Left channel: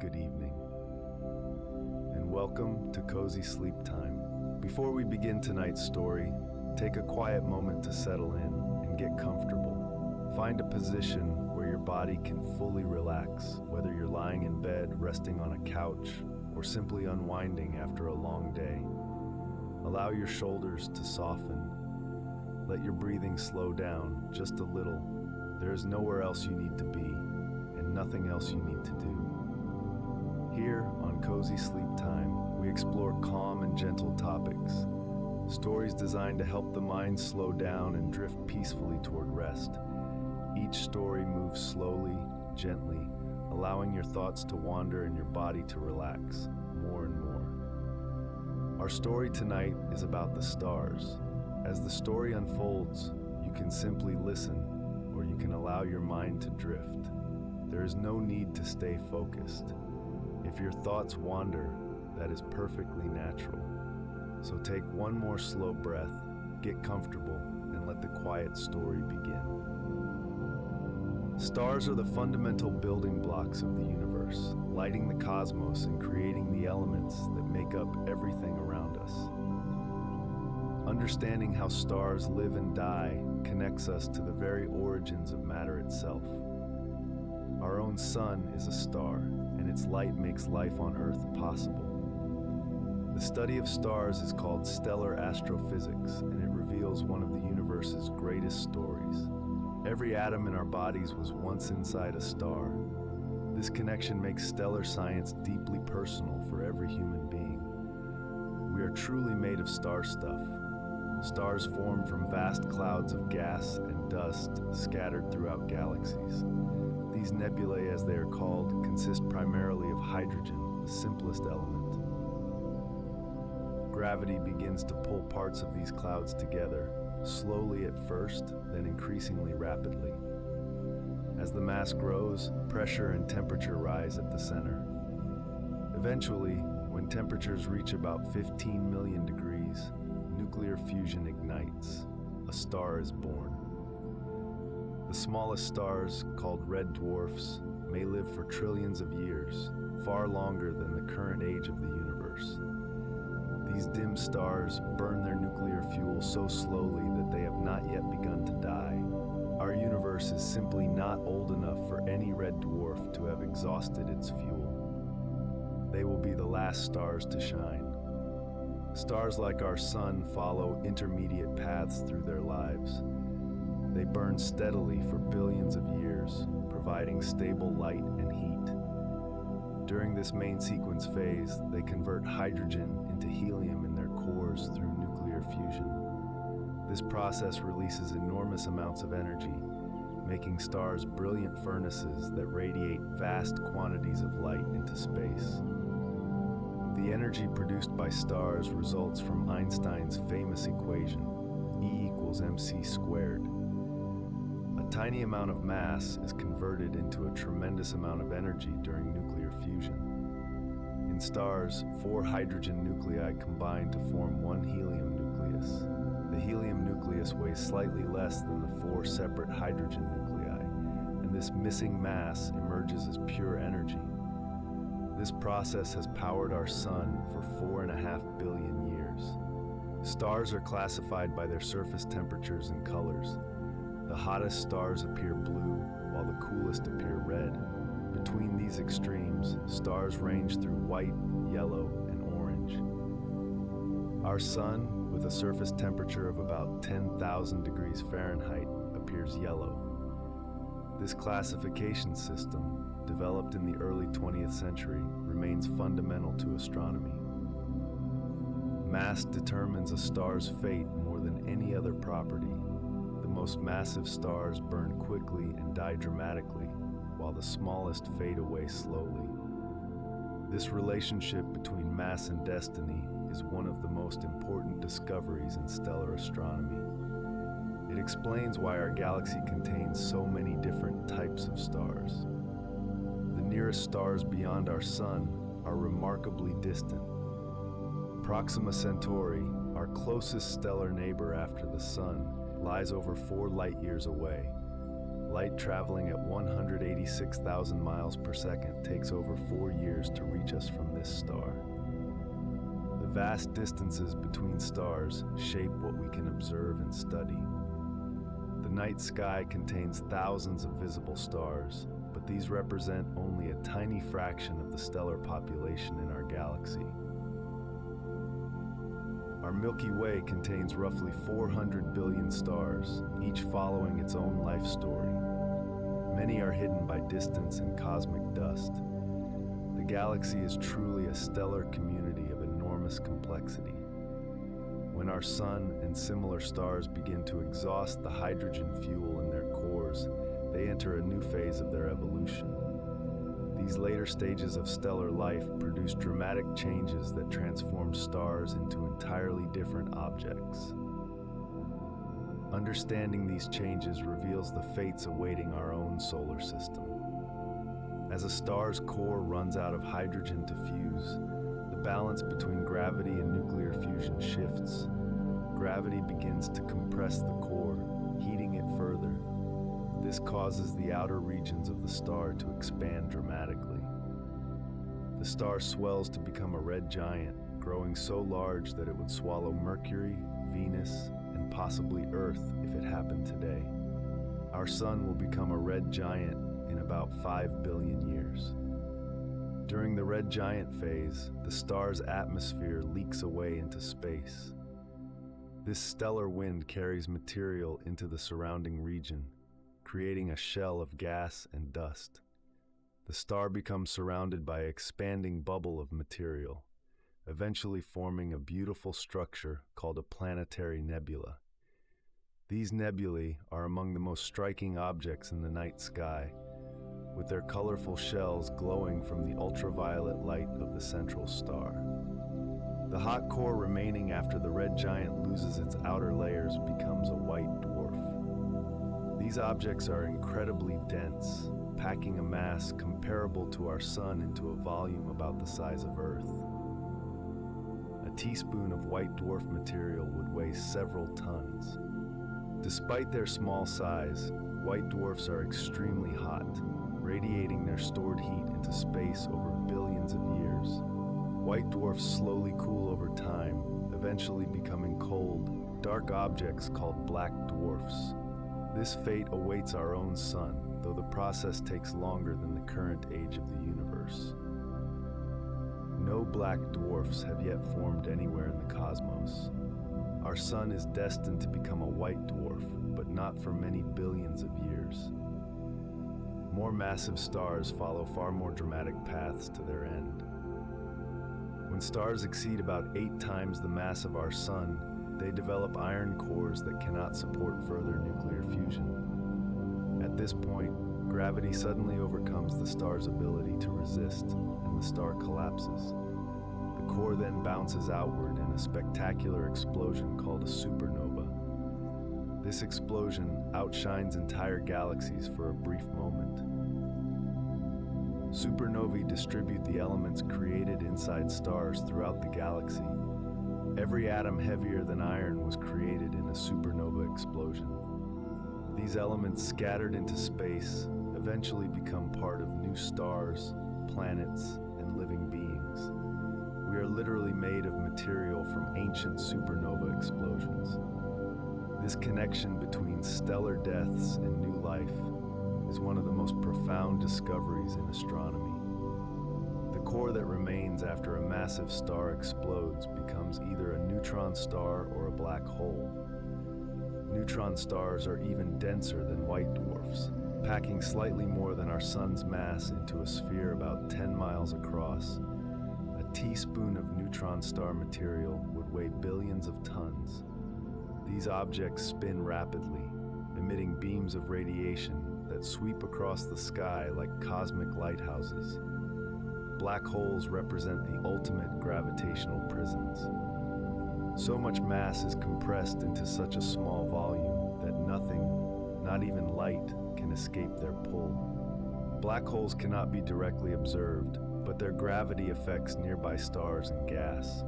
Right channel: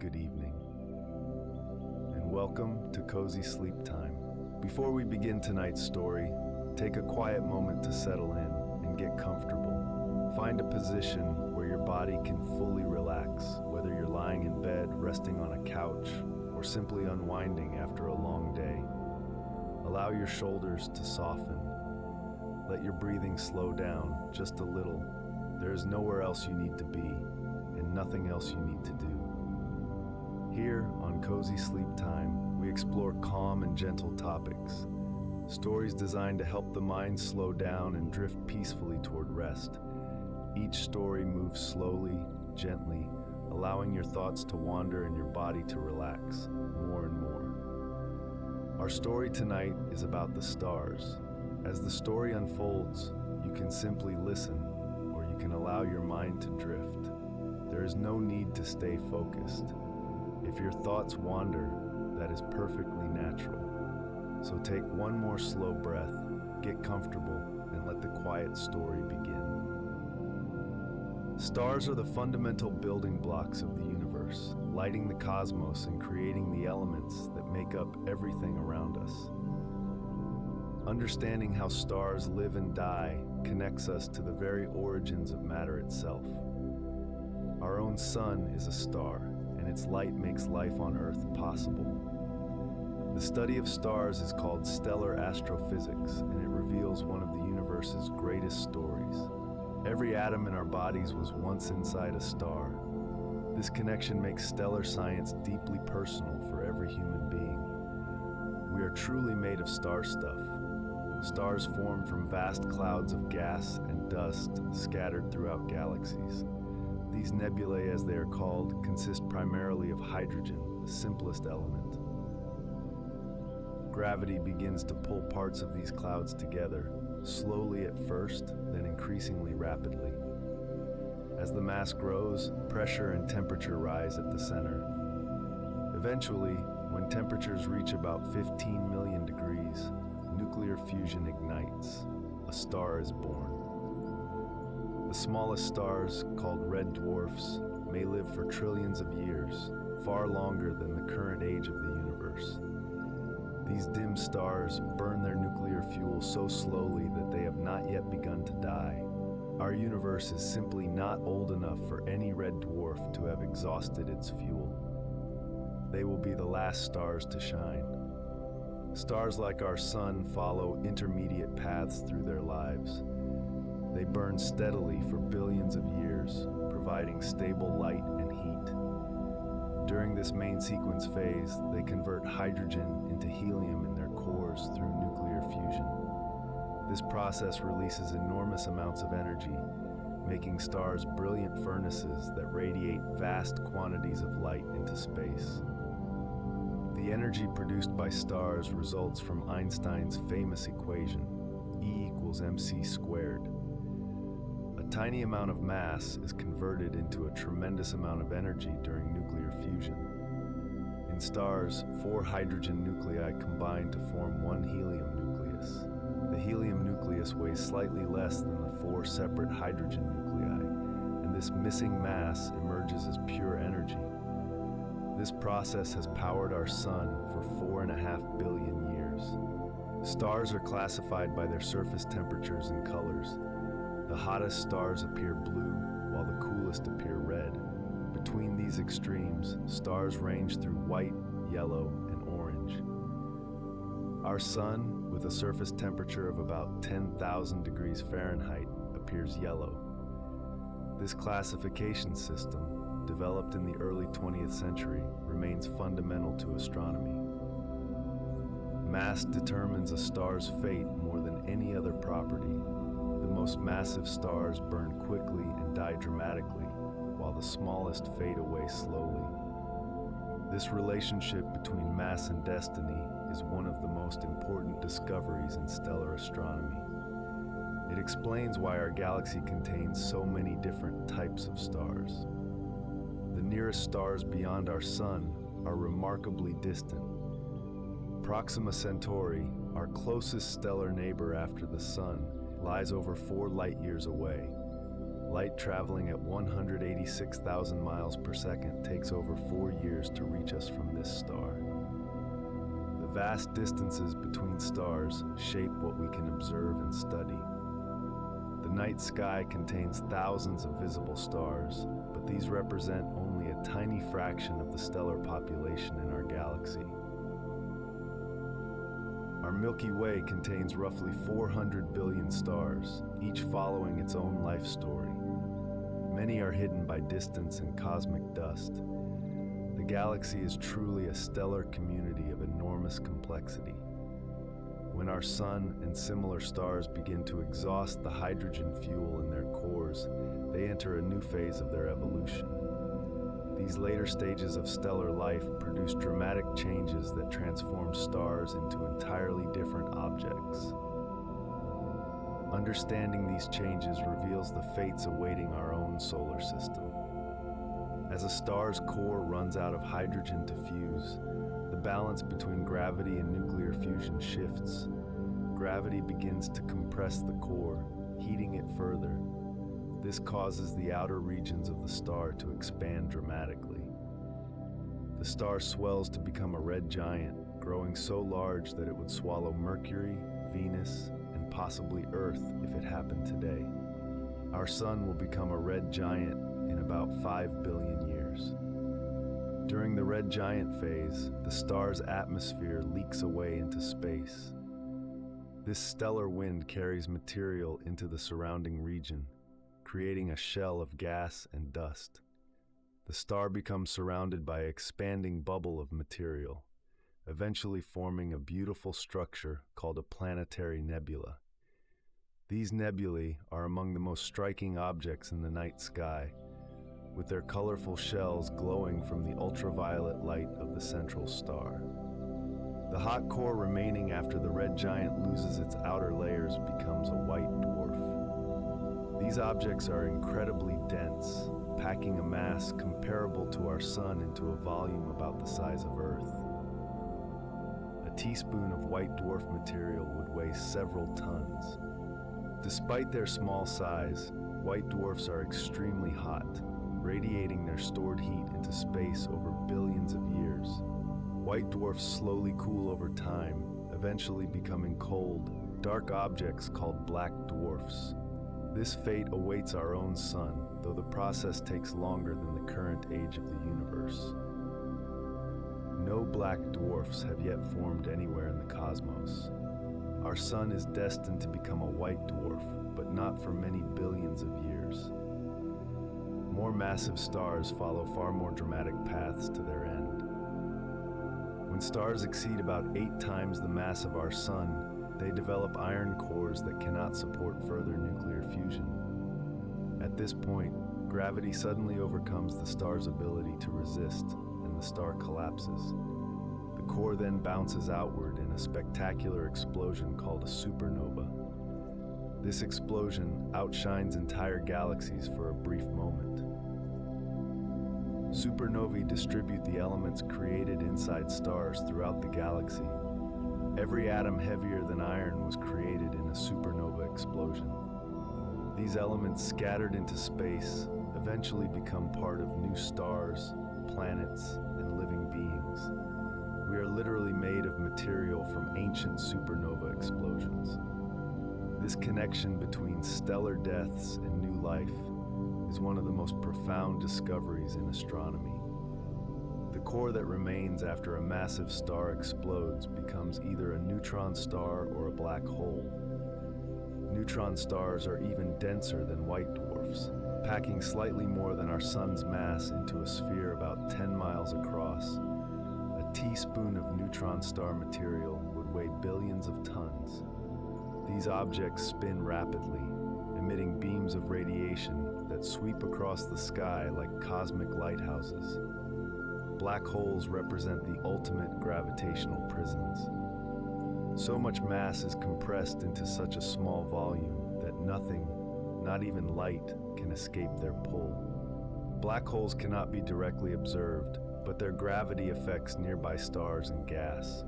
good evening, and welcome to Cozy Sleep Time. Before we begin tonight's story, take a quiet moment to settle in and get comfortable. Find a position where your body can fully relax, whether you're lying in bed, resting on a couch, or simply unwinding after a long day. Allow your shoulders to soften. Let your breathing slow down just a little. There is nowhere else you need to be, and nothing else you need to do. Here on Cozy Sleep Time, we explore calm and gentle topics. Stories designed to help the mind slow down and drift peacefully toward rest. Each story moves slowly, gently, allowing your thoughts to wander and your body to relax more and more. Our story tonight is about the stars. As the story unfolds, you can simply listen, or you can allow your mind to drift. There is no need to stay focused. If your thoughts wander, that is perfectly natural. So take one more slow breath, get comfortable, and let the quiet story begin. Stars are the fundamental building blocks of the universe, lighting the cosmos and creating the elements that make up everything around us. Understanding how stars live and die connects us to the very origins of matter itself. Our own sun is a star, and its light makes life on Earth possible. The study of stars is called stellar astrophysics, and it reveals one of the universe's greatest stories. Every atom in our bodies was once inside a star. This connection makes stellar science deeply personal for every human being. We are truly made of star stuff. Stars form from vast clouds of gas and dust scattered throughout galaxies. These nebulae, as they are called, consist primarily of hydrogen, the simplest element. Gravity begins to pull parts of these clouds together, slowly at first, then increasingly rapidly. As the mass grows, pressure and temperature rise at the center. Eventually, when temperatures reach about 15 million degrees, nuclear fusion ignites. A star is born. The smallest stars, called red dwarfs, may live for trillions of years, far longer than the current age of the universe. These dim stars burn their nuclear fuel so slowly that they have not yet begun to die. Our universe is simply not old enough for any red dwarf to have exhausted its fuel. They will be the last stars to shine. Stars like our sun follow intermediate paths through their lives. They burn steadily for billions of years, providing stable light and heat. During this main sequence phase, they convert hydrogen into helium in their cores through nuclear fusion. This process releases enormous amounts of energy, making stars brilliant furnaces that radiate vast quantities of light into space. The energy produced by stars results from Einstein's famous equation, E equals mc squared. A tiny amount of mass is converted into a tremendous amount of energy during nuclear fusion. In stars, 4 hydrogen nuclei combine to form one helium nucleus. The helium nucleus weighs slightly less than the 4 separate hydrogen nuclei, and this missing mass emerges as pure energy. This process has powered our sun for 4.5 billion years. Stars are classified by their surface temperatures and colors. The hottest stars appear blue, while the coolest appear red. Between these extremes, stars range through white, yellow, and orange. Our sun, with a surface temperature of about 10,000 degrees Fahrenheit, appears yellow. This classification system, developed in the early 20th century, remains fundamental to astronomy. Mass determines a star's fate more than any other property. The most massive stars burn quickly and die dramatically, while the smallest fade away slowly. This relationship between mass and destiny is one of the most important discoveries in stellar astronomy. It explains why our galaxy contains so many different types of stars. The nearest stars beyond our sun are remarkably distant. Proxima Centauri, our closest stellar neighbor after the sun, lies over 4 light-years away, Light traveling at 186,000 miles per second takes over 4 years to reach us from this star. The vast distances between stars shape what we can observe and study. The night sky contains thousands of visible stars, but these represent only a tiny fraction of the stellar population in our galaxy. Our Milky Way contains roughly 400 billion stars, each following its own life story. Many are hidden by distance and cosmic dust. The galaxy is truly a stellar community of enormous complexity. When our sun and similar stars begin to exhaust the hydrogen fuel in their cores, they enter a new phase of their evolution. These later stages of stellar life produce dramatic changes that transform stars into entirely different objects. Understanding these changes reveals the fates awaiting our own solar system. As a star's core runs out of hydrogen to fuse, the balance between gravity and nuclear fusion shifts. Gravity begins to compress the core, heating it further. This causes the outer regions of the star to expand dramatically. The star swells to become a red giant, growing so large that it would swallow Mercury, Venus, and possibly Earth if it happened today. Our sun will become a red giant in about 5 billion years. During the red giant phase, the star's atmosphere leaks away into space. This stellar wind carries material into the surrounding region, creating a shell of gas and dust. The star becomes surrounded by an expanding bubble of material, eventually forming a beautiful structure called a planetary nebula. These nebulae are among the most striking objects in the night sky, with their colorful shells glowing from the ultraviolet light of the central star. The hot core remaining after the red giant loses its outer layers becomes a white dwarf. These objects are incredibly dense, packing a mass comparable to our sun into a volume about the size of Earth. A teaspoon of white dwarf material would weigh several tons. Despite their small size, white dwarfs are extremely hot, radiating their stored heat into space over billions of years. White dwarfs slowly cool over time, eventually becoming cold, dark objects called black dwarfs. This fate awaits our own sun, though the process takes longer than the current age of the universe. No black dwarfs have yet formed anywhere in the cosmos. Our sun is destined to become a white dwarf, but not for many billions of years. More massive stars follow far more dramatic paths to their end. When stars exceed about 8 times the mass of our sun, they develop iron cores that cannot support further nuclear fusion. At this point, gravity suddenly overcomes the star's ability to resist, and the star collapses. The core then bounces outward in a spectacular explosion called a supernova. This explosion outshines entire galaxies for a brief moment. Supernovae distribute the elements created inside stars throughout the galaxy. Every atom heavier than iron was created in a supernova explosion. These elements scattered into space eventually become part of new stars, planets, and living beings. We are literally made of material from ancient supernova explosions. This connection between stellar deaths and new life is one of the most profound discoveries in astronomy. The core that remains after a massive star explodes becomes either a neutron star or a black hole. Neutron stars are even denser than white dwarfs, packing slightly more than our sun's mass into a sphere about 10 miles across. A teaspoon of neutron star material would weigh billions of tons. These objects spin rapidly, emitting beams of radiation that sweep across the sky like cosmic lighthouses. Black holes represent the ultimate gravitational prisons. So much mass is compressed into such a small volume that nothing, not even light, can escape their pull. Black holes cannot be directly observed, but their gravity affects nearby stars and gas.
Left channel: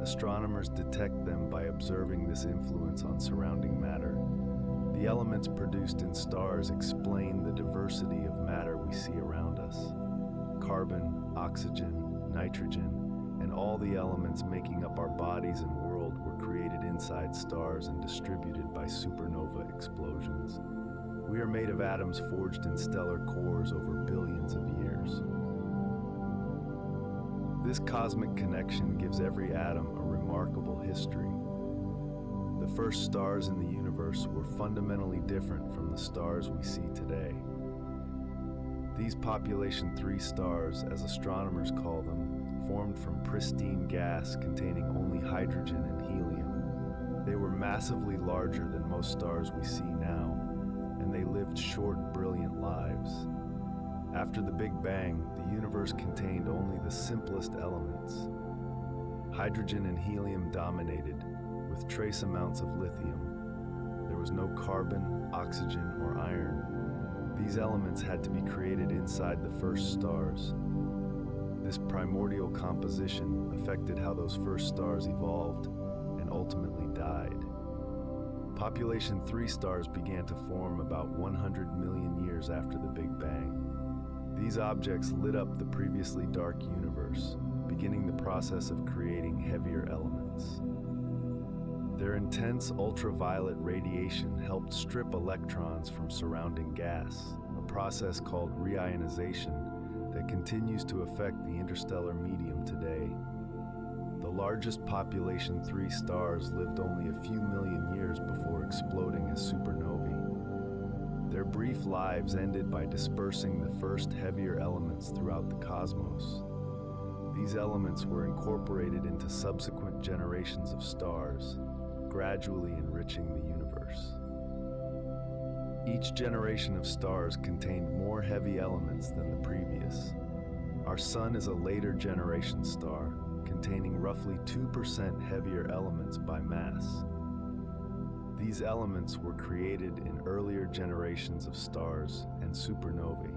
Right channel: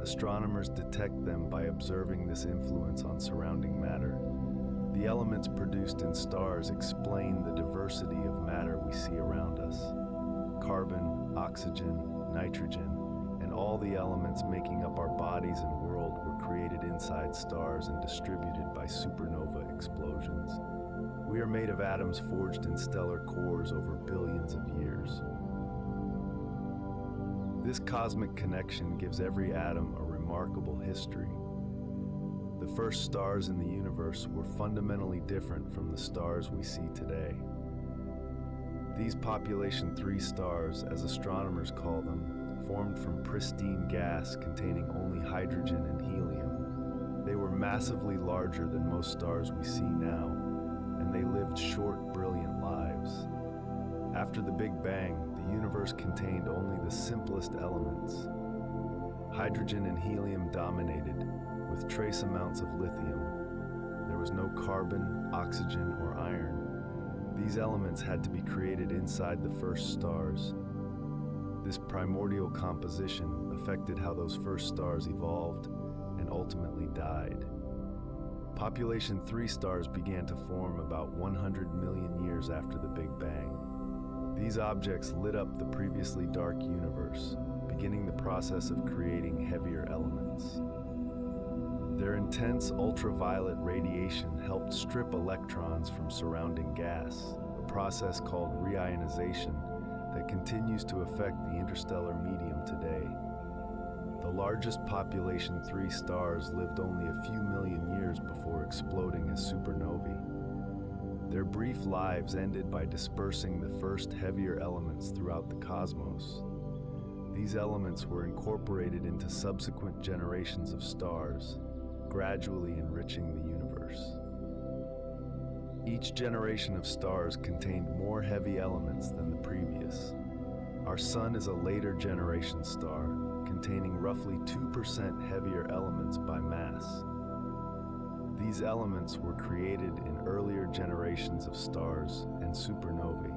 Astronomers detect them by observing this influence on surrounding matter. The elements produced in stars explain the diversity of matter we see around us. Carbon, oxygen, nitrogen, and all the elements making up our bodies and world were created inside stars and distributed by supernova explosions. We are made of atoms forged in stellar cores over billions of years. This cosmic connection gives every atom a remarkable history. The first stars in the universe were fundamentally different from the stars we see today. These population 3 stars, as astronomers call them, formed from pristine gas containing only hydrogen and helium. They were massively larger than most stars we see now, and they lived short, brilliant lives. After the Big Bang, the universe contained only the simplest elements. Hydrogen and helium dominated, with trace amounts of lithium. There was no carbon, oxygen, or iron. These elements had to be created inside the first stars. This primordial composition affected how those first stars evolved and ultimately died. Population 3 stars began to form about 100 million years after the Big Bang. These objects lit up the previously dark universe, beginning the process of creating heavier elements. Their intense ultraviolet radiation helped strip electrons from surrounding gas, a process called reionization that continues to affect the interstellar medium today. The largest population 3 stars lived only a few million years before exploding as supernovae. Their brief lives ended by dispersing the first heavier elements throughout the cosmos. These elements were incorporated into subsequent generations of stars, gradually enriching the universe. Each generation of stars contained more heavy elements than the previous. Our Sun is a later generation star, containing roughly 2% heavier elements by mass. These elements were created in earlier generations of stars and supernovae.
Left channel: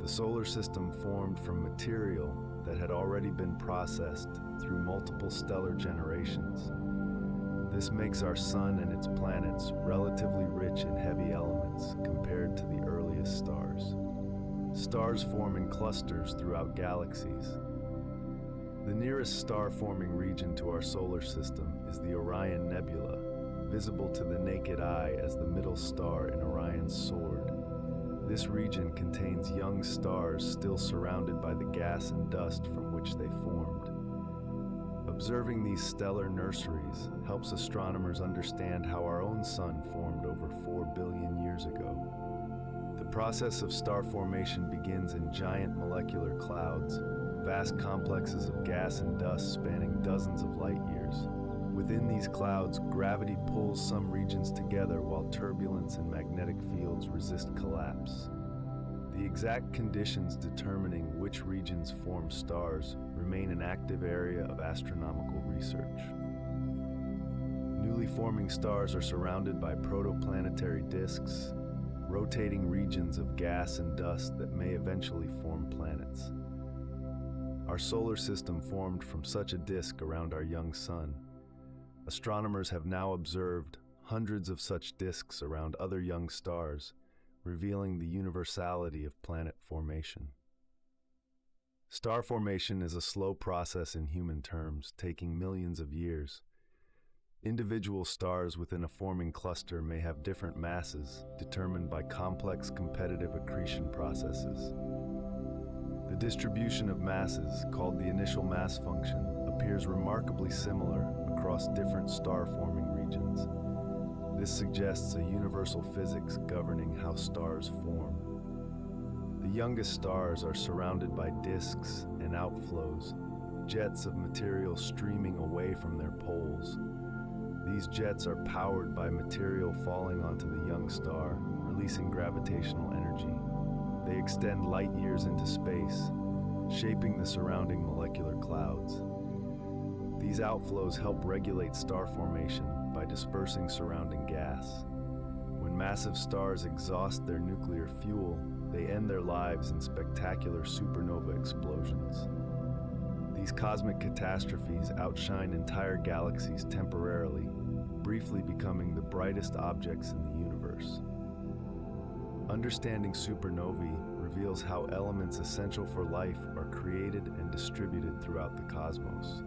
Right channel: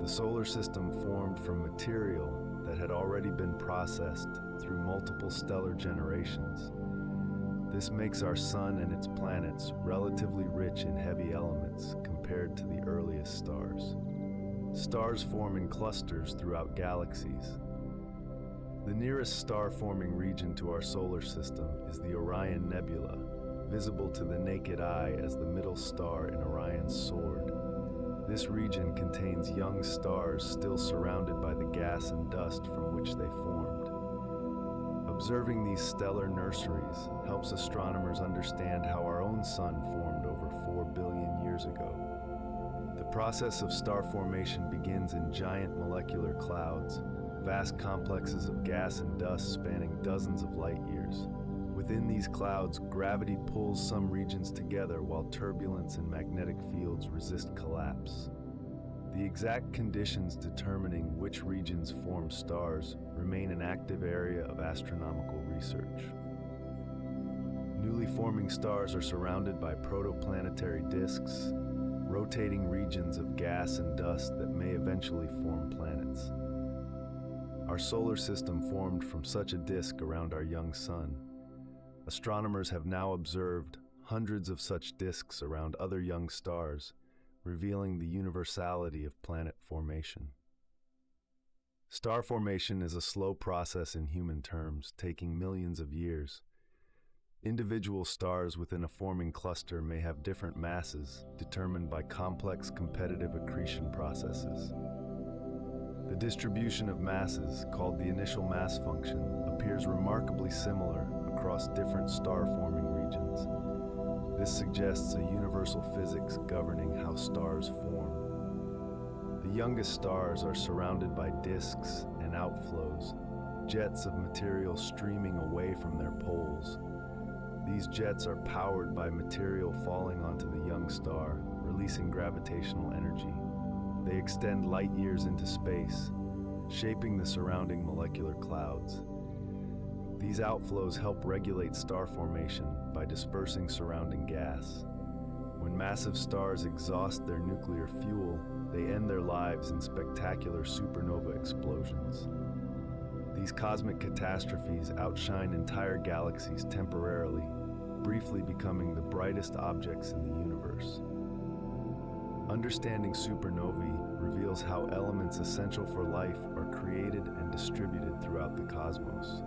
The solar system formed from material that had already been processed through multiple stellar generations. This makes our Sun and its planets relatively rich in heavy elements compared to the earliest stars. Stars form in clusters throughout galaxies. The nearest star-forming region to our solar system is the Orion Nebula, visible to the naked eye as the middle star in Orion's sword. This region contains young stars still surrounded by the gas and dust from which they formed. Observing these stellar nurseries helps astronomers understand how our own Sun formed over 4 billion years ago. The process of star formation begins in giant molecular clouds, vast complexes of gas and dust spanning dozens of light years. Within these clouds, gravity pulls some regions together while turbulence and magnetic fields resist collapse. The exact conditions determining which regions form stars remain an active area of astronomical research. Newly forming stars are surrounded by protoplanetary disks, rotating regions of gas and dust that may eventually form planets. Our solar system formed from such a disk around our young Sun. Astronomers have now observed hundreds of such disks around other young stars, revealing the universality of planet formation. Star formation is a slow process in human terms, taking millions of years. Individual stars within a forming cluster may have different masses, determined by complex competitive accretion processes. The distribution of masses, called the initial mass function, appears remarkably similar across different star-forming regions. This suggests a universal physics governing how stars form. The youngest stars are surrounded by disks and outflows, jets of material streaming away from their poles. These jets are powered by material falling onto the young star, releasing gravitational energy. They extend light years into space, shaping the surrounding molecular clouds. These outflows help regulate star formation by dispersing surrounding gas. When massive stars exhaust their nuclear fuel, they end their lives in spectacular supernova explosions. These cosmic catastrophes outshine entire galaxies temporarily, briefly becoming the brightest objects in the universe. Understanding supernovae reveals how elements essential for life are created and distributed throughout the cosmos.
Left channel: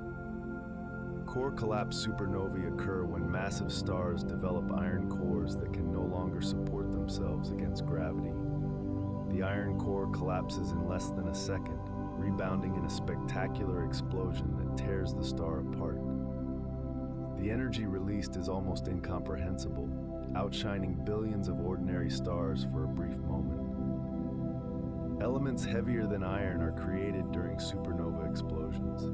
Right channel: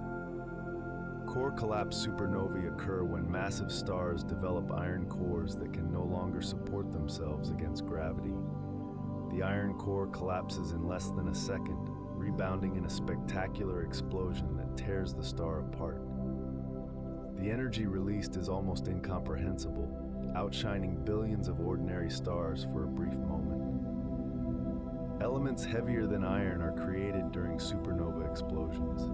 Core collapse supernovae occur when massive stars develop iron cores that can no longer support themselves against gravity. The iron core collapses in less than a second, rebounding in a spectacular explosion that tears the star apart. The energy released is almost incomprehensible, outshining billions of ordinary stars for a brief moment. Elements heavier than iron are created during supernova explosions.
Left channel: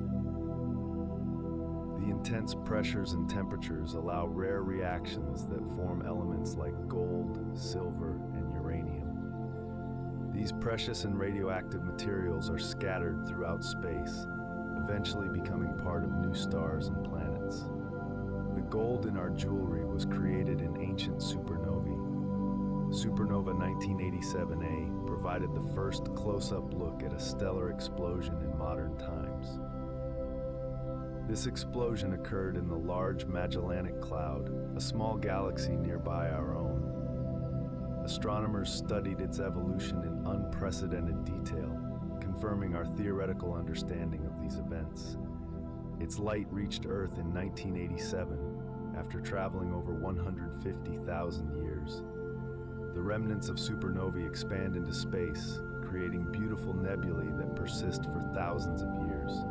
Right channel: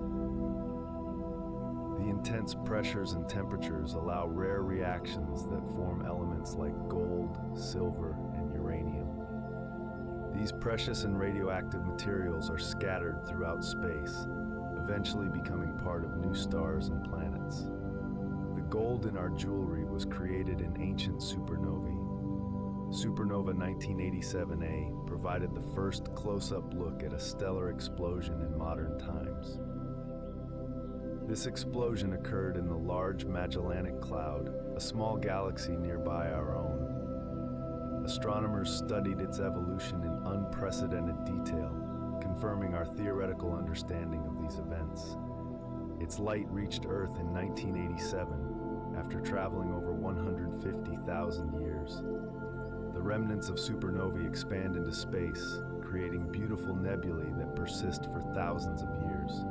The intense pressures and temperatures allow rare reactions that form elements like gold, silver, and uranium. These precious and radioactive materials are scattered throughout space, eventually becoming part of new stars and planets. The gold in our jewelry was created in ancient supernovae. Supernova 1987A provided the first close-up look at a stellar explosion in modern times. This explosion occurred in the Large Magellanic Cloud, a small galaxy nearby our own. Astronomers studied its evolution in unprecedented detail, confirming our theoretical understanding of these events. Its light reached Earth in 1987, after traveling over 150,000 years. The remnants of supernovae expand into space, creating beautiful nebulae that persist for thousands of years.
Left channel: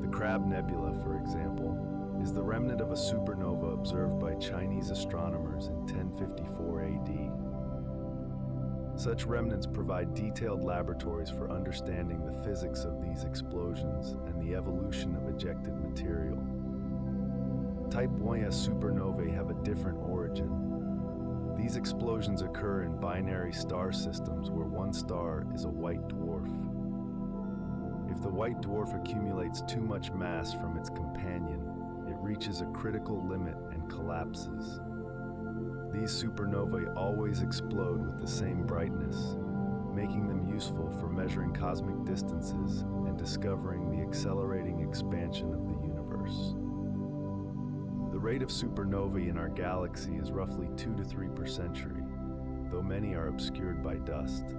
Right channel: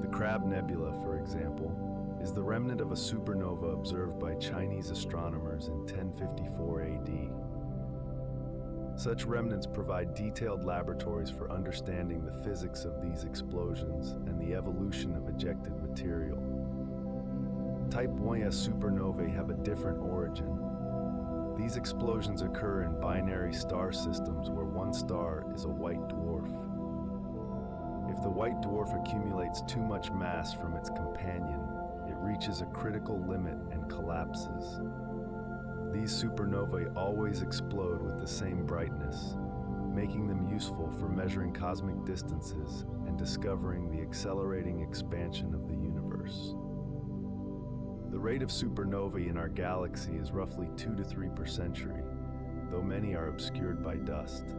The Crab Nebula, for example, is the remnant of a supernova observed by Chinese astronomers in 1054 AD. Such remnants provide detailed laboratories for understanding the physics of these explosions and the evolution of ejected material. Type 1a supernovae have a different origin. These explosions occur in binary star systems where one star is a white dwarf. If the white dwarf accumulates too much mass from its companion, it reaches a critical limit and collapses. These supernovae always explode with the same brightness, making them useful for measuring cosmic distances and discovering the accelerating expansion of the universe. The rate of supernovae in our galaxy is roughly 2 to 3 per century, though many are obscured by dust.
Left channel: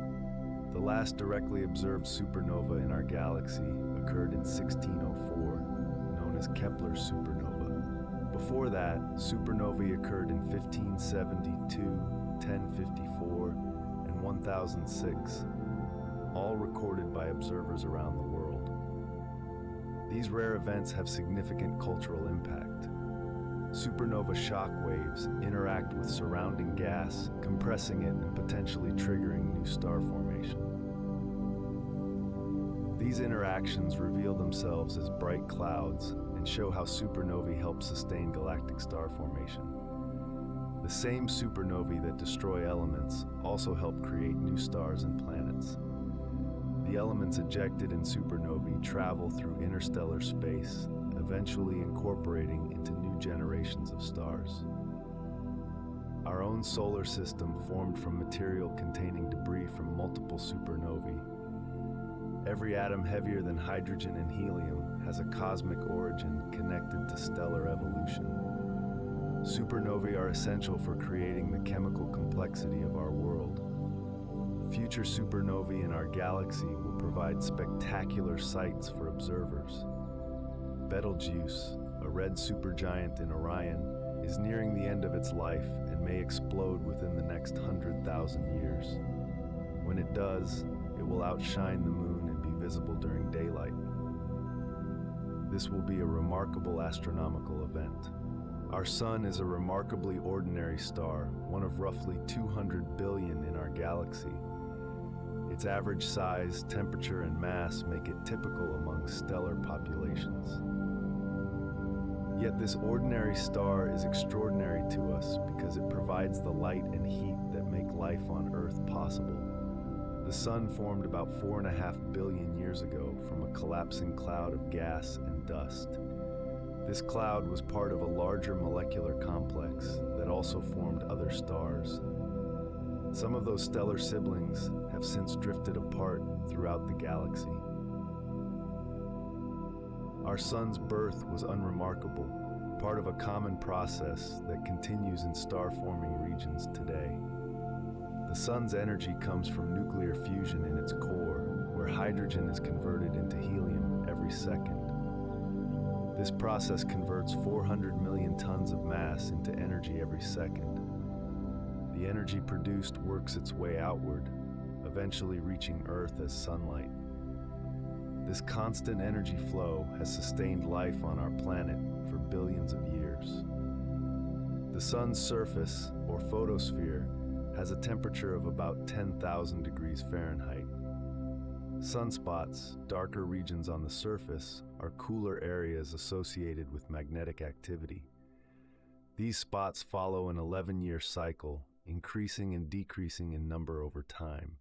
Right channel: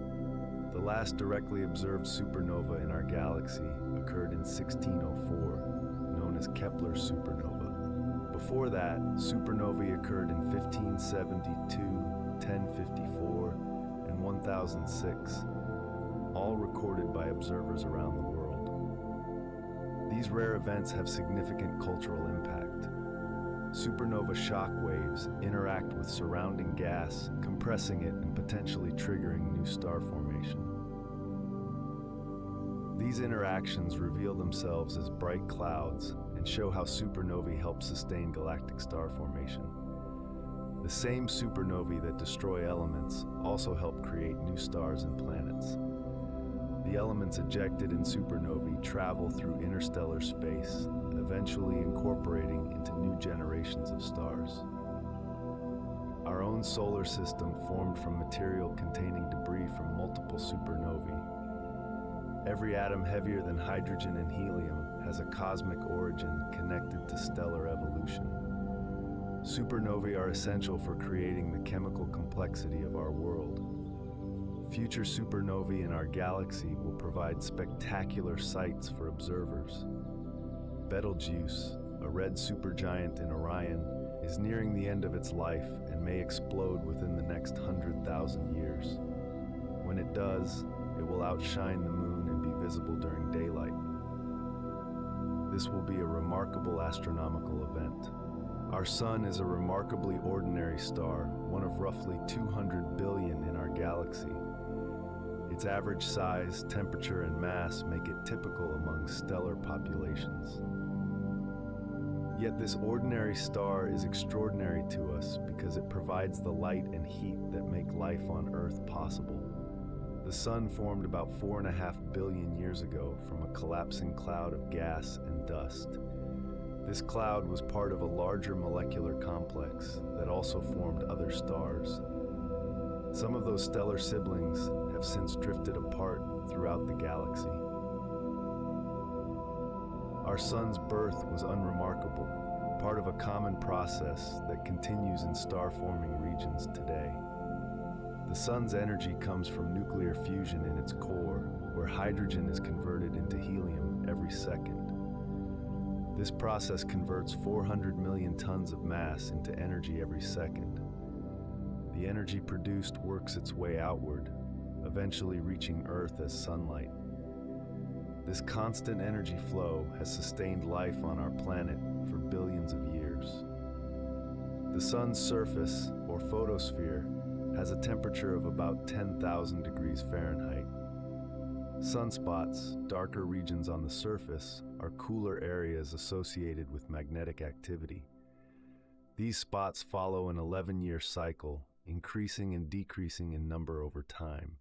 The last directly observed supernova in our galaxy occurred in 1604, known as Kepler's supernova. Before that, supernovae occurred in 1572, 1054, and 1006, all recorded by observers around the world. These rare events have significant cultural impact. Supernova shock waves interact with surrounding gas, compressing it and potentially triggering new star formation. These interactions reveal themselves as bright clouds and show how supernovae help sustain galactic star formation. The same supernovae that destroy elements also help create new stars and planets. The elements ejected in supernovae travel through interstellar space, eventually incorporating into new generations of stars. Our own solar system formed from material containing debris from multiple supernovae. Every atom heavier than hydrogen and helium has a cosmic origin connected to stellar evolution. Supernovae are essential for creating the chemical complexity of our world. Future supernovae in our galaxy will provide spectacular sights for observers. Betelgeuse, a red supergiant in Orion, is nearing the end of its life and may explode within the next 100,000 years. When it does, it will outshine the moon and be visible during daylight. This will be a remarkable astronomical event. Our Sun is a remarkably ordinary star, one of roughly 200 billion in our galaxy. Its average size, temperature, and mass make it typical among stellar populations. Yet this ordinary star is extraordinary to us because it provides the light and heat that make life on Earth possible. The Sun formed about 4.5 billion years ago from a collapsing cloud of gas and dust. This cloud was part of a larger molecular complex that also formed other stars. Some of those stellar siblings have since drifted apart throughout the galaxy. Our Sun's birth was unremarkable. part of a common process that continues in star-forming regions today. The sun's energy comes from nuclear fusion in its core, where hydrogen is converted into helium every second. This process converts 400 million tons of mass into energy every second. The energy produced works its way outward, eventually reaching Earth as sunlight. This constant energy flow has sustained life on our planet for billions of years. The sun's surface, or photosphere, has a temperature of about 10,000 degrees Fahrenheit. Sunspots, darker regions on the surface, are cooler areas associated with magnetic activity. These spots follow an 11-year cycle, increasing and decreasing in number over time.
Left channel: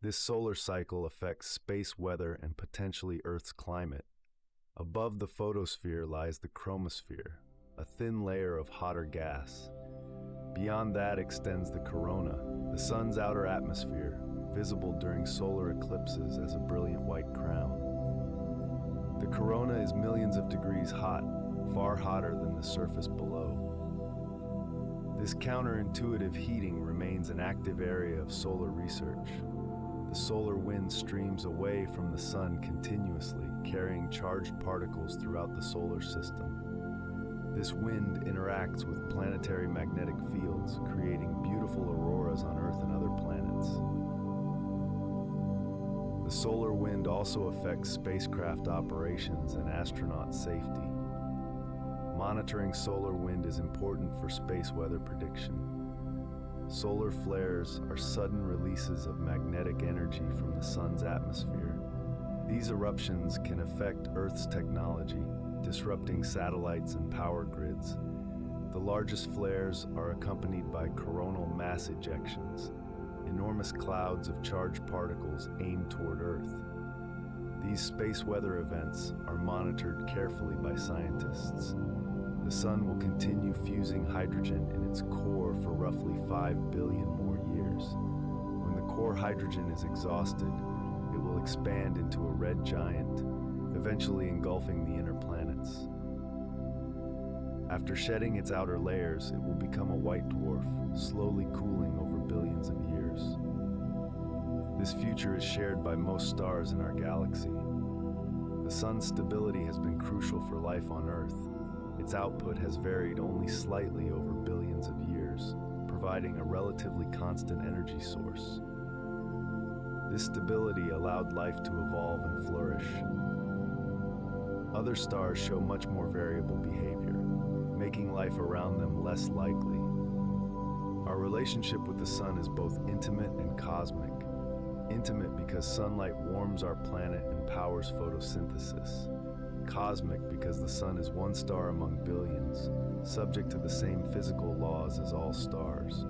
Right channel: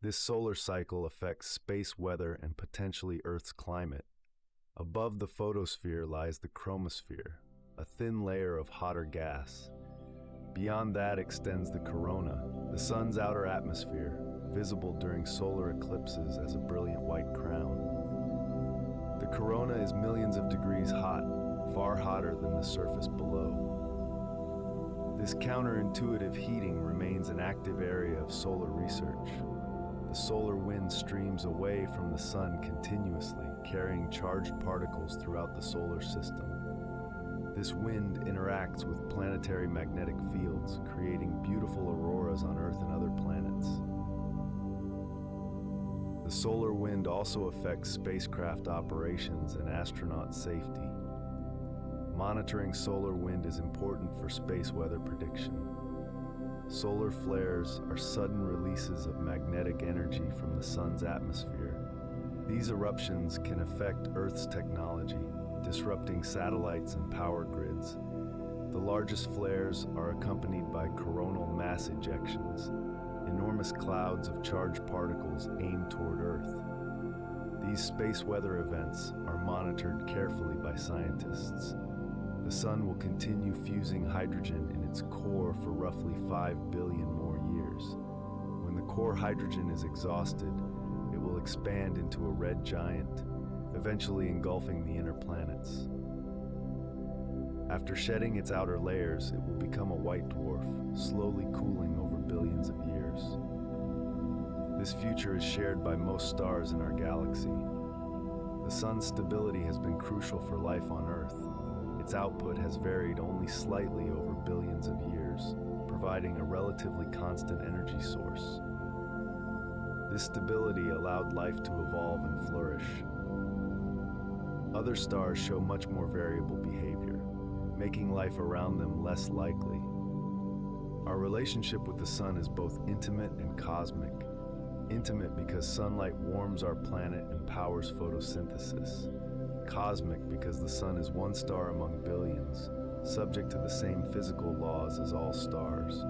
This solar cycle affects space weather and potentially Earth's climate. Above the photosphere lies the chromosphere, a thin layer of hotter gas. Beyond that extends the corona, the sun's outer atmosphere, visible during solar eclipses as a brilliant white crown. The corona is millions of degrees hot, far hotter than the surface below. This counterintuitive heating remains an active area of solar research. The solar wind streams away from the sun continuously, carrying charged particles throughout the solar system. This wind interacts with planetary magnetic fields, creating beautiful auroras on Earth and other planets. The solar wind also affects spacecraft operations and astronaut safety. Monitoring solar wind is important for space weather prediction. Solar flares are sudden releases of magnetic energy from the sun's atmosphere. These eruptions can affect Earth's technology, disrupting satellites and power grids. The largest flares are accompanied by coronal mass ejections, enormous clouds of charged particles aimed toward Earth. These space weather events are monitored carefully by scientists. The sun will continue fusing hydrogen in its core for roughly 5 billion more years. When the core hydrogen is exhausted, it will expand into a red giant, eventually engulfing the inner planets. After shedding its outer layers, it will become a white dwarf, slowly cooling over billions of years. This future is shared by most stars in our galaxy. The sun's stability has been crucial for life on Earth. Its output has varied only slightly over billions of years, providing a relatively constant energy source. This stability allowed life to evolve and flourish. Other stars show much more variable behavior, making life around them less likely. Our relationship with the sun is both intimate and cosmic. Intimate because sunlight warms our planet and powers photosynthesis. Cosmic because the sun is one star among billions, subject to the same physical laws as all stars.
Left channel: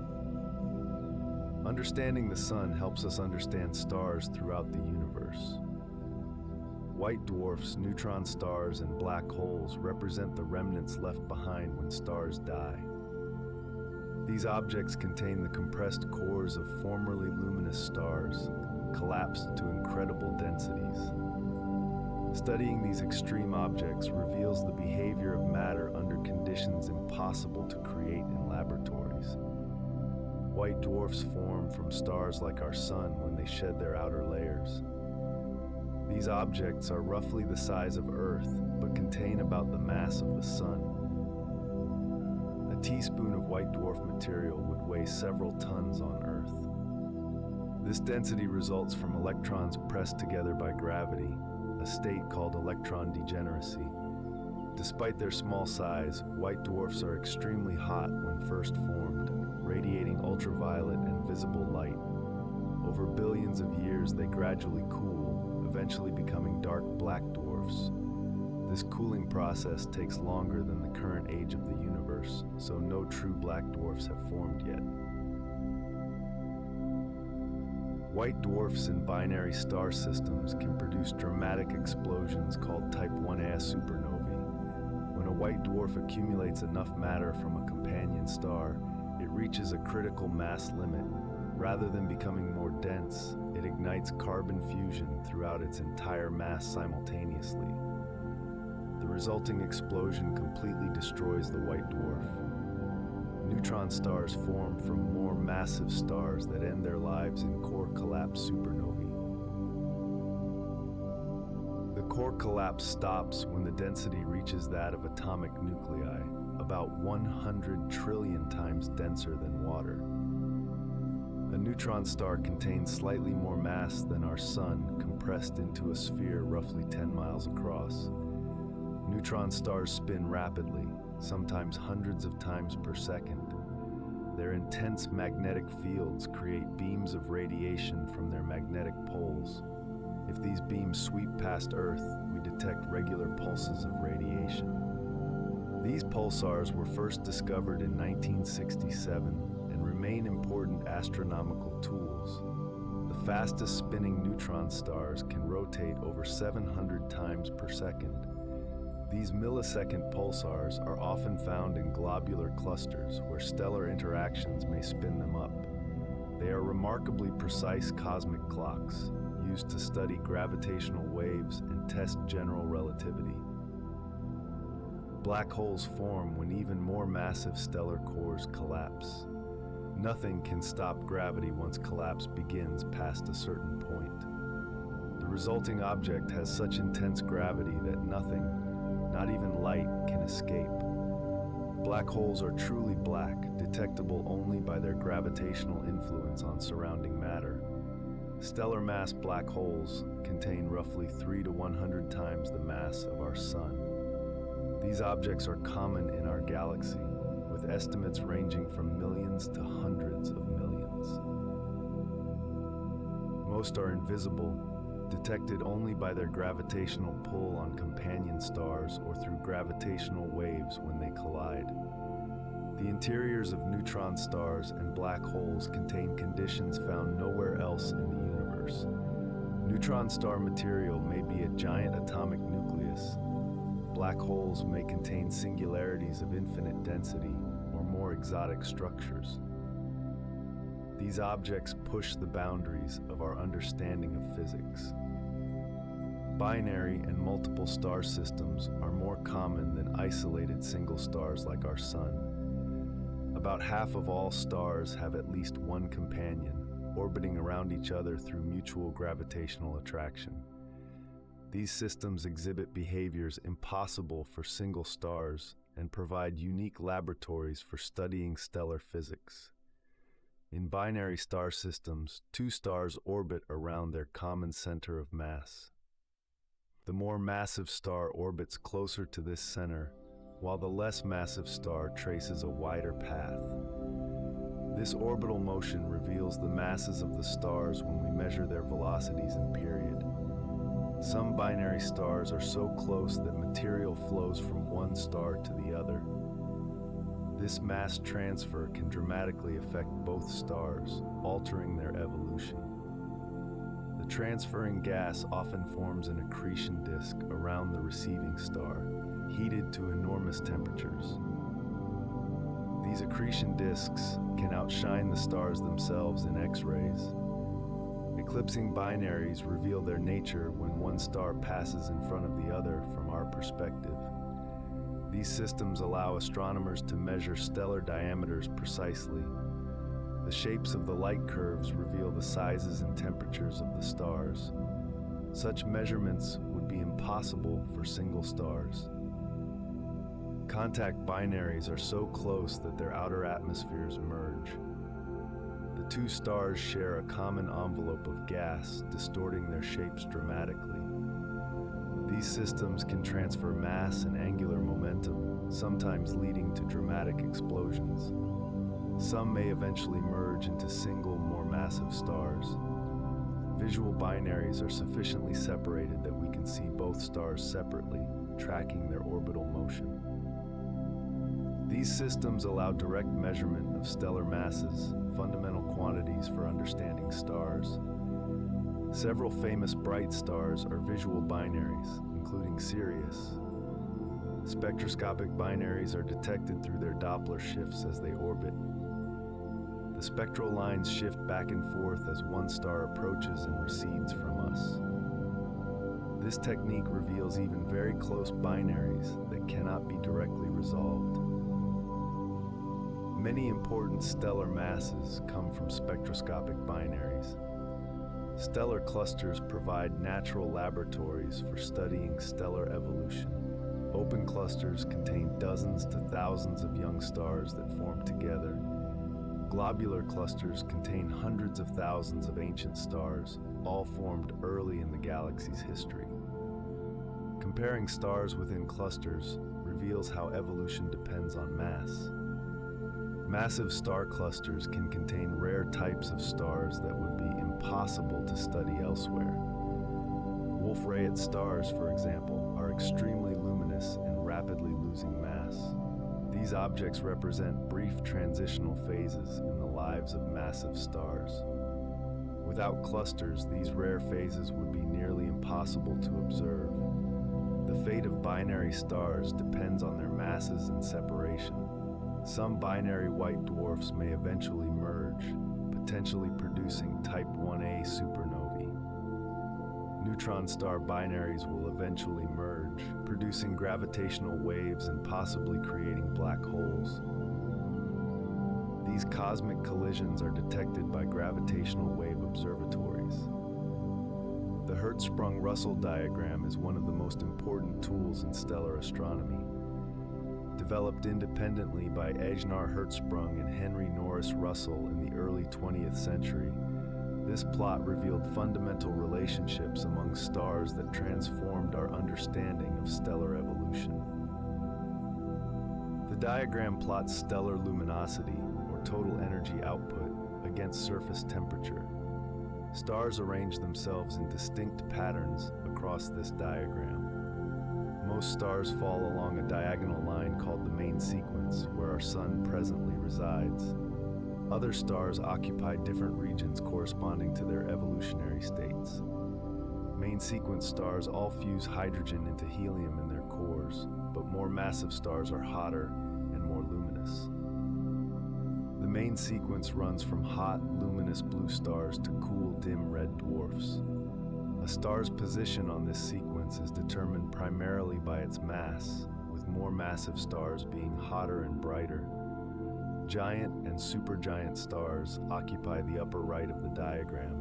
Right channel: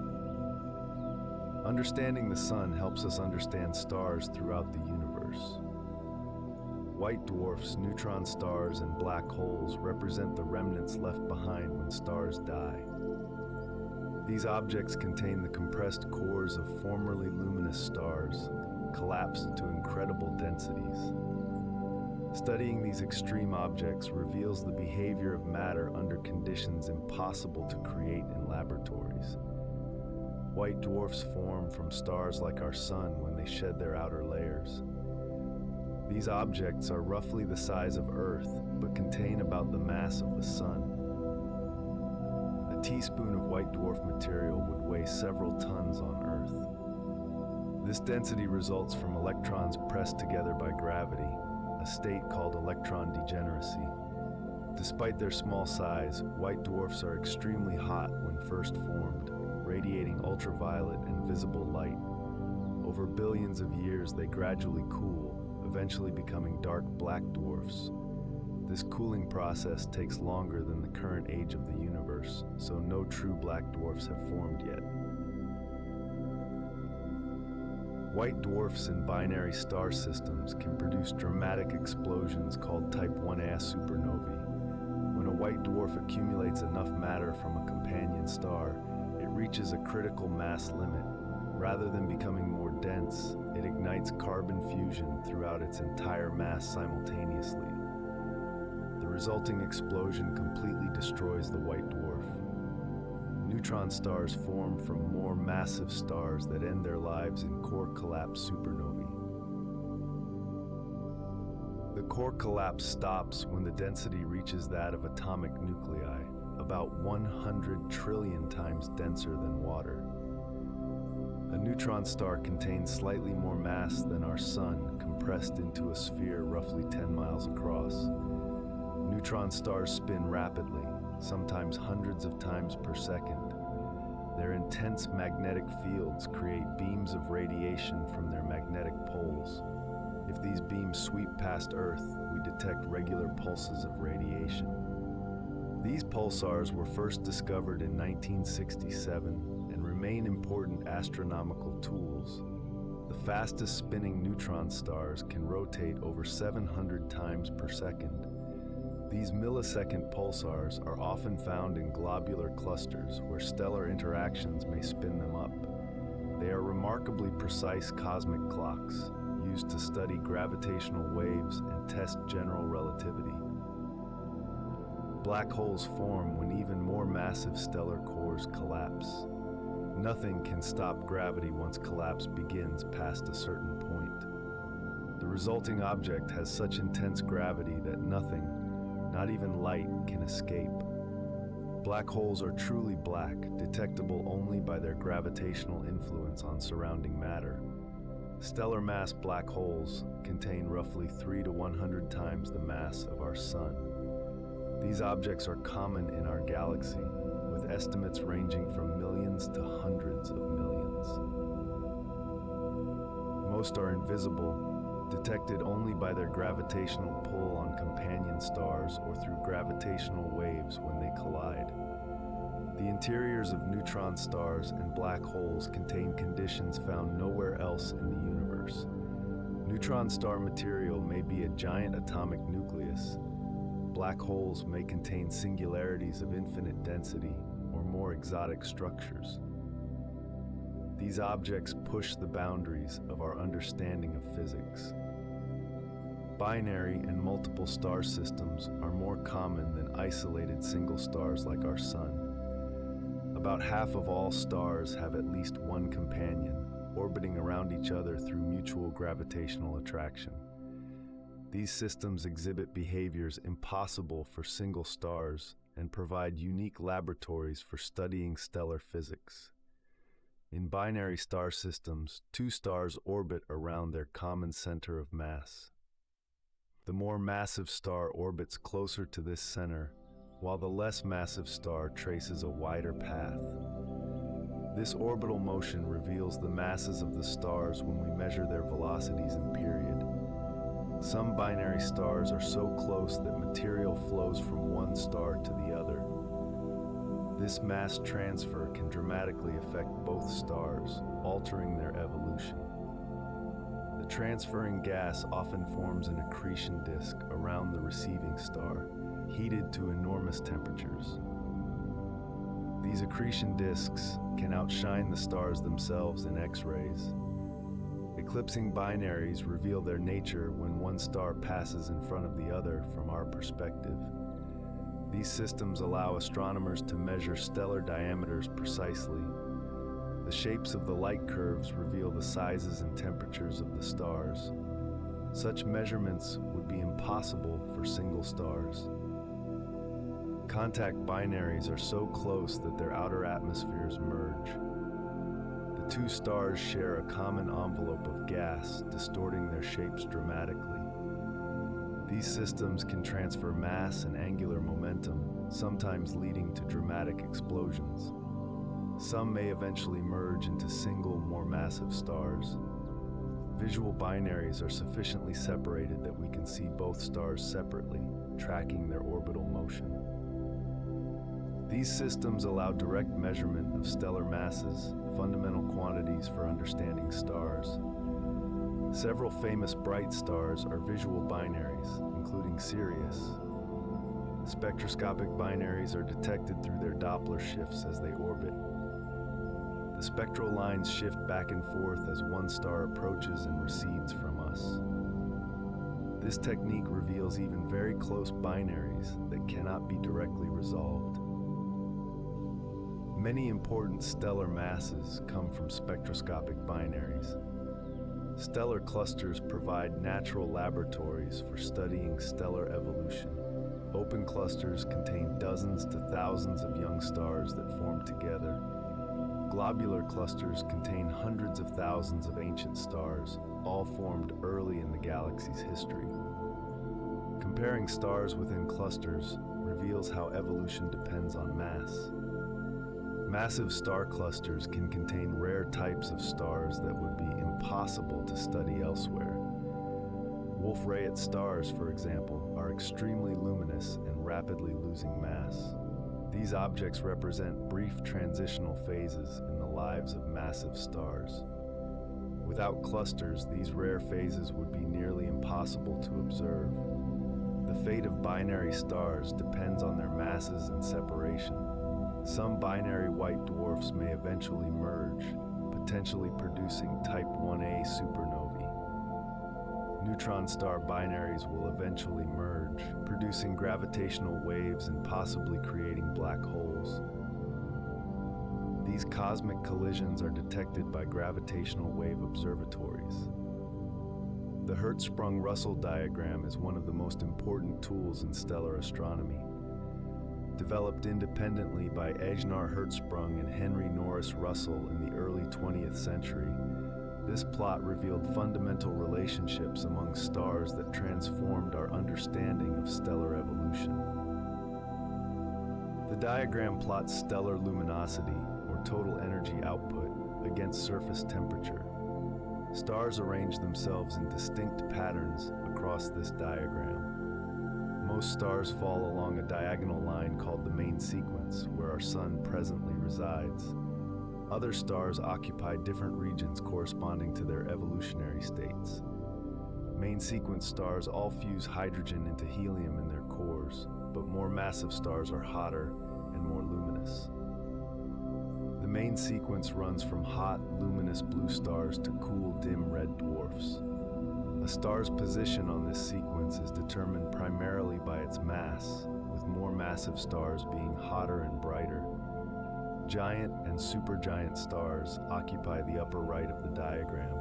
Understanding the sun helps us understand stars throughout the universe. White dwarfs, neutron stars, and black holes represent the remnants left behind when stars die. These objects contain the compressed cores of formerly luminous stars, collapsed to incredible densities. Studying these extreme objects reveals the behavior of matter under conditions impossible to create in laboratories. White dwarfs form from stars like our sun when they shed their outer layers. These objects are roughly the size of Earth, but contain about the mass of the sun. A teaspoon of white dwarf material would weigh several tons on Earth. This density results from electrons pressed together by gravity, a state called electron degeneracy. Despite their small size, white dwarfs are extremely hot when first formed, radiating ultraviolet and visible light. Over billions of years, they gradually cool, eventually becoming dark black dwarfs. This cooling process takes longer than the current age of the universe, so no true black dwarfs have formed yet. White dwarfs in binary star systems can produce dramatic explosions called Type 1a supernovae. When a white dwarf accumulates enough matter from a companion star, it reaches a critical mass limit. Rather than becoming more dense, it ignites carbon fusion throughout its entire mass simultaneously. The resulting explosion completely destroys the white dwarf. Neutron stars form from more massive stars that end their lives in core collapse supernovae. The core collapse stops when the density reaches that of atomic nuclei, about 100 trillion times denser than water. A neutron star contains slightly more mass than our Sun, compressed into a sphere roughly 10 miles across. Neutron stars spin rapidly, sometimes hundreds of times per second. Their intense magnetic fields create beams of radiation from their magnetic poles. If these beams sweep past Earth, we detect regular pulses of radiation. These pulsars were first discovered in 1967 and remain important astronomical tools. The fastest spinning neutron stars can rotate over 700 times per second. These millisecond pulsars are often found in globular clusters where stellar interactions may spin them up. They are remarkably precise cosmic clocks, used to study gravitational waves and test general relativity. Black holes form when even more massive stellar cores collapse. Nothing can stop gravity once collapse begins past a certain point. The resulting object has such intense gravity that nothing, not even light, can escape. Black holes are truly black, detectable only by their gravitational influence on surrounding matter. Stellar mass black holes contain roughly 3 to 100 times the mass of our Sun. These objects are common in our galaxy, with estimates ranging from millions to hundreds of millions. Most are invisible, detected only by their gravitational pull on companion stars or through gravitational waves when they collide. The interiors of neutron stars and black holes contain conditions found nowhere else in the universe. Neutron star material may be a giant atomic nucleus. Black holes may contain singularities of infinite density or more exotic structures. These objects push the boundaries of our understanding of physics. Binary and multiple star systems are more common than isolated single stars like our Sun. About half of all stars have at least one companion, orbiting around each other through mutual gravitational attraction. These systems exhibit behaviors impossible for single stars and provide unique laboratories for studying stellar physics. In binary star systems, two stars orbit around their common center of mass. The more massive star orbits closer to this center, while the less massive star traces a wider path. This orbital motion reveals the masses of the stars when we measure their velocities in period. Some binary stars are so close that material flows from one star to the other. This mass transfer can dramatically affect both stars, altering their evolution. The transferring gas often forms an accretion disk around the receiving star, heated to enormous temperatures. These accretion disks can outshine the stars themselves in X-rays. Eclipsing binaries reveal their nature when one star passes in front of the other from our perspective. These systems allow astronomers to measure stellar diameters precisely. The shapes of the light curves reveal the sizes and temperatures of the stars. Such measurements would be impossible for single stars. Contact binaries are so close that their outer atmospheres merge. The two stars share a common envelope of gas, distorting their shapes dramatically. These systems can transfer mass and angular momentum, sometimes leading to dramatic explosions. Some may eventually merge into single, more massive stars. Visual binaries are sufficiently separated that we can see both stars separately, tracking their orbital motion. These systems allow direct measurement of stellar masses, fundamental quantities for understanding stars. Several famous bright stars are visual binaries, including Sirius. Spectroscopic binaries are detected through their Doppler shifts as they orbit. The spectral lines shift back and forth as one star approaches and recedes from us. This technique reveals even very close binaries that cannot be directly resolved. Many important stellar masses come from spectroscopic binaries. Stellar clusters provide natural laboratories for studying stellar evolution. Open clusters contain dozens to thousands of young stars that form together. Globular clusters contain hundreds of thousands of ancient stars, all formed early in the galaxy's history. Comparing stars within clusters reveals how evolution depends on mass. Massive star clusters can contain rare types of stars that would be impossible to study elsewhere. Wolf-Rayet stars, for example, are extremely luminous and rapidly losing mass. These objects represent brief transitional phases in the lives of massive stars. Without clusters, these rare phases would be nearly impossible to observe. The fate of binary stars depends on their masses and separation. Some binary white dwarfs may eventually merge, potentially producing type 1a supernovae. Neutron star binaries will eventually merge, producing gravitational waves and possibly creating black holes. These cosmic collisions are detected by gravitational wave observatories. The Hertzsprung-Russell diagram is one of the most important tools in stellar astronomy. Developed independently by Ejnar Hertzsprung and Henry Norris Russell in the early 20th century, this plot revealed fundamental relationships among stars that transformed our understanding of stellar evolution. The diagram plots stellar luminosity, or total energy output, against surface temperature. Stars arrange themselves in distinct patterns across this diagram. Most stars fall along a diagonal line called the main sequence, where our Sun presently resides. Other stars occupy different regions corresponding to their evolutionary states. Main sequence stars all fuse hydrogen into helium in their cores, but more massive stars are hotter and more luminous. The main sequence runs from hot, luminous blue stars to cool, dim red dwarfs. A star's position on this sequence is determined primarily by its mass, with more massive stars being hotter and brighter. Giant and supergiant stars occupy the upper right of the diagram.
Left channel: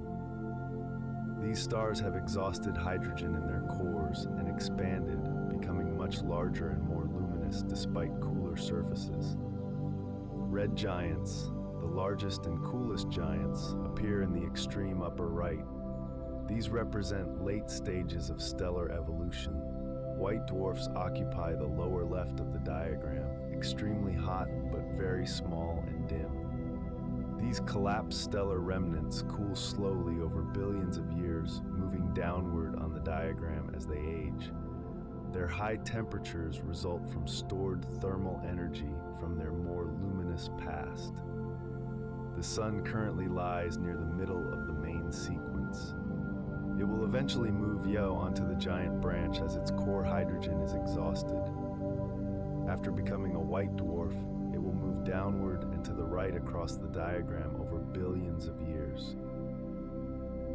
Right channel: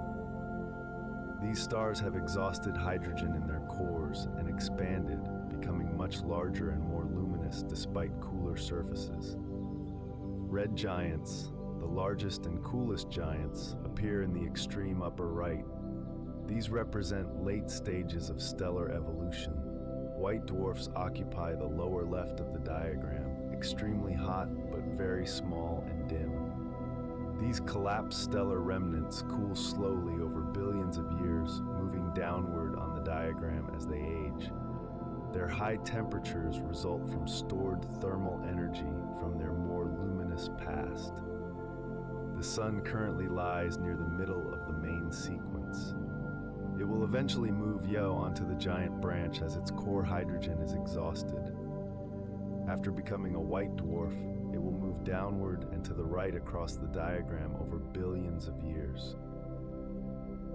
These stars have exhausted hydrogen in their cores and expanded, becoming much larger and more luminous despite cooler surfaces. Red giants, the largest and coolest giants, appear in the extreme upper right. These represent late stages of stellar evolution. White dwarfs occupy the lower left of the diagram, extremely hot but very small and dim. These collapsed stellar remnants cool slowly over billions of years, moving downward on the diagram as they age. Their high temperatures result from stored thermal energy from their more luminous past. The Sun currently lies near the middle of the main sequence. It will eventually move onto the giant branch as its core hydrogen is exhausted. After becoming a white dwarf, it will move downward and to the right across the diagram over billions of years.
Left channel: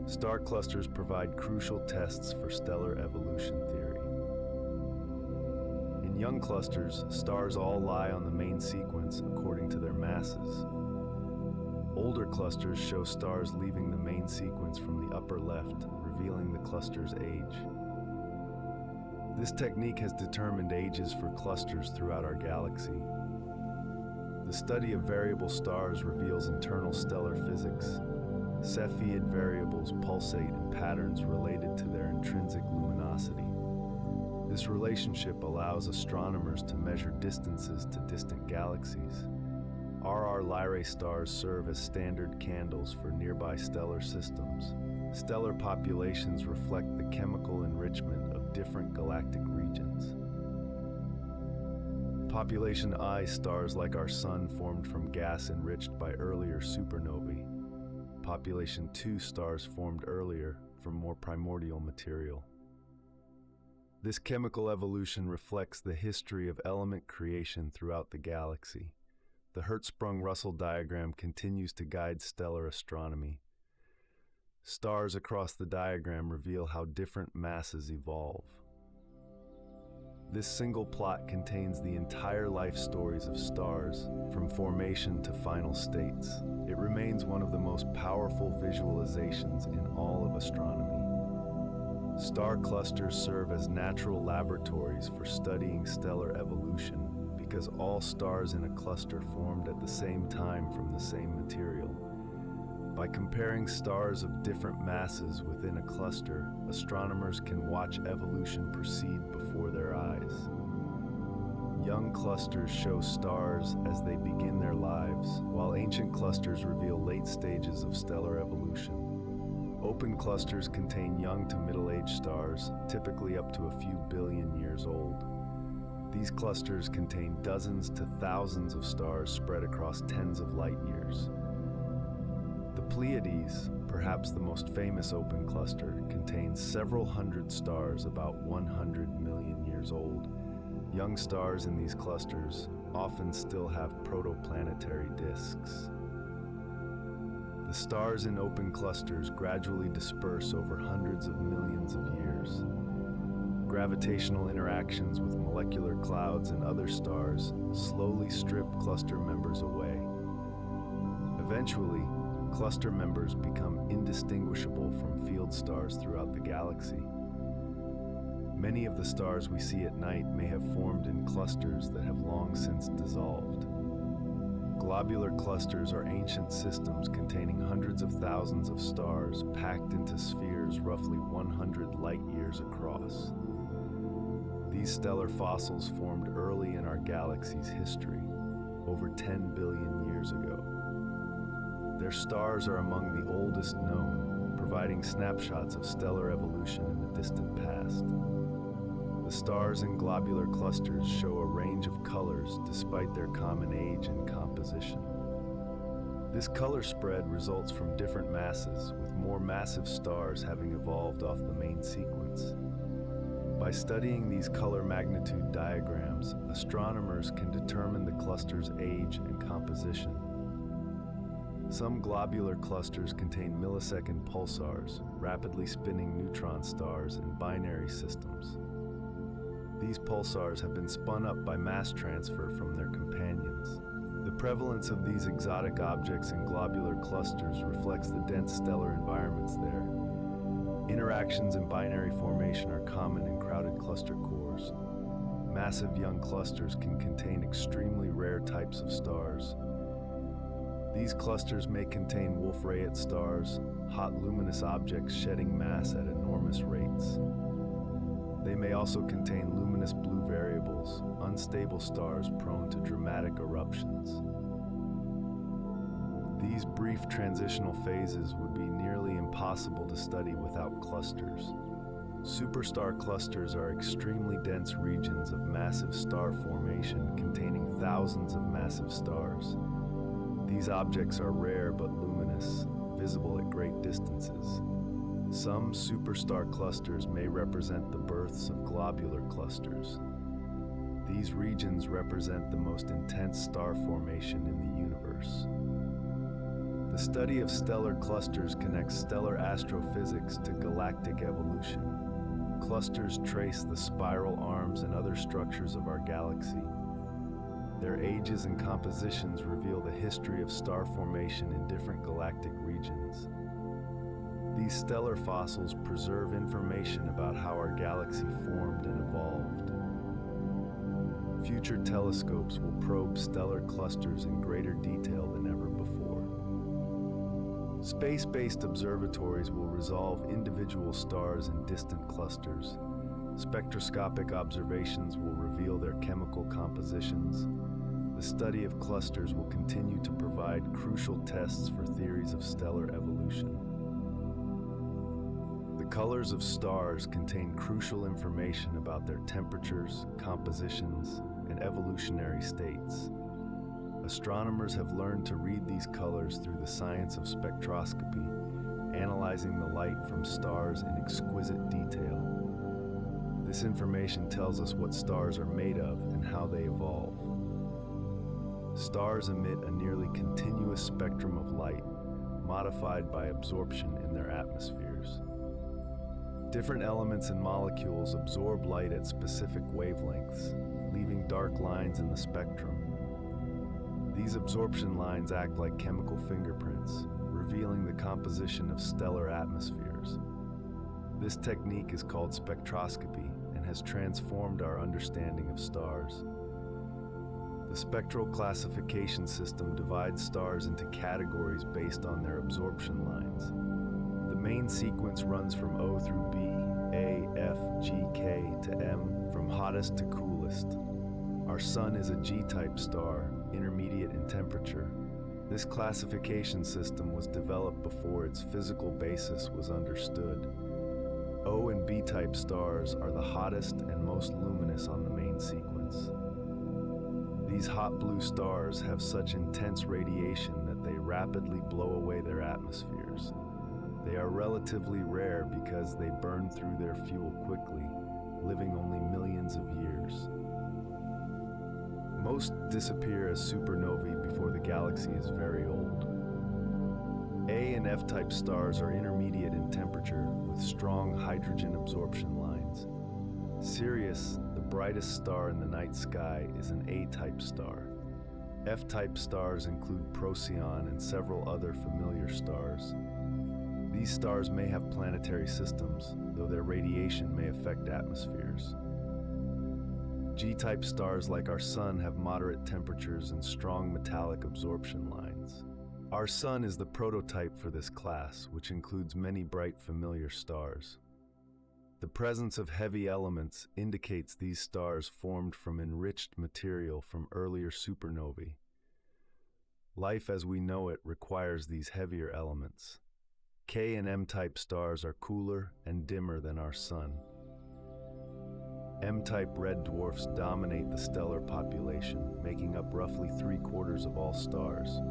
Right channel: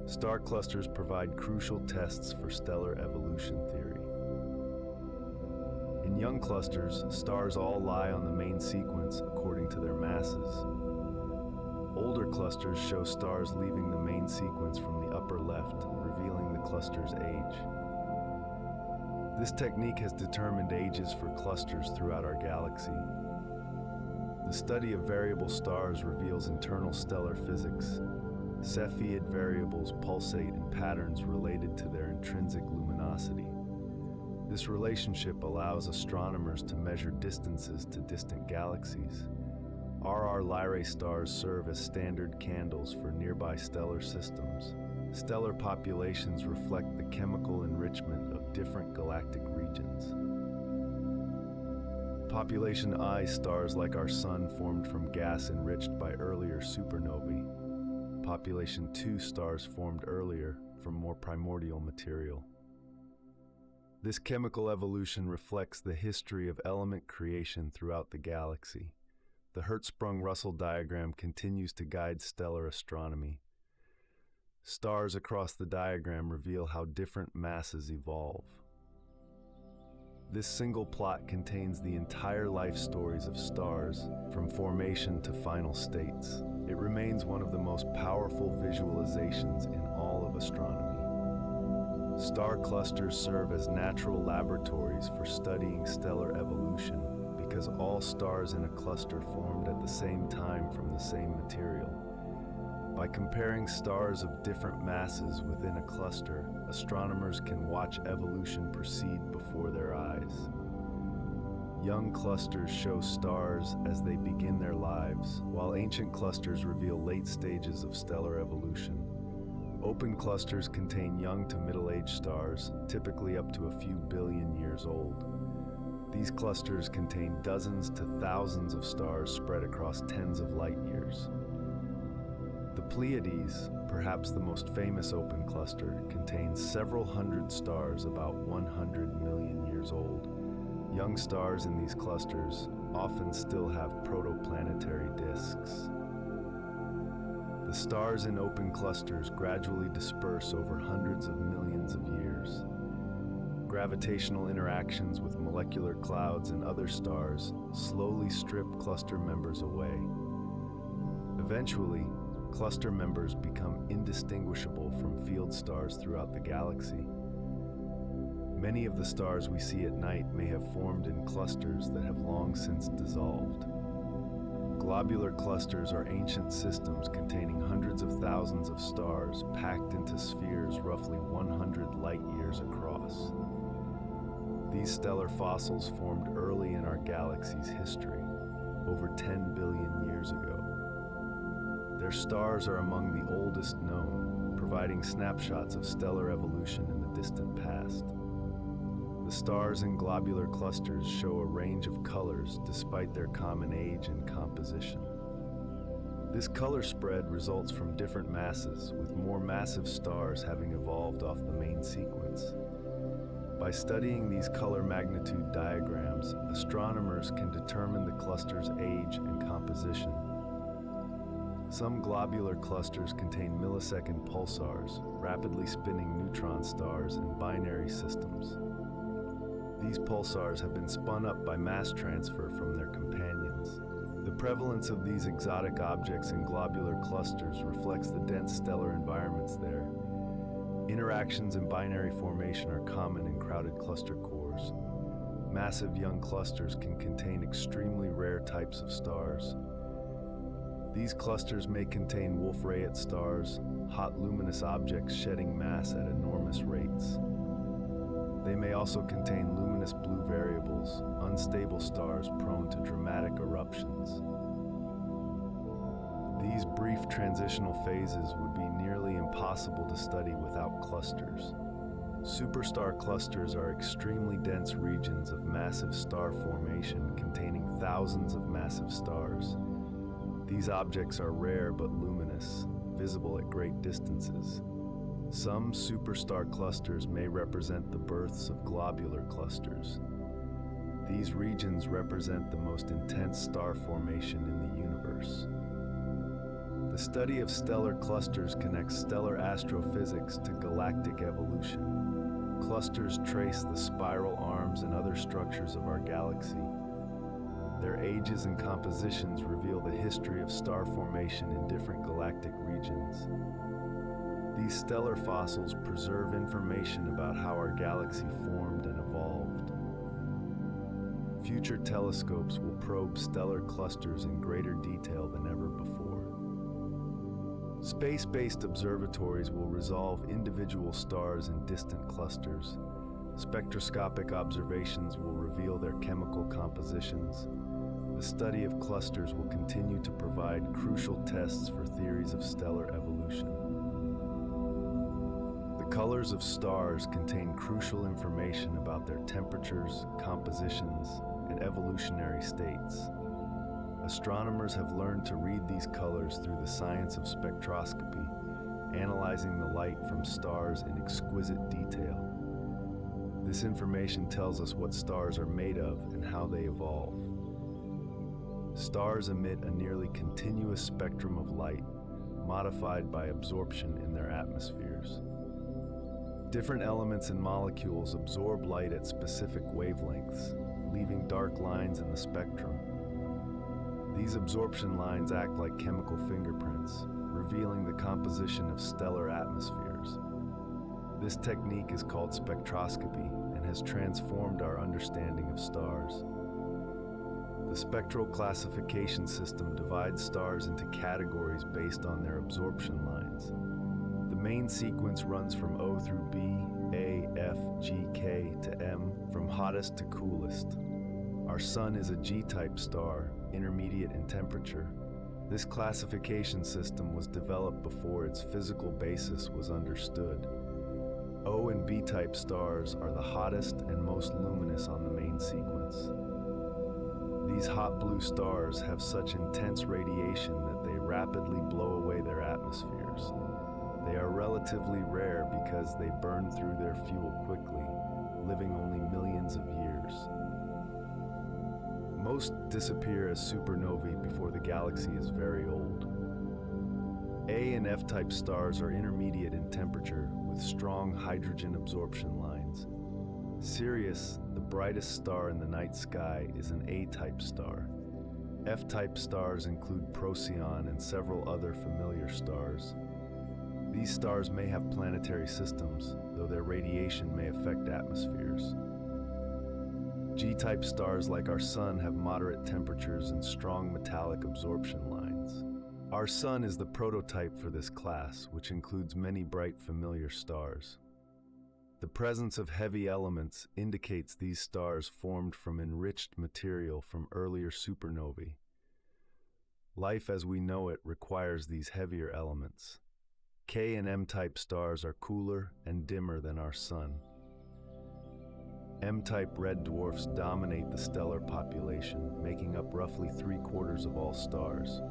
Star clusters provide crucial tests for stellar evolution theory. In young clusters, stars all lie on the main sequence according to their masses. Older clusters show stars leaving the main sequence from the upper left, revealing the cluster's age. This technique has determined ages for clusters throughout our galaxy. The study of variable stars reveals internal stellar physics. Cepheid variables pulsate in patterns related to their intrinsic luminosity. This relationship allows astronomers to measure distances to distant galaxies. RR Lyrae stars serve as standard candles for nearby stellar systems. Stellar populations reflect the chemical enrichment of different galactic regions. Population I stars like our Sun formed from gas enriched by earlier supernovae. Population II stars formed earlier from more primordial material. This chemical evolution reflects the history of element creation throughout the galaxy. The Hertzsprung-Russell diagram continues to guide stellar astronomy. Stars across the diagram reveal how different masses evolve. This single plot contains the entire life stories of stars, from formation to final states. It remains one of the most powerful visualizations in all of astronomy. Star clusters serve as natural laboratories for studying stellar evolution because all stars in a cluster formed at the same time from the same material. By comparing stars of different masses within a cluster, astronomers can watch evolution proceed before their eyes. Young clusters show stars as they begin their lives, while ancient clusters reveal late stages of stellar evolution. Open clusters contain young to middle-aged stars, typically up to a few billion years old. These clusters contain dozens to thousands of stars spread across tens of light years. The Pleiades, perhaps the most famous open cluster, contains several hundred stars about 100 million years old. Young stars in these clusters often still have protoplanetary disks. The stars in open clusters gradually disperse over hundreds of millions of years. Gravitational interactions with molecular clouds and other stars slowly strip cluster members away. Eventually, cluster members become indistinguishable from field stars throughout the galaxy. Many of the stars we see at night may have formed in clusters that have long since dissolved. Globular clusters are ancient systems containing hundreds of thousands of stars packed into spheres roughly 100 light years across. These stellar fossils formed early in our galaxy's history, over 10 billion years ago. Their stars are among the oldest known, providing snapshots of stellar evolution in the distant past. The stars in globular clusters show a range of colors despite their common age and composition. This color spread results from different masses, with more massive stars having evolved off the main sequence. By studying these color magnitude diagrams, astronomers can determine the cluster's age and composition. Some globular clusters contain millisecond pulsars, rapidly spinning neutron stars in binary systems. These pulsars have been spun up by mass transfer from their companions. The prevalence of these exotic objects in globular clusters reflects the dense stellar environments there. Interactions in binary formation are common in crowded cluster cores. Massive young clusters can contain extremely rare types of stars. These clusters may contain Wolf-Rayet stars, hot luminous objects shedding mass at enormous rates. They may also contain luminous blue variables, unstable stars prone to dramatic eruptions. These brief transitional phases would be nearly impossible to study without clusters. Superstar clusters are extremely dense regions of massive star formation containing thousands of massive stars. These objects are rare but luminous, visible at great distances. Some superstar clusters may represent the births of globular clusters. These regions represent the most intense star formation in the universe. The study of stellar clusters connects stellar astrophysics to galactic evolution. Clusters trace the spiral arms and other structures of our galaxy. Their ages and compositions reveal the history of star formation in different galactic regions. These stellar fossils preserve information about how our galaxy formed and evolved. Future telescopes will probe stellar clusters in greater detail than ever before. Space-based observatories will resolve individual stars in distant clusters. Spectroscopic observations will reveal their chemical compositions. The study of clusters will continue to provide crucial tests for theories of stellar evolution. The colors of stars contain crucial information about their temperatures, compositions, and evolutionary states. Astronomers have learned to read these colors through the science of spectroscopy, analyzing the light from stars in exquisite detail. This information tells us what stars are made of and how they evolve. Stars emit a nearly continuous spectrum of light, modified by absorption in their atmospheres. Different elements and molecules absorb light at specific wavelengths, leaving dark lines in the spectrum. These absorption lines act like chemical fingerprints, revealing the composition of stellar atmospheres. This technique is called spectroscopy and has transformed our understanding of stars. The spectral classification system divides stars into categories based on their absorption lines. The main sequence runs from O through B, A, F, G, K to M, from hottest to coolest. Our Sun is a G-type star, intermediate in temperature. This classification system was developed before its physical basis was understood. O and B-type stars are the hottest and most luminous on the main sequence. These hot blue stars have such intense radiation that they rapidly blow away their atmospheres. They are relatively rare because they burn through their fuel quickly, living only millions of years. Most disappear as supernovae before the galaxy is very old. A and F-type stars are intermediate in temperature with strong hydrogen absorption lines. Sirius, the brightest star in the night sky, is an A-type star. F-type stars include Procyon and several other familiar stars. These stars may have planetary systems, though their radiation may affect atmospheres. G-type stars like our Sun have moderate temperatures and strong metallic absorption lines. Our Sun is the prototype for this class, which includes many bright familiar stars. The presence of heavy elements indicates these stars formed from enriched material from earlier supernovae. Life as we know it requires these heavier elements. K and M-type stars are cooler and dimmer than our Sun. M-type red dwarfs dominate the stellar population, making up roughly 3/4 of all stars.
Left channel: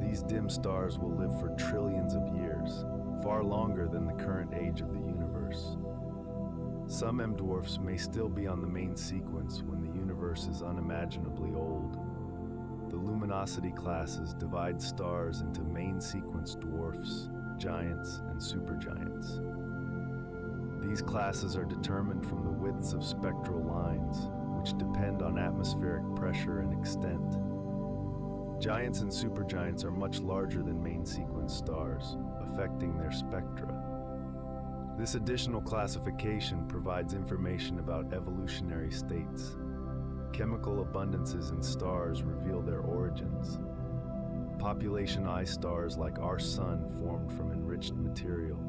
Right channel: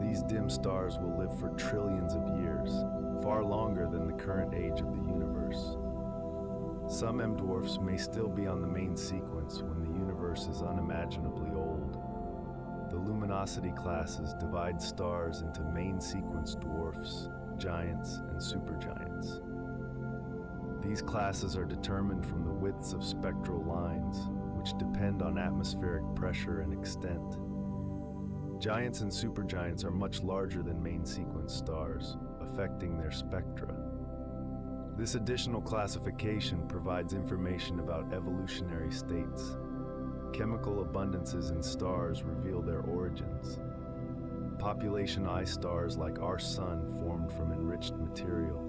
These dim stars will live for trillions of years, far longer than the current age of the universe. Some M-dwarfs may still be on the main sequence when the universe is unimaginably old. The luminosity classes divide stars into main sequence dwarfs, giants, and supergiants. These classes are determined from the widths of spectral lines, which depend on atmospheric pressure and extent. Giants and supergiants are much larger than main sequence stars, affecting their spectra. This additional classification provides information about evolutionary states. Chemical abundances in stars reveal their origins. Population I stars like our Sun formed from enriched material.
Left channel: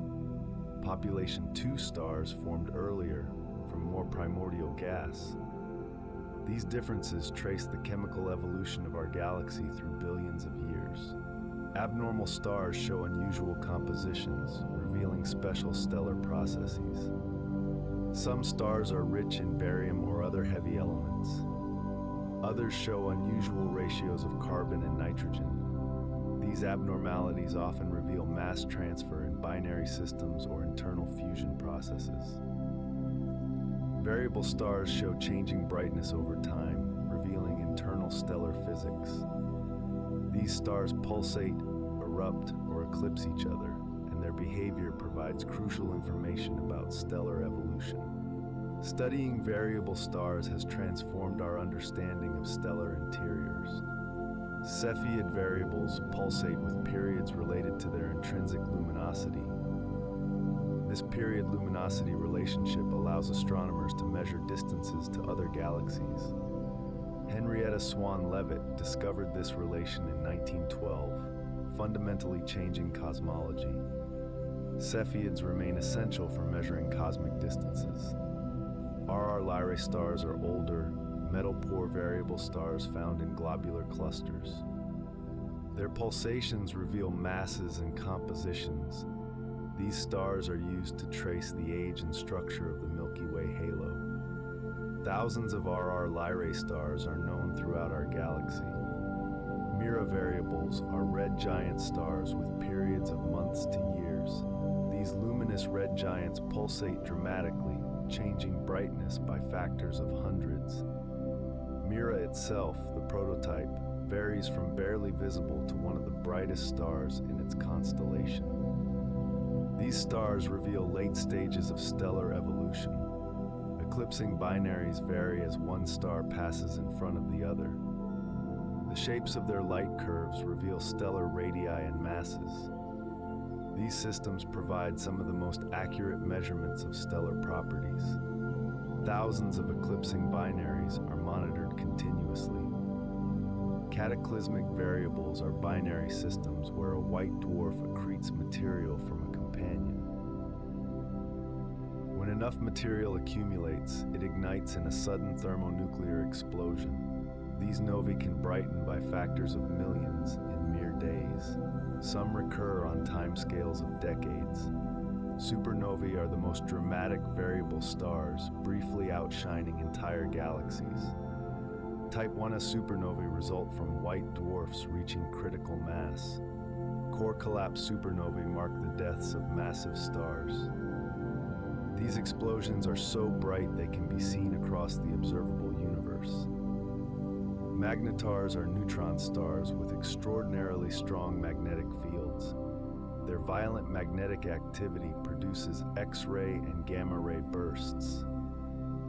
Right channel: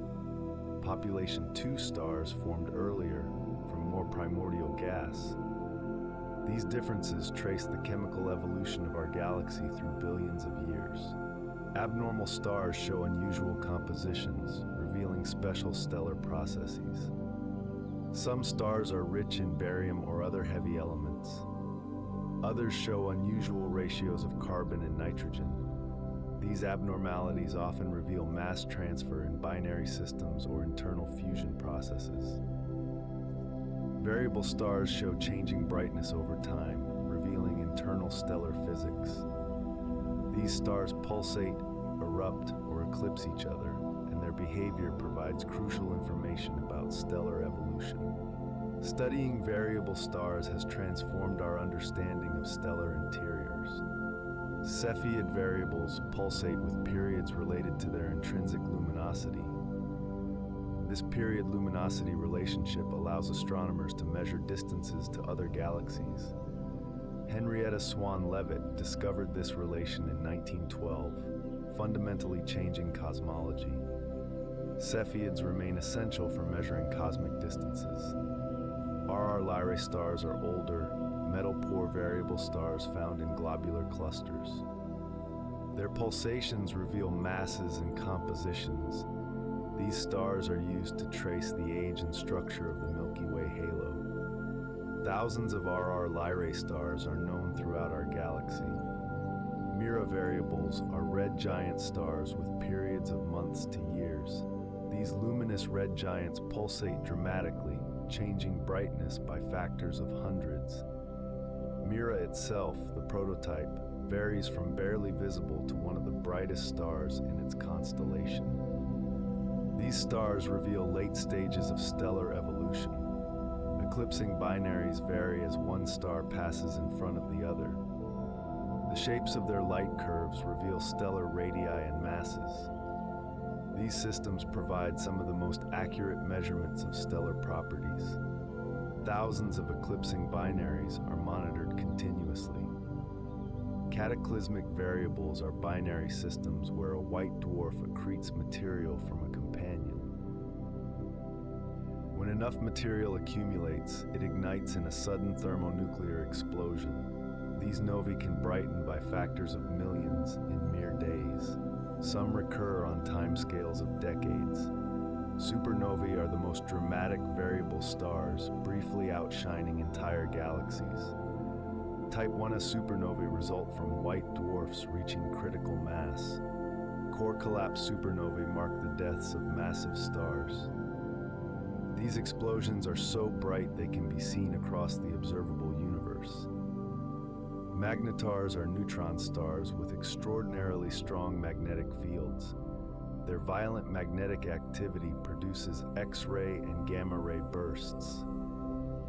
Population II stars formed earlier from more primordial gas. These differences trace the chemical evolution of our galaxy through billions of years. Abnormal stars show unusual compositions, revealing special stellar processes. Some stars are rich in barium or other heavy elements. Others show unusual ratios of carbon and nitrogen. These abnormalities often reveal mass transfer in binary systems or internal fusion processes. Variable stars show changing brightness over time, revealing internal stellar physics. These stars pulsate, erupt, or eclipse each other, and their behavior provides crucial information about stellar evolution. Studying variable stars has transformed our understanding of stellar interiors. Cepheid variables pulsate with periods related to their intrinsic luminosity. This period luminosity relationship allows astronomers to measure distances to other galaxies. Henrietta Swan Leavitt discovered this relation in 1912, fundamentally changing cosmology. Cepheids remain essential for measuring cosmic distances. RR Lyrae stars are older, metal-poor variable stars found in globular clusters. Their pulsations reveal masses and compositions. These stars are used to trace the age and structure of the Milky Way halo. Thousands of RR Lyrae stars are known throughout our galaxy. Mira variables are red giant stars with periods of months to years. These luminous red giants pulsate dramatically, changing brightness by factors of hundreds. Mira itself, the prototype, varies from barely visible to one of the brightest stars in its constellation. These stars reveal late stages of stellar evolution. Eclipsing binaries vary as one star passes in front of the other. The shapes of their light curves reveal stellar radii and masses. These systems provide some of the most accurate measurements of stellar properties. Thousands of eclipsing binaries are monitored continuously. Cataclysmic variables are binary systems where a white dwarf accretes material from a companion. When enough material accumulates, it ignites in a sudden thermonuclear explosion. These novae can brighten by factors of millions in mere days. Some recur on timescales of decades. Supernovae are the most dramatic variable stars, briefly outshining entire galaxies. Type 1a supernovae result from white dwarfs reaching critical mass. Core collapse supernovae mark the deaths of massive stars. These explosions are so bright they can be seen across the observable universe. Magnetars are neutron stars with extraordinarily strong magnetic fields. Their violent magnetic activity produces X-ray and gamma-ray bursts.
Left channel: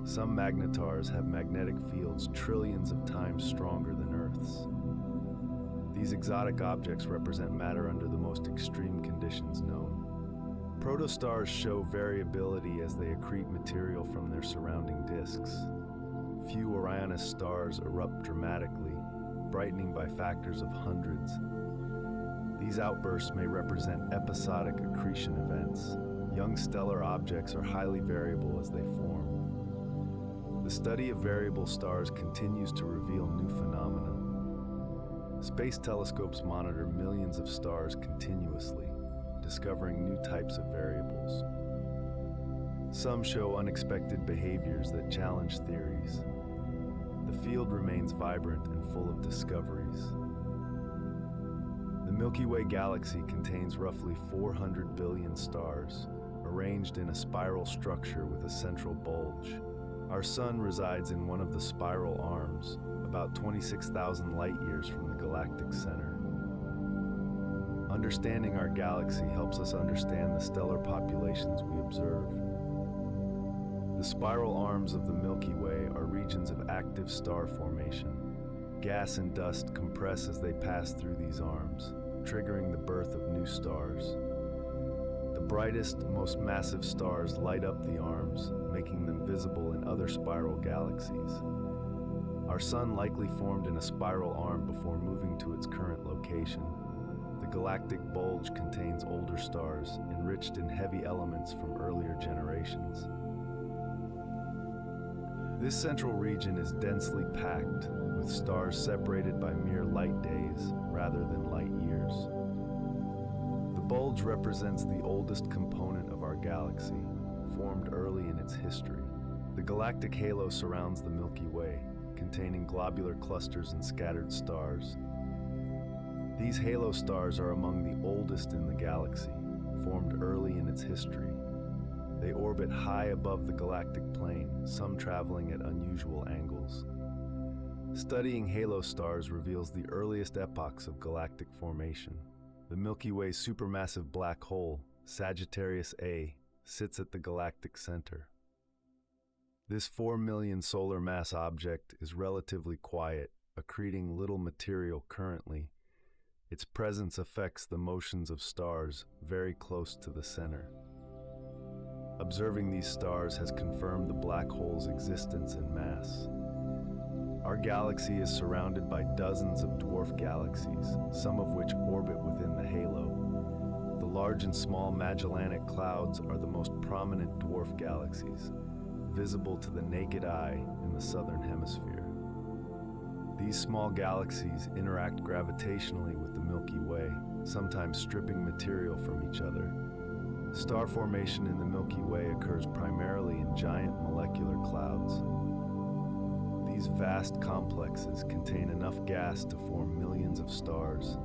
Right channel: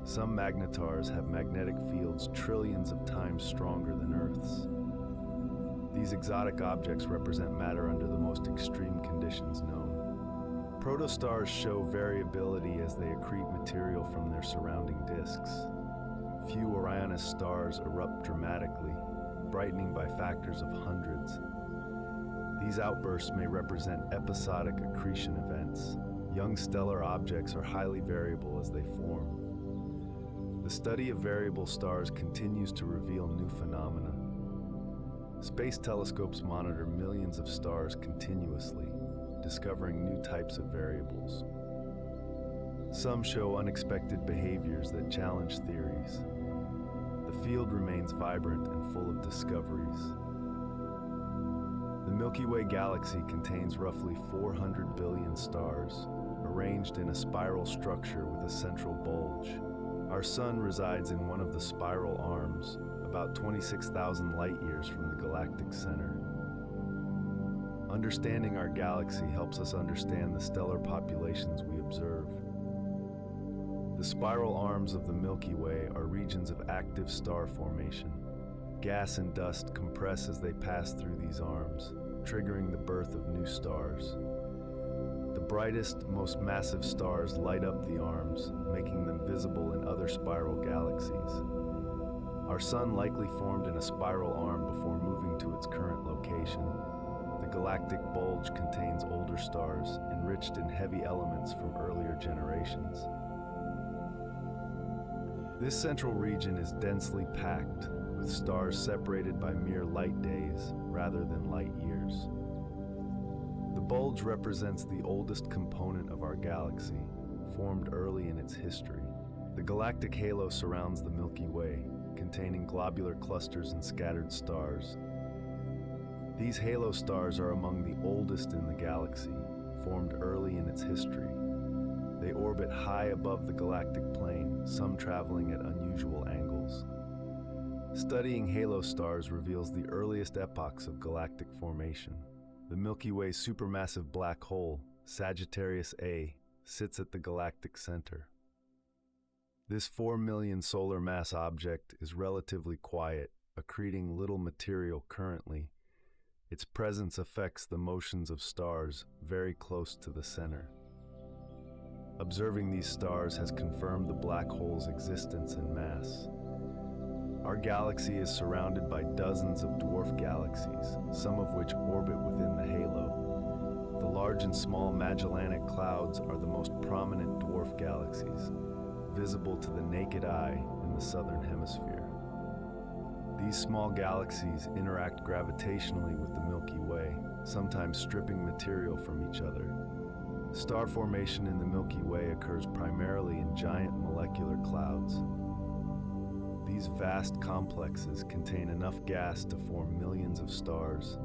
Some magnetars have magnetic fields trillions of times stronger than Earth's. These exotic objects represent matter under the most extreme conditions known. Protostars show variability as they accrete material from their surrounding disks. Few Orionis stars erupt dramatically, brightening by factors of hundreds. These outbursts may represent episodic accretion events. Young stellar objects are highly variable as they form. The study of variable stars continues to reveal new phenomena. Space telescopes monitor millions of stars continuously, discovering new types of variables. Some show unexpected behaviors that challenge theories. The field remains vibrant and full of discoveries. The Milky Way galaxy contains roughly 400 billion stars, arranged in a spiral structure with a central bulge. Our Sun resides in one of the spiral arms, about 26,000 light-years from the galactic center. Understanding our galaxy helps us understand the stellar populations we observe. The spiral arms of the Milky Way are regions of active star formation. Gas and dust compress as they pass through these arms, triggering the birth of new stars. The brightest, most massive stars light up the arms, making them visible in other spiral galaxies. Our Sun likely formed in a spiral arm before moving to its current location. The galactic bulge contains older stars, enriched in heavy elements from earlier generations. This central region is densely packed, with stars separated by mere light days rather than light years. The bulge represents the oldest component of our galaxy, formed early in its history. The galactic halo surrounds the Milky Way, containing globular clusters and scattered stars. These halo stars are among the oldest in the galaxy, formed early in its history. They orbit high above the galactic plane, some traveling at unusual angles. Studying halo stars reveals the earliest epochs of galactic formation. The Milky Way's supermassive black hole, Sagittarius A, sits at the galactic center. This 4 million solar mass object is relatively quiet, accreting little material currently. Its presence affects the motions of stars very close to the center. Observing these stars has confirmed the black hole's existence and mass. Our galaxy is surrounded by dozens of dwarf galaxies, some of which orbit within the halo. The large and small Magellanic Clouds are the most prominent dwarf galaxies, visible to the naked eye in the southern hemisphere. These small galaxies interact gravitationally with the Milky Way, sometimes stripping material from each other. Star formation in the Milky Way occurs primarily in giant molecular clouds. These vast complexes contain enough gas to form millions of stars.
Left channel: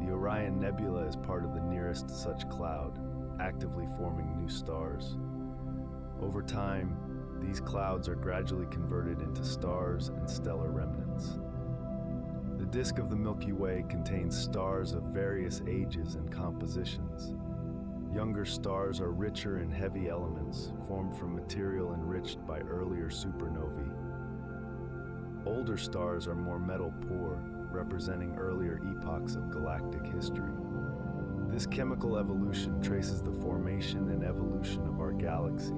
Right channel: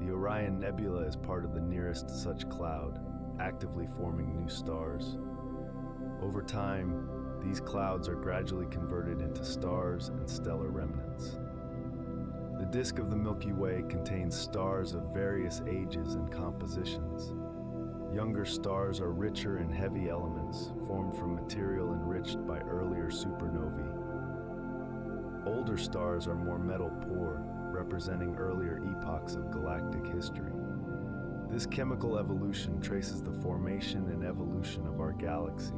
The Orion Nebula is part of the nearest such cloud, actively forming new stars. Over time, these clouds are gradually converted into stars and stellar remnants. The disk of the Milky Way contains stars of various ages and compositions. Younger stars are richer in heavy elements, formed from material enriched by earlier supernovae. Older stars are more metal-poor, representing earlier epochs of galactic history. This chemical evolution traces the formation and evolution of our galaxy.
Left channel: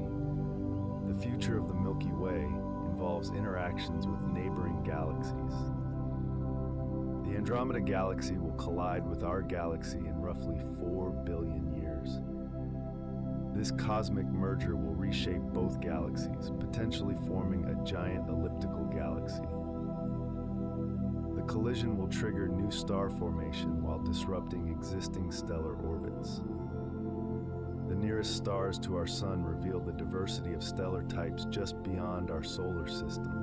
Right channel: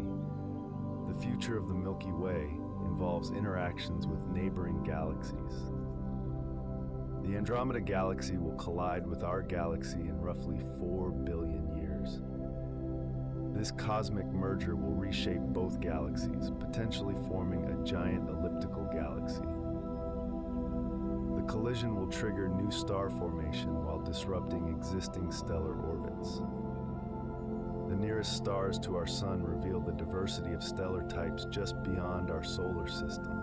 The future of the Milky Way involves interactions with neighboring galaxies. The Andromeda Galaxy will collide with our galaxy in roughly 4 billion years. This cosmic merger will reshape both galaxies, potentially forming a giant elliptical galaxy. The collision will trigger new star formation while disrupting existing stellar orbits. The nearest stars to our Sun reveal the diversity of stellar types just beyond our solar system.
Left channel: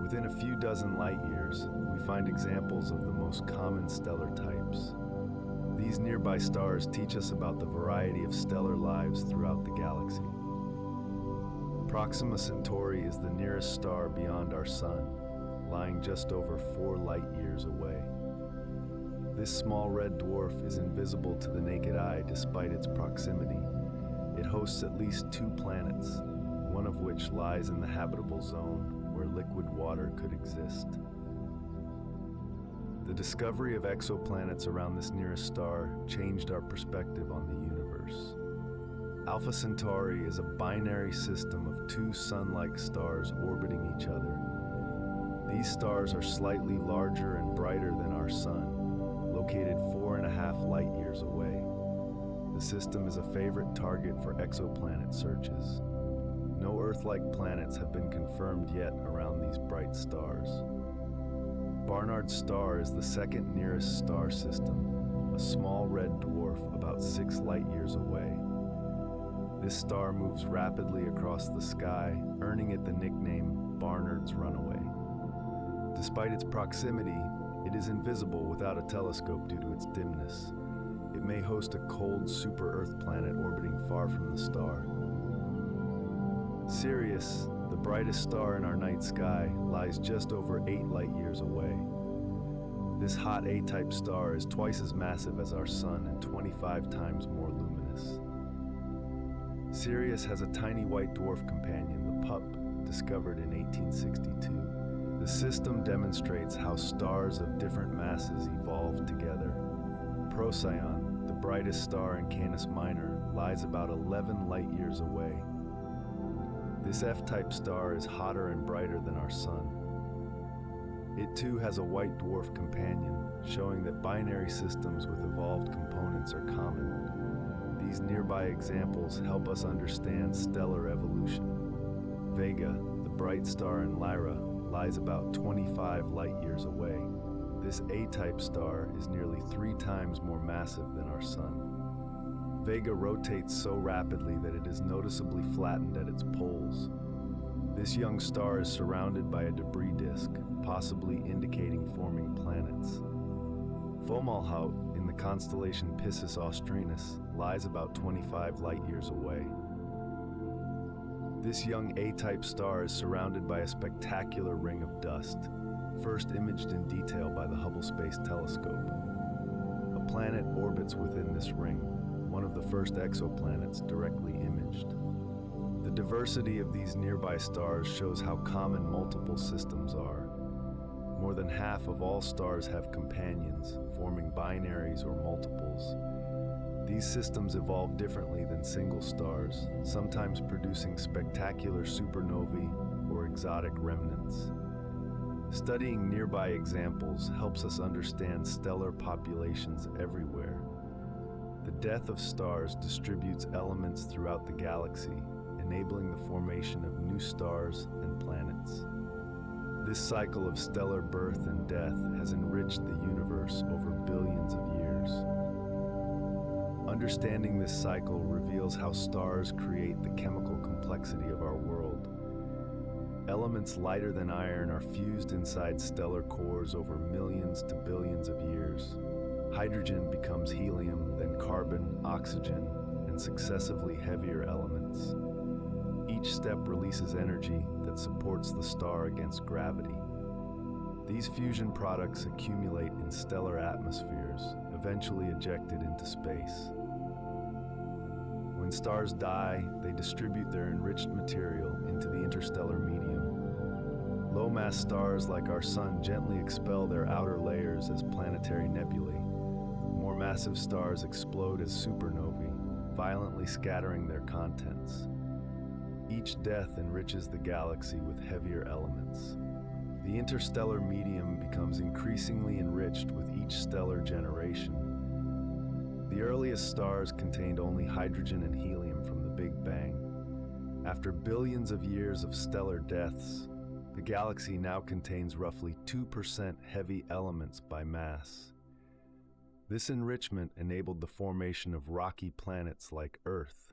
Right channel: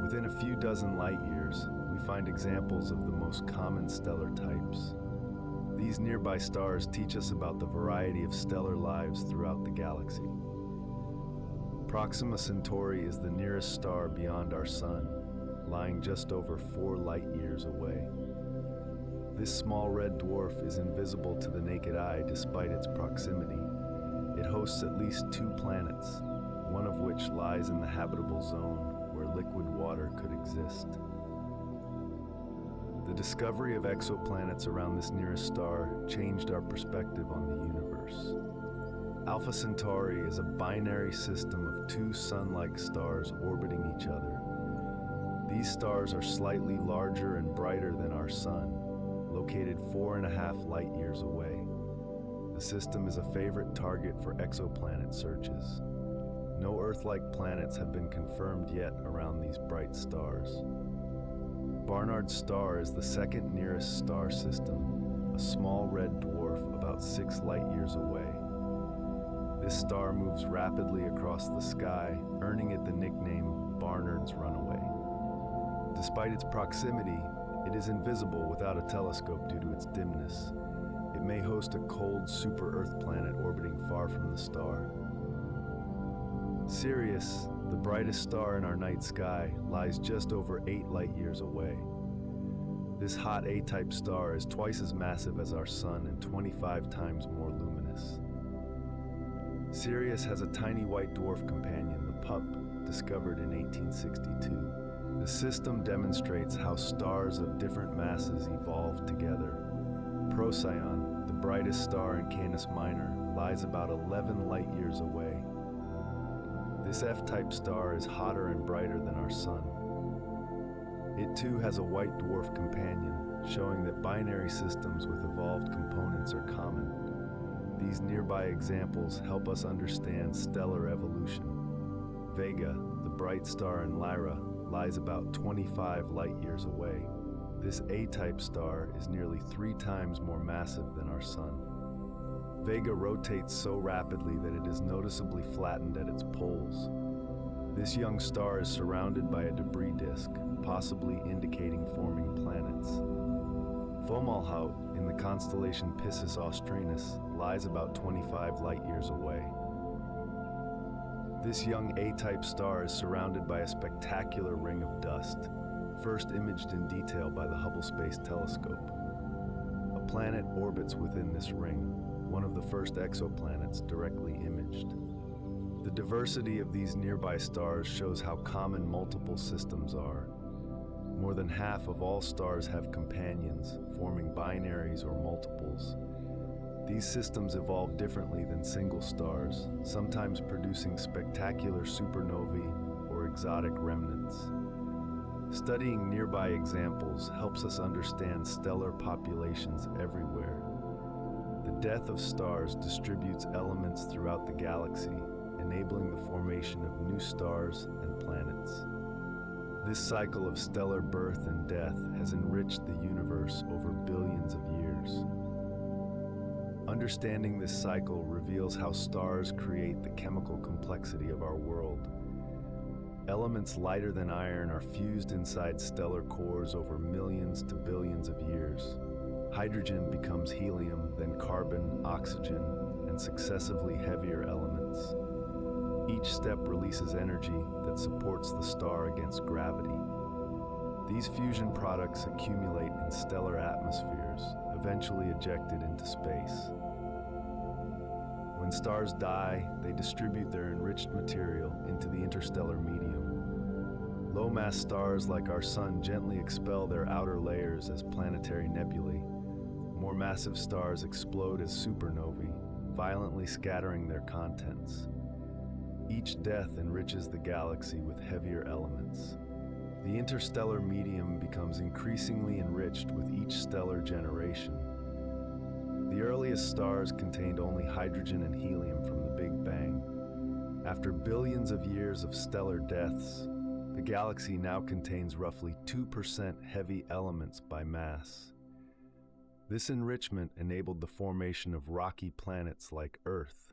Within a few dozen light years, we find examples of the most common stellar types. These nearby stars teach us about the variety of stellar lives throughout the galaxy. Proxima Centauri is the nearest star beyond our Sun, lying just over 4 light years away. This small red dwarf is invisible to the naked eye despite its proximity. It hosts at least 2 planets, one of which lies in the habitable zone where liquid water could exist. The discovery of exoplanets around this nearest star changed our perspective on the universe. Alpha Centauri is a binary system of 2 sun-like stars orbiting each other. These stars are slightly larger and brighter than our Sun, located 4.5 light years away. The system is a favorite target for exoplanet searches. No Earth-like planets have been confirmed yet around these bright stars. Barnard's star is the second nearest star system, a small red dwarf about 6 light years away. This star moves rapidly across the sky, earning it the nickname Barnard's Runaway. Despite its proximity, it is invisible without a telescope due to its dimness. It may host a cold super-Earth planet orbiting far from the star. Sirius, the brightest star in our night sky, lies just over 8 light years away. This hot A-type star is twice as massive as our Sun and 25 times more luminous. Sirius has a tiny white dwarf companion, the Pup, discovered in 1862. The system demonstrates how stars of different masses evolved together. Procyon, the brightest star in Canis Minor, lies about 11 light years away. This F-type star is hotter and brighter than our Sun. It too has a white dwarf companion, showing that binary systems with evolved components are common. These nearby examples help us understand stellar evolution. Vega, the bright star in Lyra, lies about 25 light years away. This A-type star is nearly 3 times more massive than our Sun. Vega rotates so rapidly that it is noticeably flattened at its poles. This young star is surrounded by a debris disk, possibly indicating forming planets. Fomalhaut, in the constellation Piscis Austrinus, lies about 25 light years away. This young A-type star is surrounded by a spectacular ring of dust, first imaged in detail by the Hubble Space Telescope. A planet orbits within this ring, one of the first exoplanets directly imaged. The diversity of these nearby stars shows how common multiple systems are. More than half of all stars have companions, forming binaries or multiples. These systems evolve differently than single stars, sometimes producing spectacular supernovae or exotic remnants. Studying nearby examples helps us understand stellar populations everywhere. The death of stars distributes elements throughout the galaxy, enabling the formation of new stars and planets. This cycle of stellar birth and death has enriched the universe over billions of years. Understanding this cycle reveals how stars create the chemical complexity of our world. Elements lighter than iron are fused inside stellar cores over millions to billions of years. Hydrogen becomes helium, then carbon, oxygen, and successively heavier elements. Each step releases energy that supports the star against gravity. These fusion products accumulate in stellar atmospheres, eventually ejected into space. When stars die, they distribute their enriched material into the interstellar medium. Low-mass stars like our Sun gently expel their outer layers as planetary nebulae. More massive stars explode as supernovae, violently scattering their contents. Each death enriches the galaxy with heavier elements. The interstellar medium becomes increasingly enriched with each stellar generation. The earliest stars contained only hydrogen and helium from the Big Bang. After billions of years of stellar deaths, the galaxy now contains roughly 2% heavy elements by mass. This enrichment enabled the formation of rocky planets like Earth.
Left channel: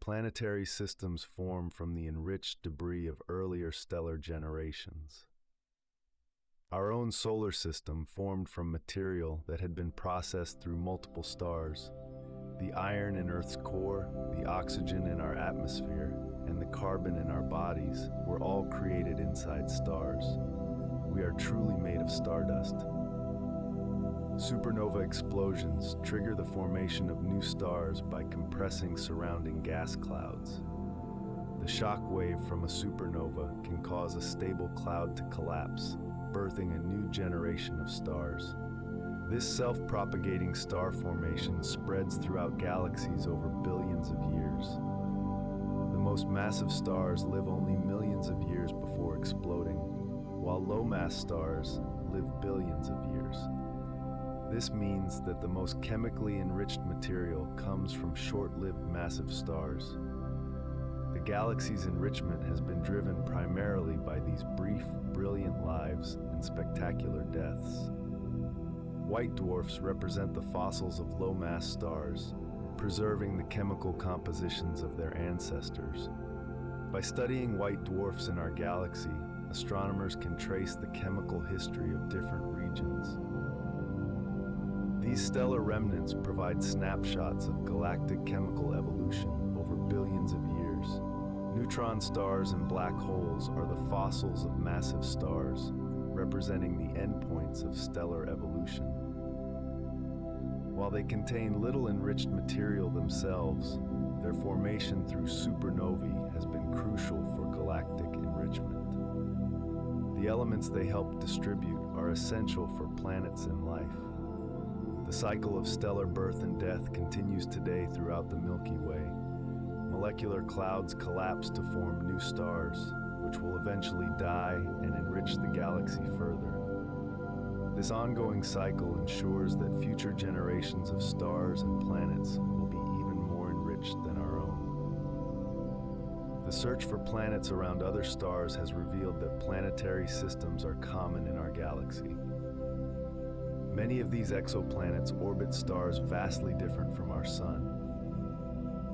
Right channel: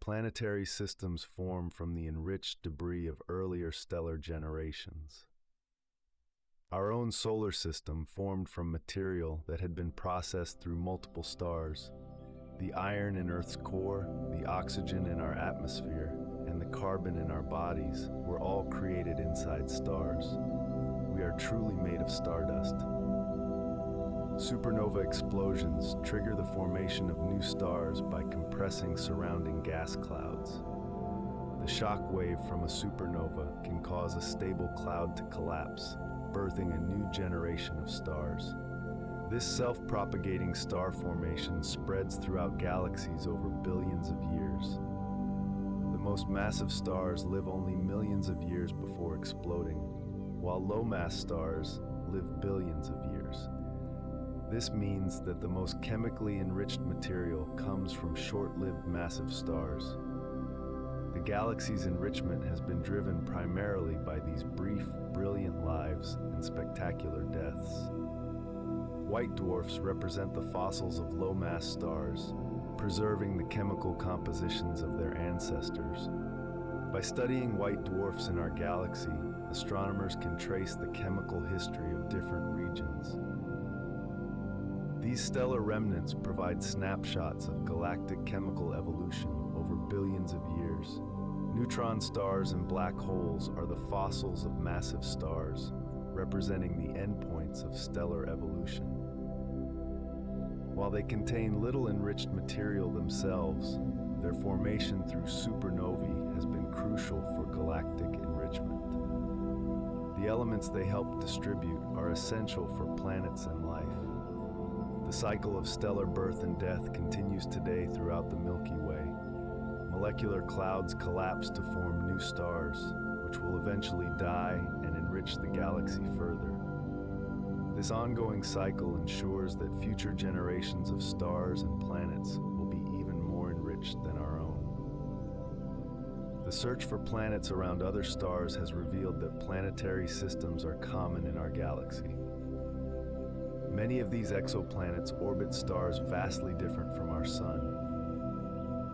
Planetary systems form from the enriched debris of earlier stellar generations. Our own solar system formed from material that had been processed through multiple stars. The iron in Earth's core, the oxygen in our atmosphere, and the carbon in our bodies were all created inside stars. We are truly made of stardust. Supernova explosions trigger the formation of new stars by compressing surrounding gas clouds. The shock wave from a supernova can cause a stable cloud to collapse, birthing a new generation of stars. This self-propagating star formation spreads throughout galaxies over billions of years. The most massive stars live only millions of years before exploding, while low-mass stars live billions of years. This means that the most chemically enriched material comes from short-lived massive stars. The galaxy's enrichment has been driven primarily by these brief, brilliant lives and spectacular deaths. White dwarfs represent the fossils of low-mass stars, preserving the chemical compositions of their ancestors. By studying white dwarfs in our galaxy, astronomers can trace the chemical history of different regions. These stellar remnants provide snapshots of galactic chemical evolution over billions of years. Neutron stars and black holes are the fossils of massive stars, representing the endpoints of stellar evolution. While they contain little enriched material themselves, their formation through supernovae has been crucial for galactic enrichment. The elements they help distribute are essential for planets and life. The cycle of stellar birth and death continues today throughout the Milky Way. Molecular clouds collapse to form new stars, which will eventually die and enrich the galaxy further. This ongoing cycle ensures that future generations of stars and planets will be even more enriched than our own. The search for planets around other stars has revealed that planetary systems are common in our galaxy. Many of these exoplanets orbit stars vastly different from our Sun.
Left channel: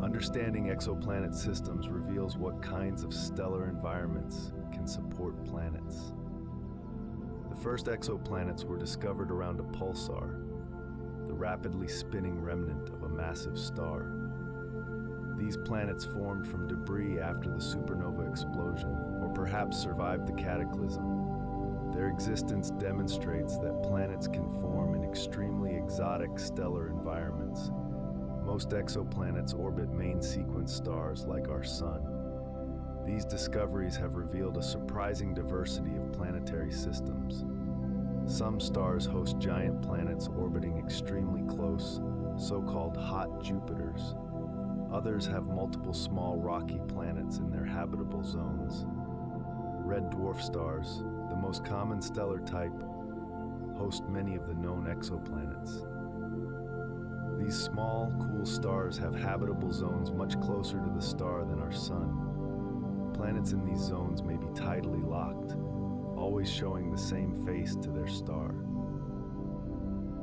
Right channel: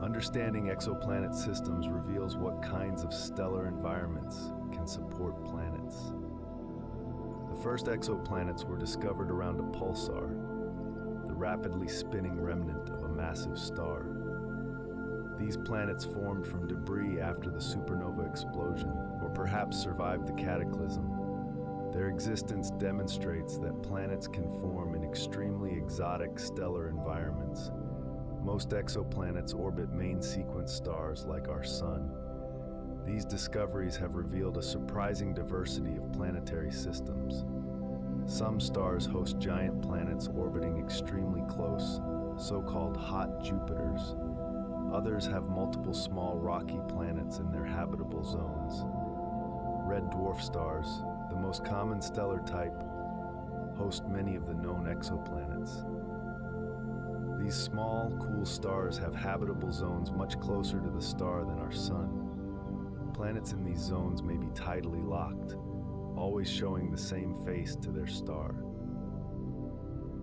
Understanding exoplanet systems reveals what kinds of stellar environments can support planets. The first exoplanets were discovered around a pulsar, the rapidly spinning remnant of a massive star. These planets formed from debris after the supernova explosion, or perhaps survived the cataclysm. Their existence demonstrates that planets can form in extremely exotic stellar environments. Most exoplanets orbit main sequence stars like our Sun. These discoveries have revealed a surprising diversity of planetary systems. Some stars host giant planets orbiting extremely close, so-called hot Jupiters. Others have multiple small rocky planets in their habitable zones. Red dwarf stars, the most common stellar type, host many of the known exoplanets. These small, cool stars have habitable zones much closer to the star than our Sun. Planets in these zones may be tidally locked, always showing the same face to their star.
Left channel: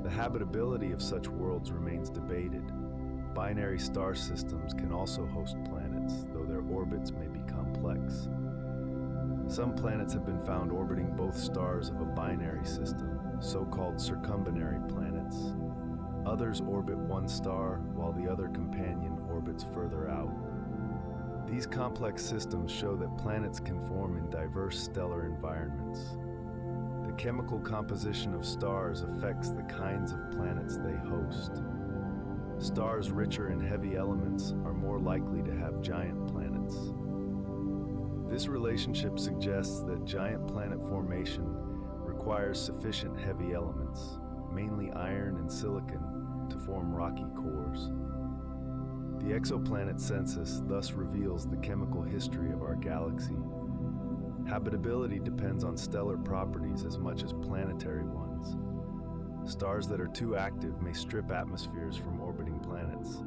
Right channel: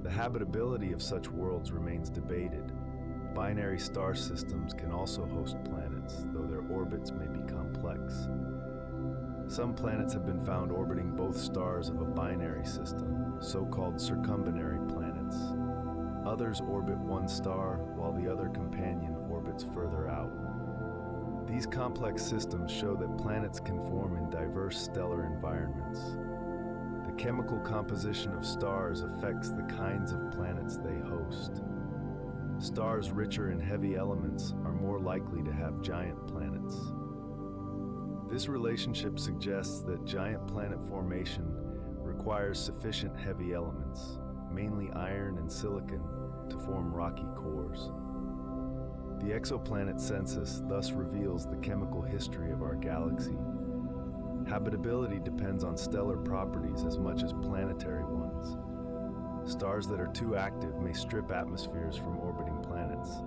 The habitability of such worlds remains debated. Binary star systems can also host planets, though their orbits may be complex. Some planets have been found orbiting both stars of a binary system, so-called circumbinary planets. Others orbit one star, while the other companion orbits further out. These complex systems show that planets can form in diverse stellar environments. The chemical composition of stars affects the kinds of planets they host. Stars richer in heavy elements are more likely to have giant planets. This relationship suggests that giant planet formation requires sufficient heavy elements, mainly iron and silicon, to form rocky cores. The exoplanet census thus reveals the chemical history of our galaxy. Habitability depends on stellar properties as much as planetary ones. Stars that are too active may strip atmospheres from orbiting planets.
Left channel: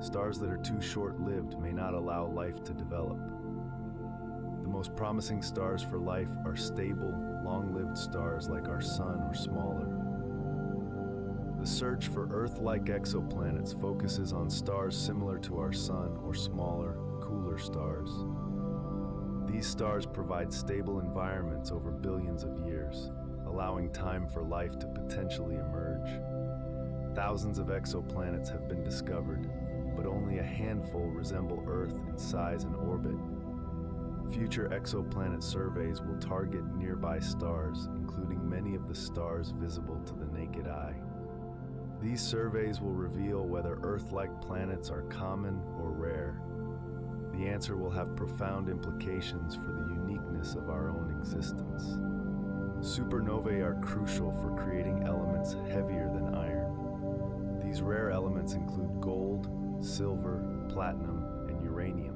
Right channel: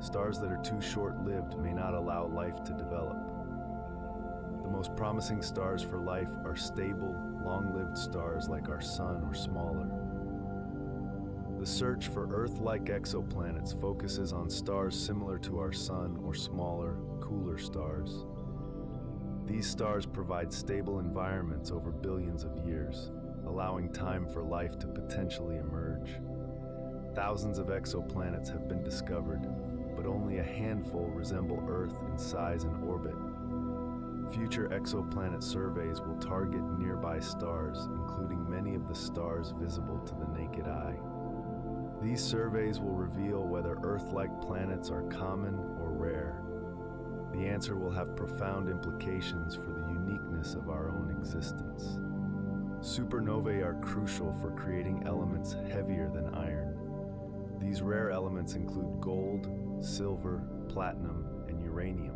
Stars that are too short-lived may not allow life to develop. The most promising stars for life are stable, long-lived stars like our Sun or smaller. The search for Earth-like exoplanets focuses on stars similar to our Sun or smaller, cooler stars. These stars provide stable environments over billions of years, allowing time for life to potentially emerge. Thousands of exoplanets have been discovered, but only a handful resemble Earth in size and orbit. Future exoplanet surveys will target nearby stars, including many of the stars visible to the naked eye. These surveys will reveal whether Earth-like planets are common or rare. The answer will have profound implications for the uniqueness of our own existence. Supernovae are crucial for creating elements heavier than iron. These rare elements include gold, silver, platinum, and uranium,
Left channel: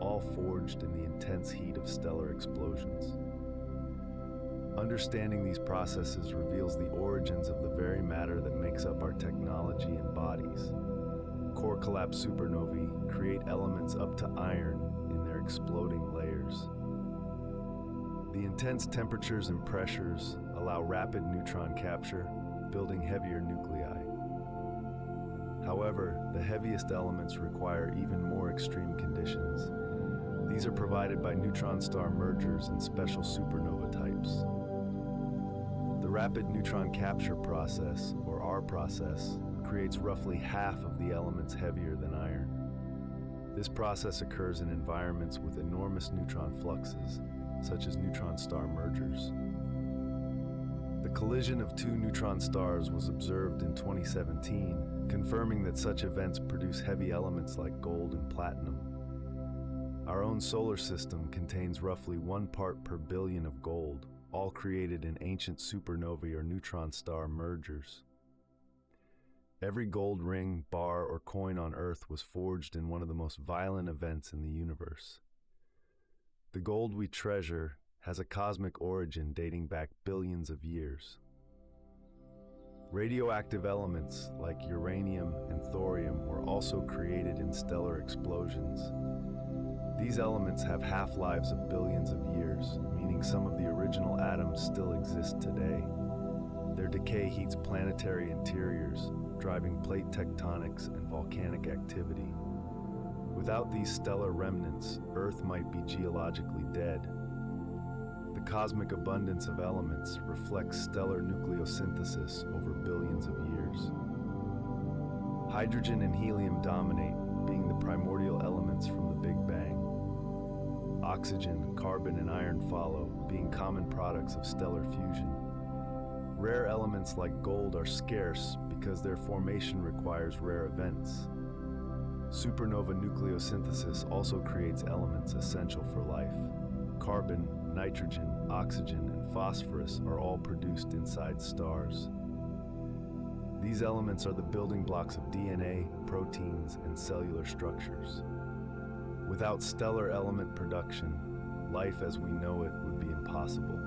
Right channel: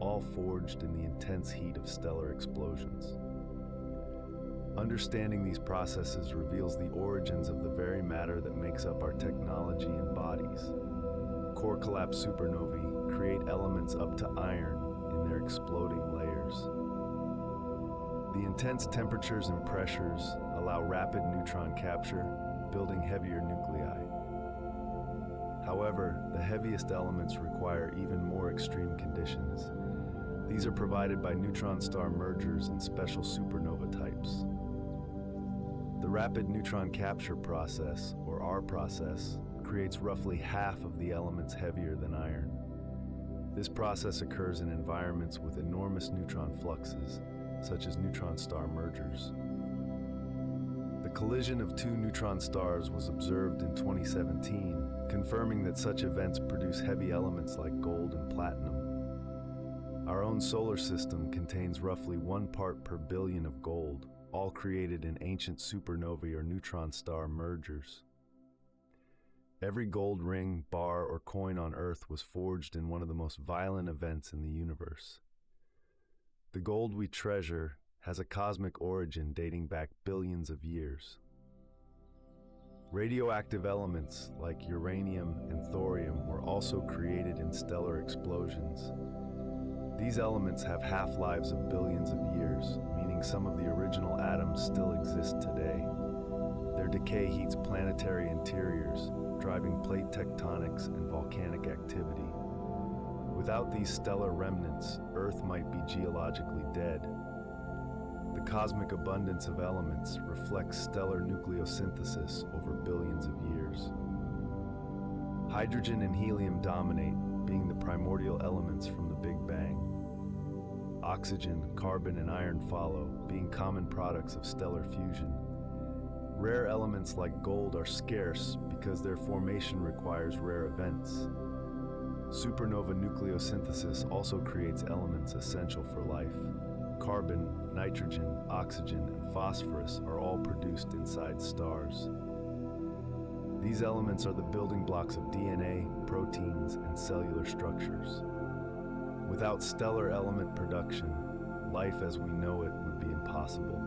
all forged in the intense heat of stellar explosions. Understanding these processes reveals the origins of the very matter that makes up our technology and bodies. Core collapse supernovae create elements up to iron in their exploding layers. The intense temperatures and pressures allow rapid neutron capture, building heavier nuclei. However, the heaviest elements require even more extreme conditions. These are provided by neutron star mergers and special supernova types. The rapid neutron capture process, or R process, creates roughly half of the elements heavier than iron. This process occurs in environments with enormous neutron fluxes, such as neutron star mergers. The collision of two neutron stars was observed in 2017, confirming that such events produce heavy elements like gold and platinum. Our own solar system contains roughly 1 part per billion of gold, all created in ancient supernovae or neutron star mergers. Every gold ring, bar, or coin on Earth was forged in one of the most violent events in the universe. The gold we treasure has a cosmic origin dating back billions of years. Radioactive elements like uranium and thorium were also created in stellar explosions. These elements have half-lives of billions of years, meaning some of the original atoms still exist today. Their decay heats planetary interiors, driving plate tectonics and volcanic activity. Without these stellar remnants, Earth might be geologically dead. The cosmic abundance of elements reflects stellar nucleosynthesis over billions of years. Hydrogen and helium dominate, being the primordial elements from the Big Bang. Oxygen, carbon, and iron follow, being common products of stellar fusion. Rare elements like gold are scarce because their formation requires rare events. Supernova nucleosynthesis also creates elements essential for life. Carbon, nitrogen, oxygen, and phosphorus are all produced inside stars. These elements are the building blocks of DNA, proteins, and cellular structures. Without stellar element production, life as we know it would be impossible.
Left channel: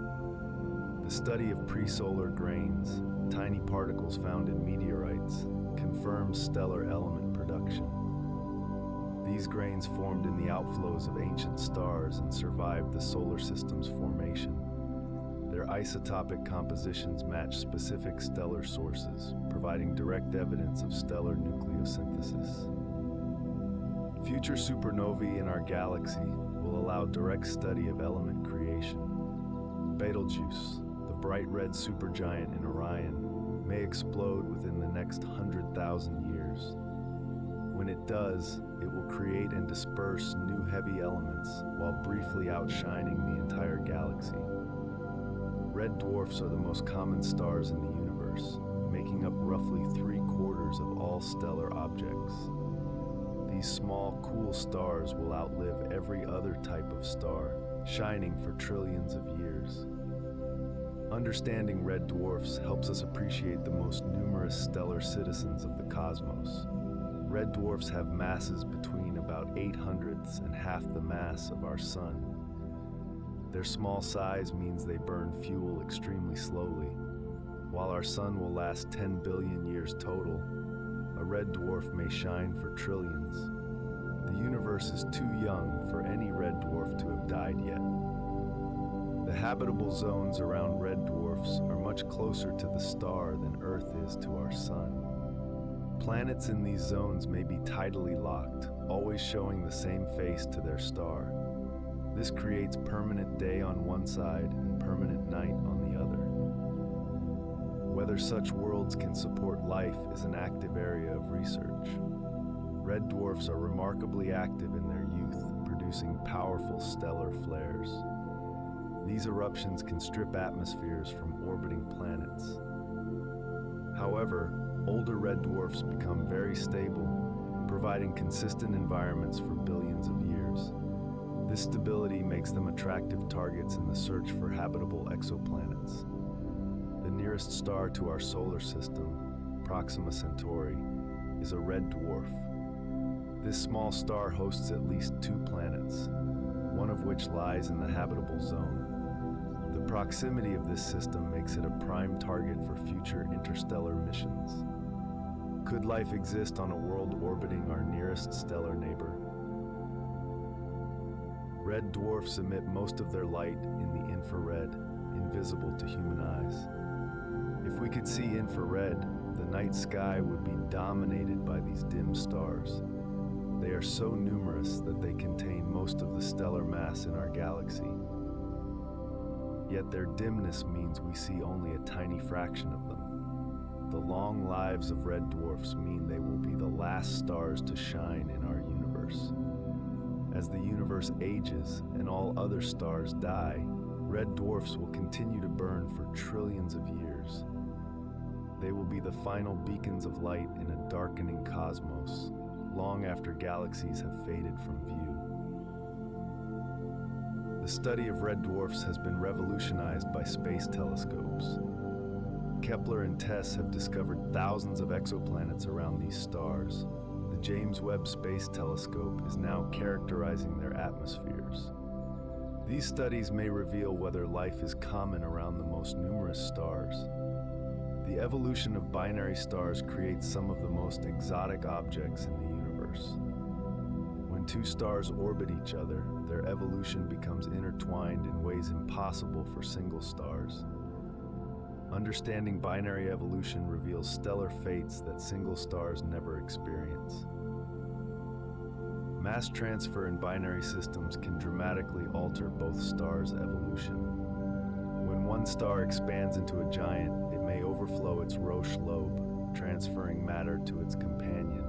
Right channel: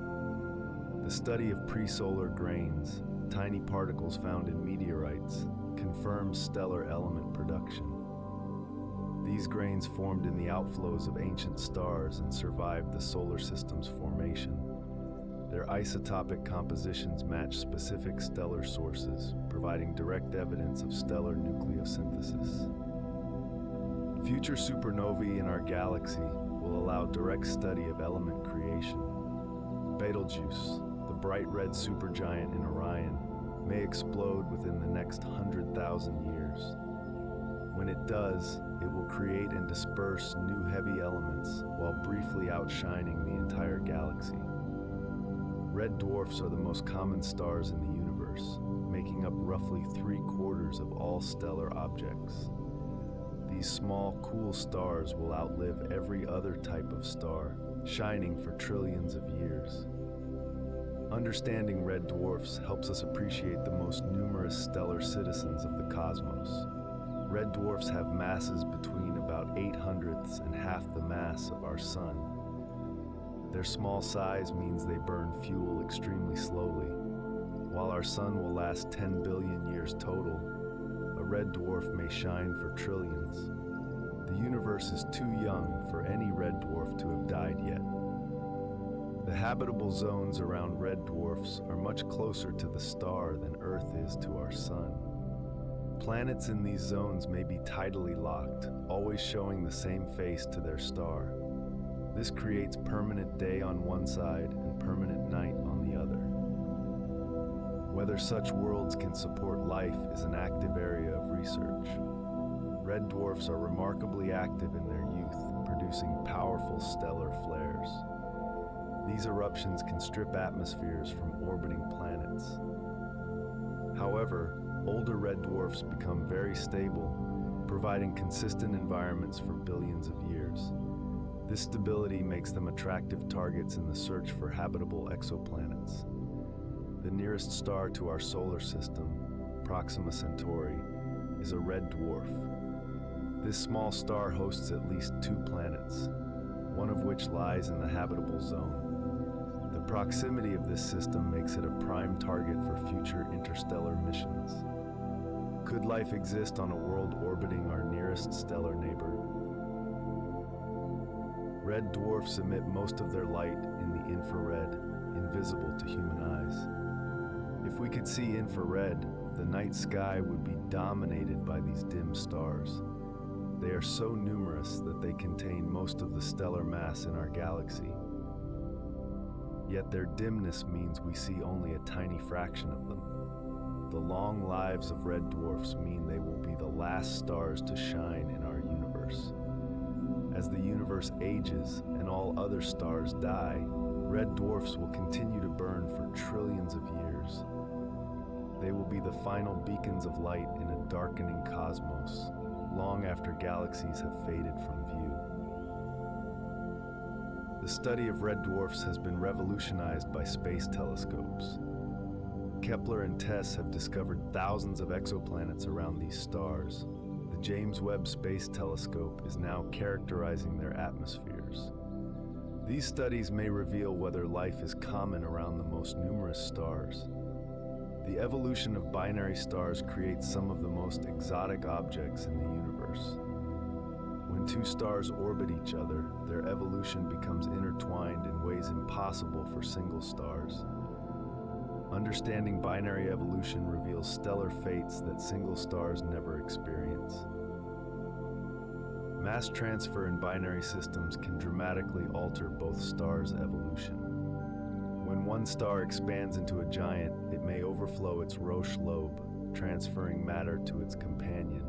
The study of pre-solar grains, tiny particles found in meteorites, confirms stellar element production. These grains formed in the outflows of ancient stars and survived the solar system's formation. Their isotopic compositions match specific stellar sources, providing direct evidence of stellar nucleosynthesis. Future supernovae in our galaxy will allow direct study of element creation. Betelgeuse, the bright red supergiant in Orion, may explode within the next 100,000 years. When it does, it will create and disperse new heavy elements while briefly outshining the entire galaxy. Red dwarfs are the most common stars in the universe, making up roughly 3/4 of all stellar objects. These small, cool stars will outlive every other type of star, shining for trillions of years. Understanding red dwarfs helps us appreciate the most numerous stellar citizens of the cosmos. Red dwarfs have masses between about 8/100ths and half the mass of our Sun. Their small size means they burn fuel extremely slowly. While our Sun will last 10 billion years total, a red dwarf may shine for trillions. The universe is too young for any red dwarf to have died yet. The habitable zones around red dwarfs are much closer to the star than Earth is to our Sun. Planets in these zones may be tidally locked, always showing the same face to their star. This creates permanent day on one side and permanent night on the other. Whether such worlds can support life is an active area of research. Red dwarfs are remarkably active in their youth, producing powerful stellar flares. These eruptions can strip atmospheres from orbiting planets. However, older red dwarfs become very stable, providing consistent environments for billions of years. This stability makes them attractive targets in the search for habitable exoplanets. The nearest star to our solar system, Proxima Centauri, is a red dwarf. This small star hosts at least 2 planets, one of which lies in the habitable zone. The proximity of this system makes it a prime target for future interstellar missions. Could life exist on a world orbiting our nearest stellar neighbor? Red dwarfs emit most of their light in the infrared, invisible to human eyes. If we could see infrared, the night sky would be dominated by these dim stars. They are so numerous that they contain most of the stellar mass in our galaxy. Yet their dimness means we see only a tiny fraction of them. The long lives of red dwarfs mean they will be the last stars to shine in our universe. As the universe ages and all other stars die, red dwarfs will continue to burn for trillions of years. They will be the final beacons of light in a darkening cosmos, long after galaxies have faded from view. The study of red dwarfs has been revolutionized by space telescopes. Kepler and TESS have discovered thousands of exoplanets around these stars. The James Webb Space Telescope is now characterizing their atmospheres. These studies may reveal whether life is common around the most numerous stars. The evolution of binary stars creates some of the most exotic objects in the universe. When 2 stars orbit each other, their evolution becomes intertwined in ways impossible for single stars. Understanding binary evolution reveals stellar fates that single stars never experience. Mass transfer in binary systems can dramatically alter both stars' evolution. When one star expands into a giant, it may overflow its Roche lobe, transferring matter to its companion.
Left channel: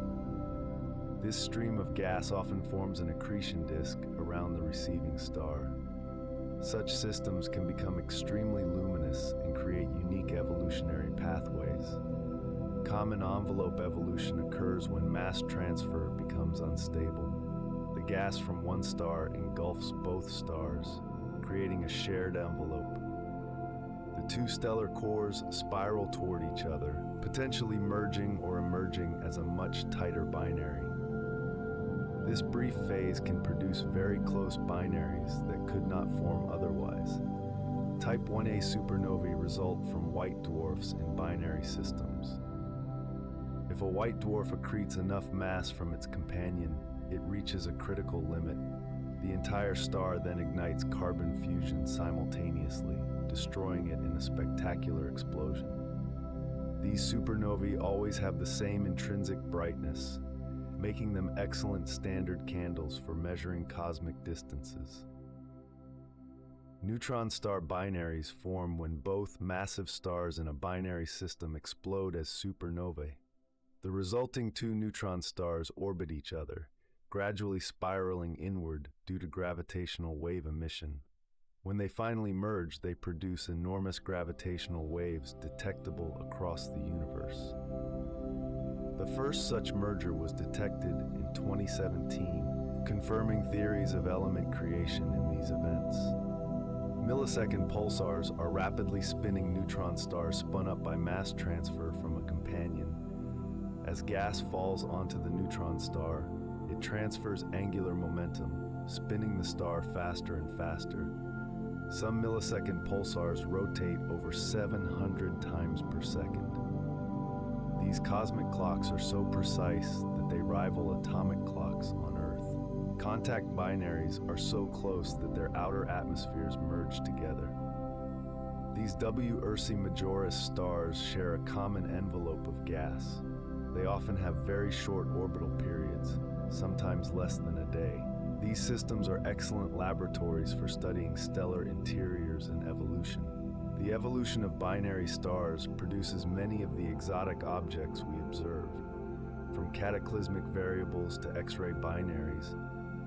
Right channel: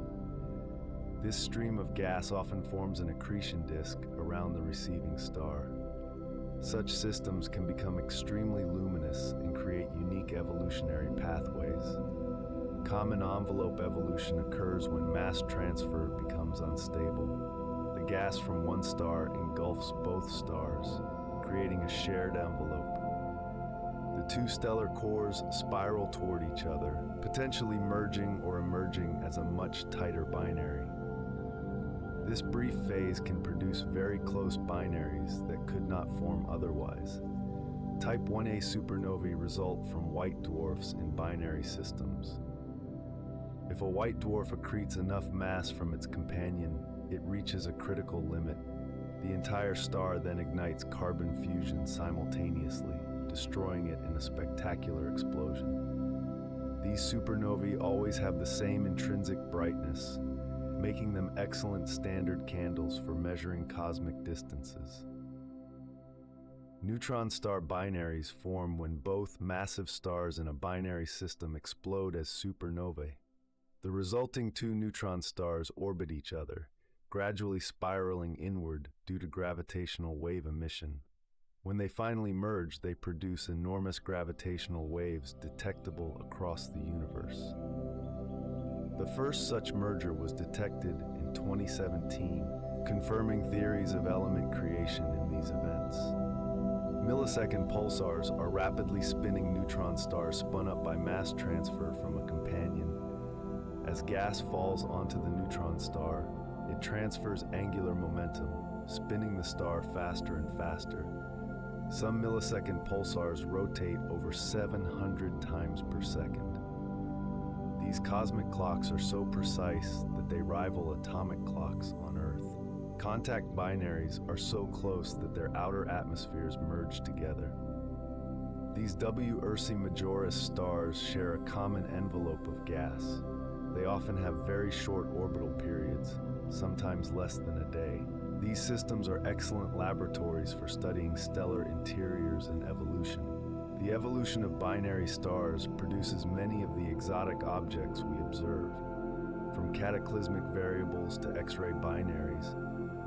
This stream of gas often forms an accretion disk around the receiving star. Such systems can become extremely luminous and create unique evolutionary pathways. Common envelope evolution occurs when mass transfer becomes unstable. The gas from one star engulfs both stars, creating a shared envelope. The 2 stellar cores spiral toward each other, potentially merging or emerging as a much tighter binary. This brief phase can produce very close binaries that could not form otherwise. Type 1a supernovae result from white dwarfs in binary systems. If a white dwarf accretes enough mass from its companion, it reaches a critical limit. The entire star then ignites carbon fusion simultaneously, destroying it in a spectacular explosion. These supernovae always have the same intrinsic brightness, making them excellent standard candles for measuring cosmic distances. Neutron star binaries form when both massive stars in a binary system explode as supernovae. The resulting 2 neutron stars orbit each other, gradually spiraling inward due to gravitational wave emission. When they finally merge, they produce enormous gravitational waves detectable across the universe. The first such merger was detected in 2017, confirming theories of element creation in these events. Millisecond pulsars are rapidly spinning neutron stars spun up by mass transfer from a companion. As gas falls onto the neutron star, it transfers angular momentum, spinning the star faster and faster. Some millisecond pulsars rotate over 700 times per second. These cosmic clocks are so precise that they rival atomic clocks on Earth. Contact binaries are so close that their outer atmospheres merge together. These W Ursae Majoris stars share a common envelope of gas. They often have very short orbital periods, sometimes less than a day. These systems are excellent laboratories for studying stellar interiors and evolution. The evolution of binary stars produces many of the exotic objects we observe. From cataclysmic variables to X-ray binaries,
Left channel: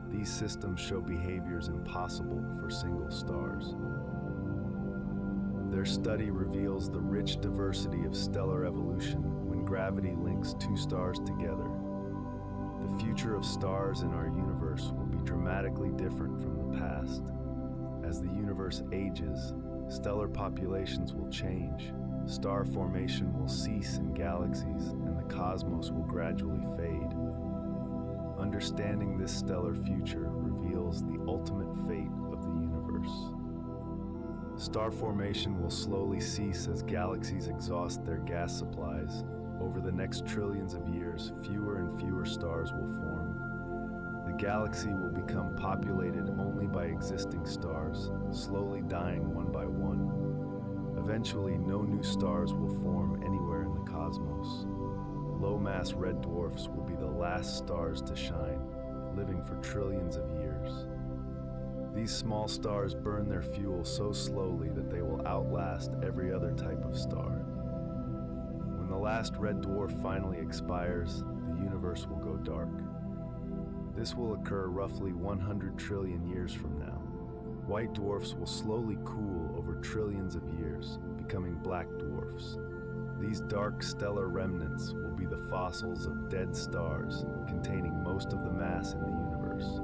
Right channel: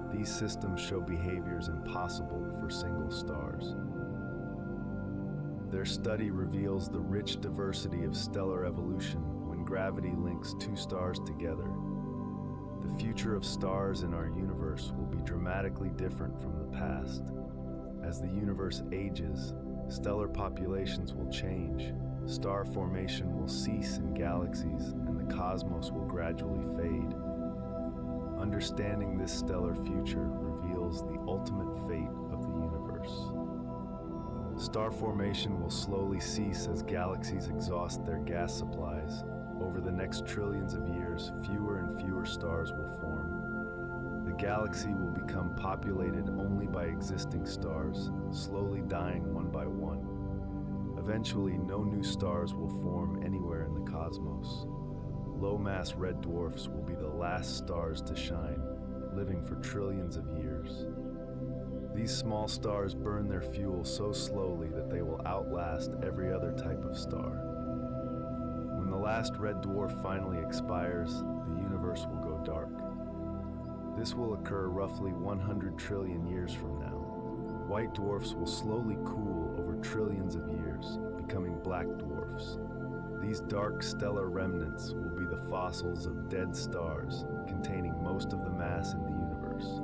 these systems show behaviors impossible for single stars. Their study reveals the rich diversity of stellar evolution when gravity links two stars together. The future of stars in our universe will be dramatically different from the past. As the universe ages, stellar populations will change, star formation will cease in galaxies, and the cosmos will gradually fade. Understanding this stellar future reveals the ultimate fate of the universe. Star formation will slowly cease as galaxies exhaust their gas supplies. Over the next trillions of years, fewer and fewer stars will form. The galaxy will become populated only by existing stars, slowly dying one by one. Eventually, no new stars will form anywhere in the cosmos. Low-mass red dwarfs will be the last stars to shine, living for trillions of years. These small stars burn their fuel so slowly that they will outlast every other type of star. When the last red dwarf finally expires, the universe will go dark. This will occur roughly 100 trillion years from now. White dwarfs will slowly cool over trillions of years, becoming black dwarfs. These dark stellar remnants will be the fossils of dead stars containing most of the mass in the universe.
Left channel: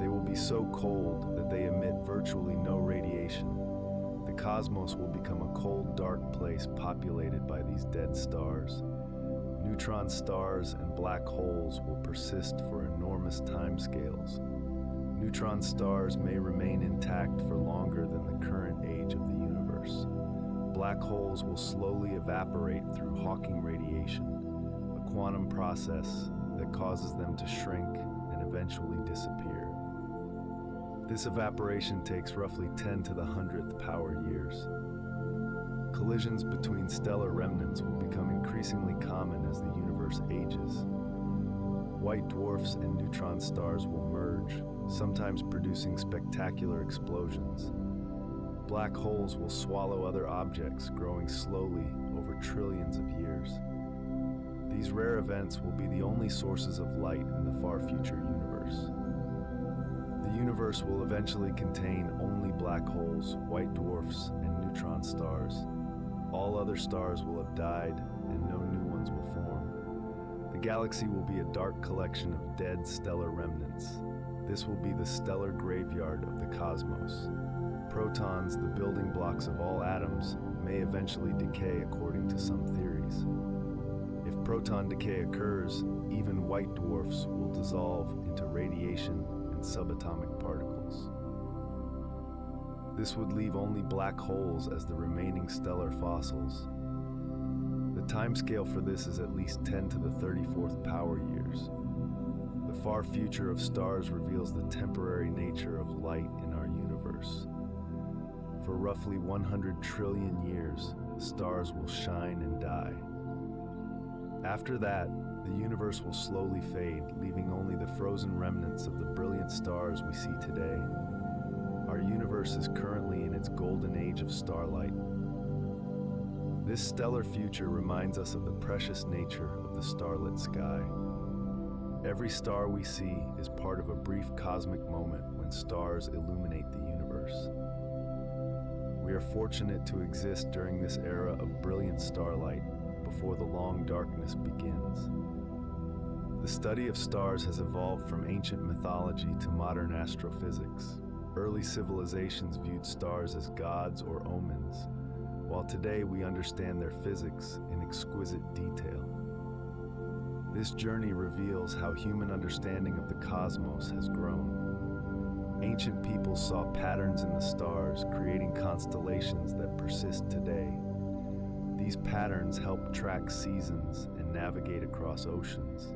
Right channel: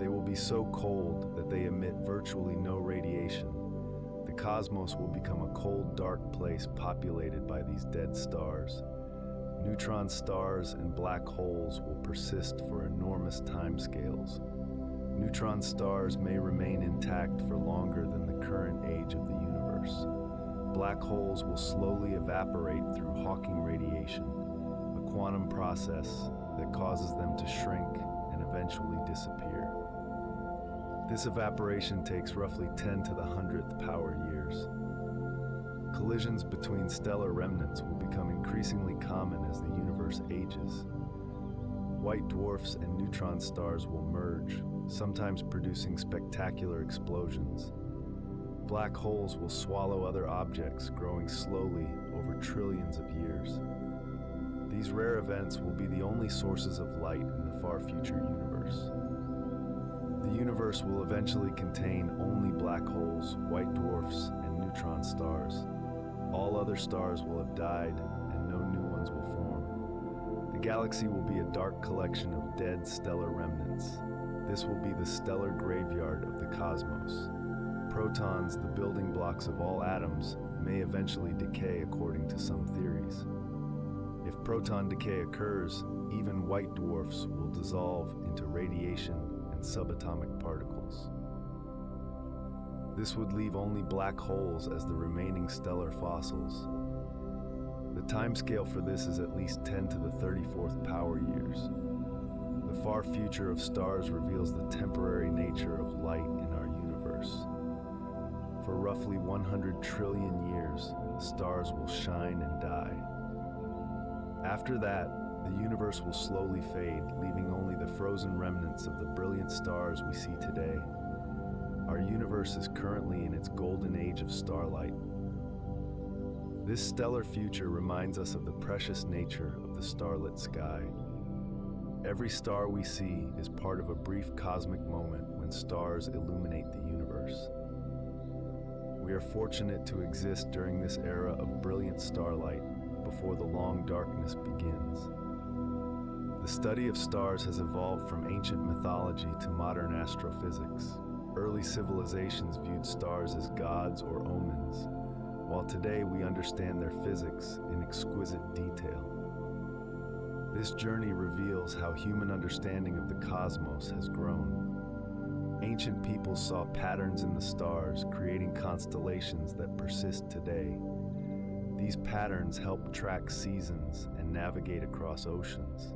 They will be so cold that they emit virtually no radiation. The cosmos will become a cold, dark place populated by these dead stars. Neutron stars and black holes will persist for enormous timescales. Neutron stars may remain intact for longer than the current age of the universe. Black holes will slowly evaporate through Hawking radiation, a quantum process that causes them to shrink and eventually disappear. This evaporation takes roughly 10 to the 100th power years. Collisions between stellar remnants will become increasingly common as the universe ages. White dwarfs and neutron stars will merge, sometimes producing spectacular explosions. Black holes will swallow other objects, growing slowly over trillions of years. These rare events will be the only sources of light in the far future universe. The universe will eventually contain only black holes, white dwarfs, and neutron stars. All other stars will have died, and no new ones will form. The galaxy will be a dark collection of dead stellar remnants. This will be the stellar graveyard of the cosmos. Protons, the building blocks of all atoms, may eventually decay according to some theories. If proton decay occurs, even white dwarfs will dissolve into radiation and subatomic particles. This would leave only black holes as the remaining stellar fossils. The timescale for this is at least 10 to the 34th power years. The far future of stars reveals the temporary nature of light in our universe. For roughly 100 trillion years, stars will shine and die. After that, the universe will slowly fade, leaving only the frozen remnants of the brilliant stars we see today. Our universe is currently in its golden age of starlight. This stellar future reminds us of the precious nature of the starlit sky. Every star we see is part of a brief cosmic moment when stars illuminate the universe. We are fortunate to exist during this era of brilliant starlight before the long darkness begins. The study of stars has evolved from ancient mythology to modern astrophysics. Early civilizations viewed stars as gods or omens, while today we understand their physics in exquisite detail. This journey reveals how human understanding of the cosmos has grown. Ancient peoples saw patterns in the stars, creating constellations that persist today. These patterns help track seasons and navigate across oceans.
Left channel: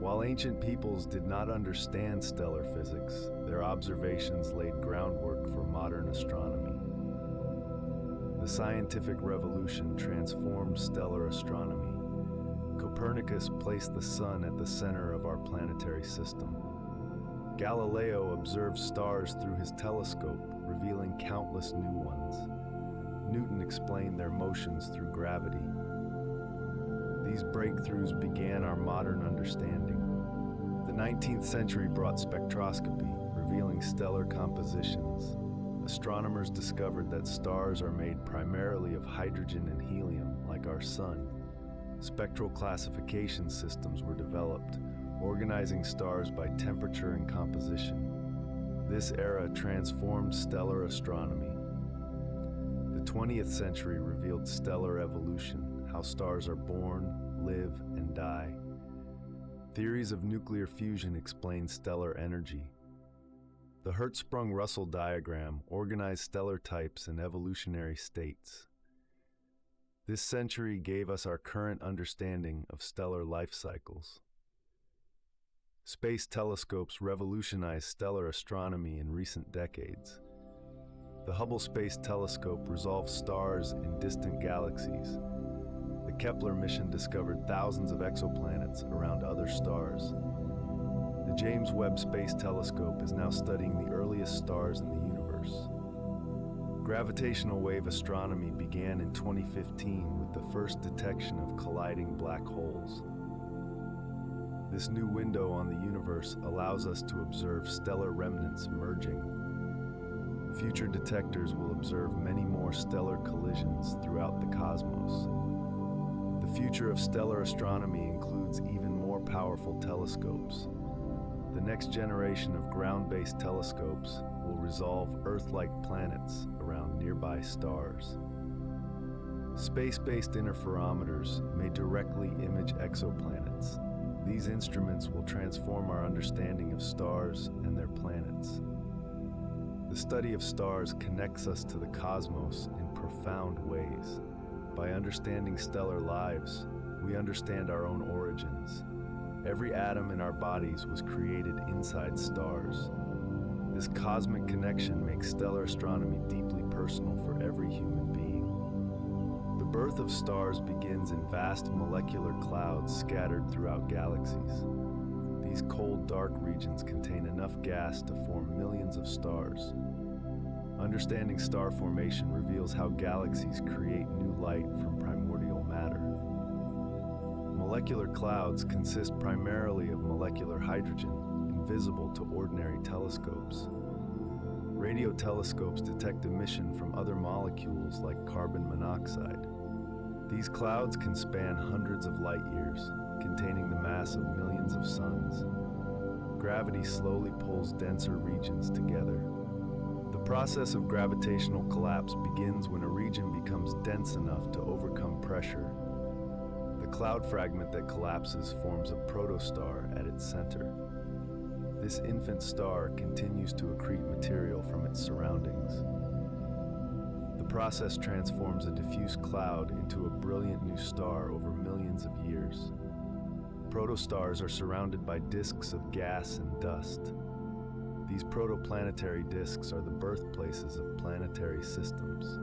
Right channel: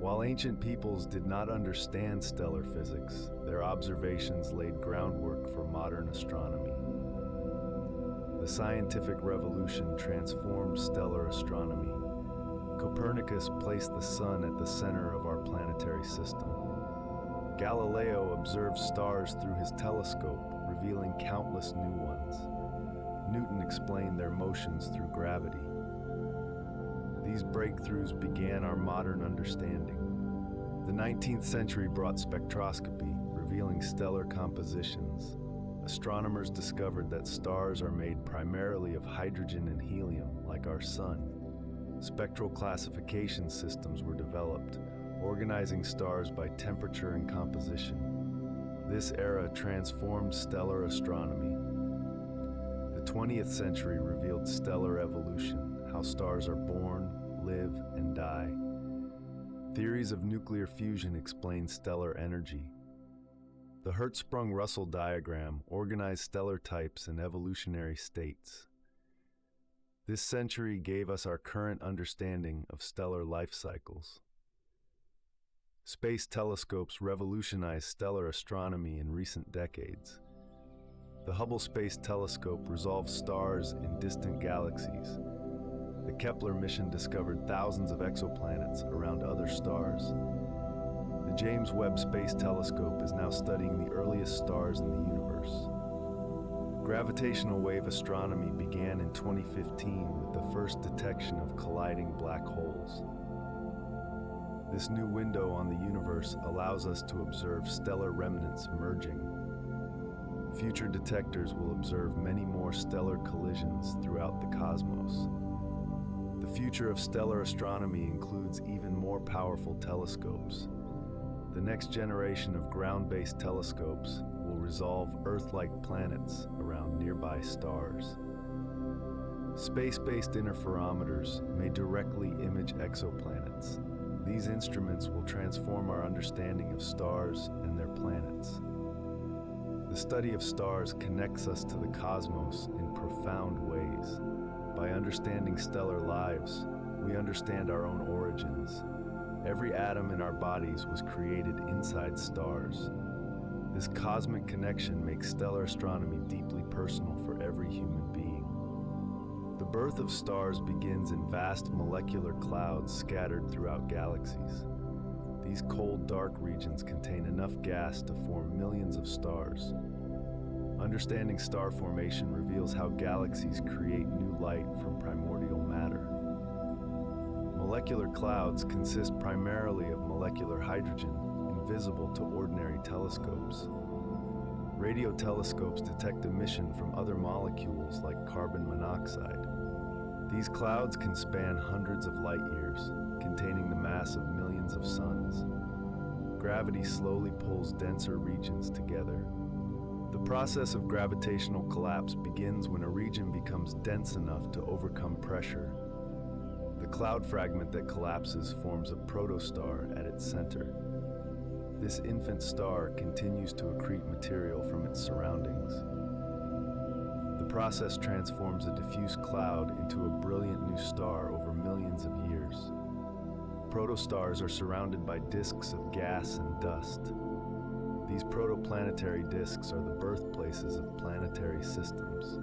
While ancient peoples did not understand stellar physics, their observations laid groundwork for modern astronomy. The scientific revolution transformed stellar astronomy. Copernicus placed the sun at the center of our planetary system. Galileo observed stars through his telescope, revealing countless new ones. Newton explained their motions through gravity. These breakthroughs began our modern understanding. The 19th century brought spectroscopy, revealing stellar compositions. Astronomers discovered that stars are made primarily of hydrogen and helium, like our sun. Spectral classification systems were developed, organizing stars by temperature and composition. This era transformed stellar astronomy. The 20th century revealed stellar evolution, how stars are born, live, and die. Theories of nuclear fusion explain stellar energy. The Hertzsprung-Russell diagram organized stellar types and evolutionary states. This century gave us our current understanding of stellar life cycles. Space telescopes revolutionized stellar astronomy in recent decades. The Hubble Space Telescope resolved stars in distant galaxies. The Kepler mission discovered thousands of exoplanets around other stars. The James Webb Space Telescope is now studying the earliest stars in the universe. Gravitational wave astronomy began in 2015 with the first detection of colliding black holes. This new window on the universe allows us to observe stellar remnants merging. Future detectors will observe many more stellar collisions throughout the cosmos. The future of stellar astronomy includes even more powerful telescopes. The next generation of ground-based telescopes will resolve Earth-like planets around nearby stars. Space-based interferometers may directly image exoplanets. These instruments will transform our understanding of stars and their planets. The study of stars connects us to the cosmos in profound ways. By understanding stellar lives, we understand our own origins. Every atom in our bodies was created inside stars. This cosmic connection makes stellar astronomy deeply personal for every human being. The birth of stars begins in vast molecular clouds scattered throughout galaxies. These cold, dark regions contain enough gas to form millions of stars. Understanding star formation reveals how galaxies create new light from primordial matter. Molecular clouds consist primarily of molecular hydrogen, invisible to ordinary telescopes. Radio telescopes detect emission from other molecules like carbon monoxide. These clouds can span hundreds of light years, containing the mass of millions of suns. Gravity slowly pulls denser regions together. The process of gravitational collapse begins when a region becomes dense enough to overcome pressure. The cloud fragment that collapses forms a protostar at its center. This infant star continues to accrete material from its surroundings. The process transforms a diffuse cloud into a brilliant new star over millions of years. Protostars are surrounded by disks of gas and dust. These protoplanetary disks are the birthplaces of planetary systems.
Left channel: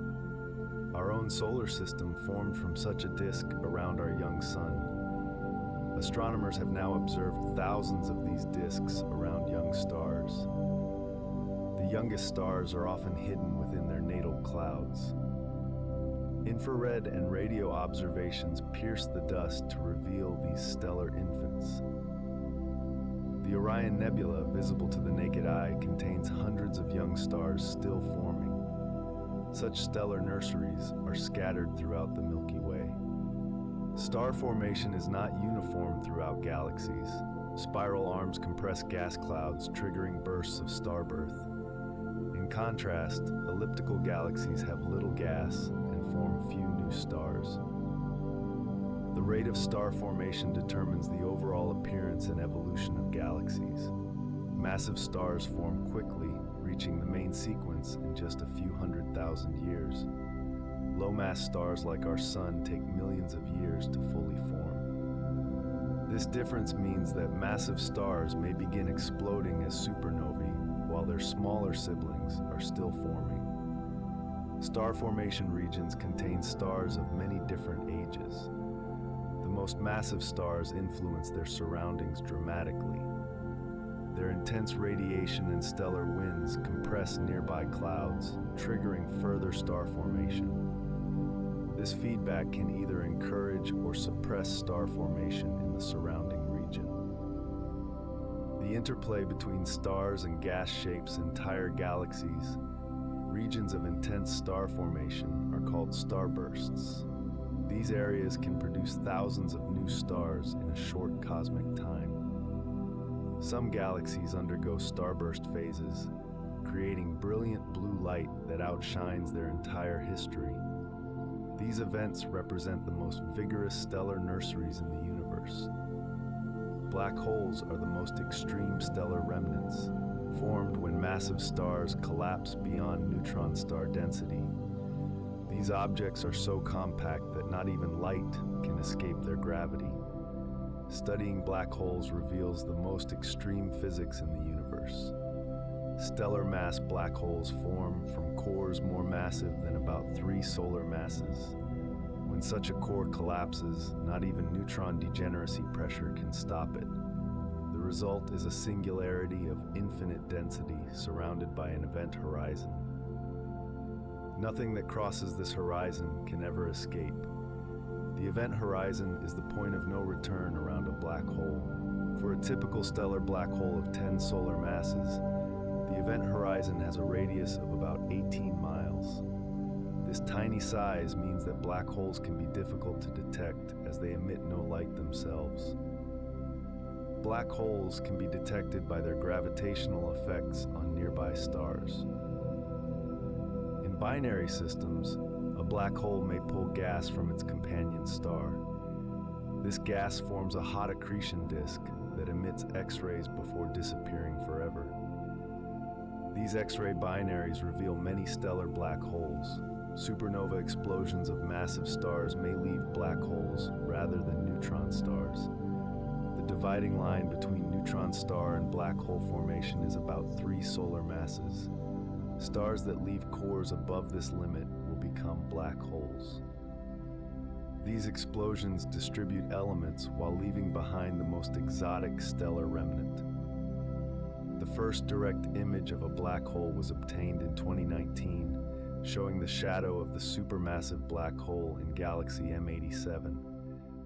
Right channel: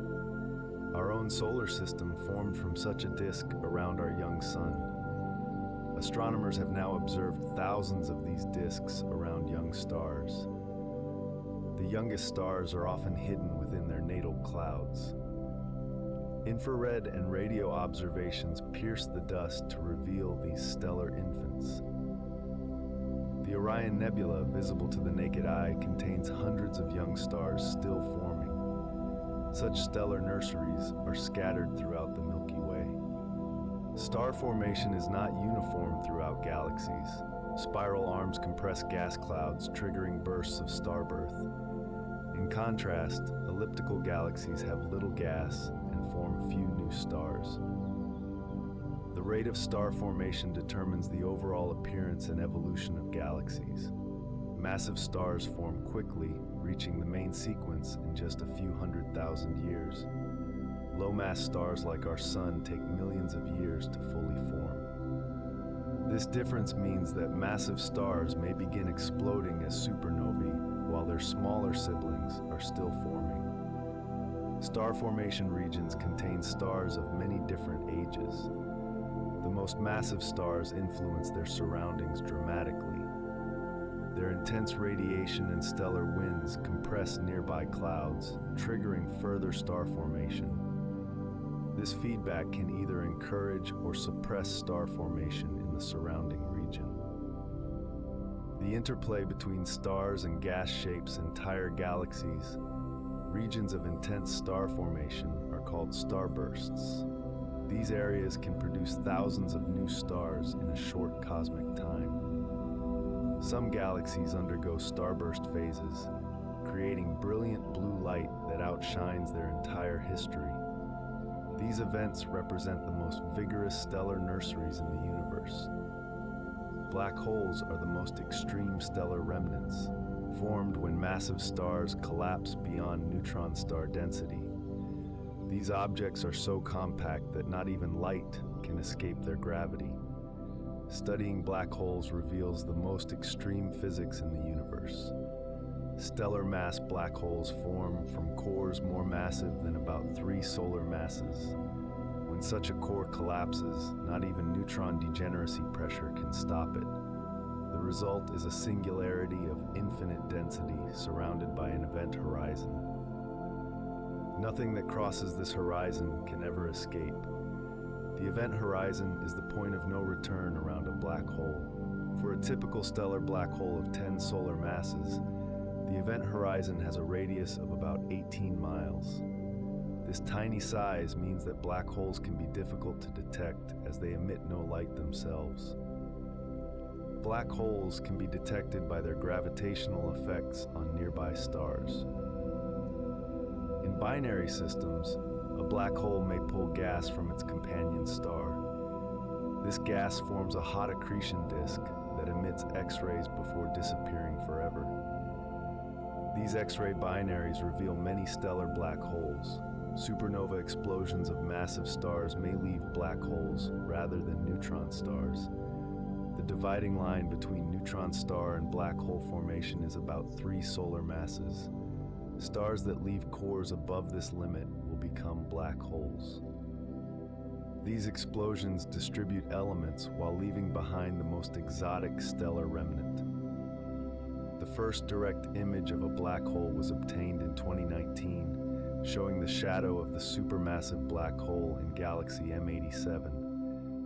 Our own solar system formed from such a disk around our young sun. Astronomers have now observed thousands of these disks around young stars. The youngest stars are often hidden within their natal clouds. Infrared and radio observations pierce the dust to reveal these stellar infants. The Orion Nebula, visible to the naked eye, contains hundreds of young stars still forming. Such stellar nurseries are scattered throughout the Milky Way. Star formation is not uniform throughout galaxies. Spiral arms compress gas clouds, triggering bursts of starbirth. In contrast, elliptical galaxies have little gas and form few new stars. The rate of star formation determines the overall appearance and evolution of galaxies. Massive stars form quickly, reaching the main sequence in just a few 100,000 years. Low-mass stars like our Sun take millions of years to fully form. This difference means that massive stars may begin exploding as supernovae, while their smaller siblings are still forming. Star formation regions contain stars of many different ages. The most massive stars influence their surroundings dramatically. Their intense radiation and stellar winds compress nearby clouds, triggering further star formation. This feedback can either encourage or suppress star formation in the surrounding region. The interplay between stars and gas shapes entire galaxies. Regions of intense star formation are called starbursts. These areas can produce thousands of new stars in a short cosmic time. Some galaxies undergo starburst phases, creating brilliant blue light that outshines their entire history. These events represent the most vigorous stellar nurseries in the universe. Black holes are the most extreme stellar remnants, formed when massive stars collapse beyond neutron star density. These objects are so compact that not even light can escape their gravity. Studying black holes reveals the most extreme physics in the universe. Stellar mass black holes form from cores more massive than about 3 solar masses. When such a core collapses, not even neutron degeneracy pressure can stop it. The result is a singularity of infinite density surrounded by an event horizon. Nothing that crosses this horizon can ever escape. The event horizon is the point of no return around a black hole. For a typical stellar black hole of 10 solar masses, the event horizon has a radius of about 18 miles. This tiny size means that black holes can be difficult to detect as they emit no light themselves. Black holes can be detected by their gravitational effects on nearby stars. In binary systems, a black hole may pull gas from its companion star. This gas forms a hot accretion disk that emits X-rays before disappearing forever. These X-ray binaries reveal many stellar black holes. Supernova explosions of massive stars may leave black holes rather than neutron stars. The dividing line between neutron star and black hole formation is about 3 solar masses. Stars that leave cores above this limit will become black holes. These explosions distribute elements while leaving behind the most exotic stellar remnant. The first direct image of a black hole was obtained in 2019, showing the shadow of the supermassive black hole in galaxy M87.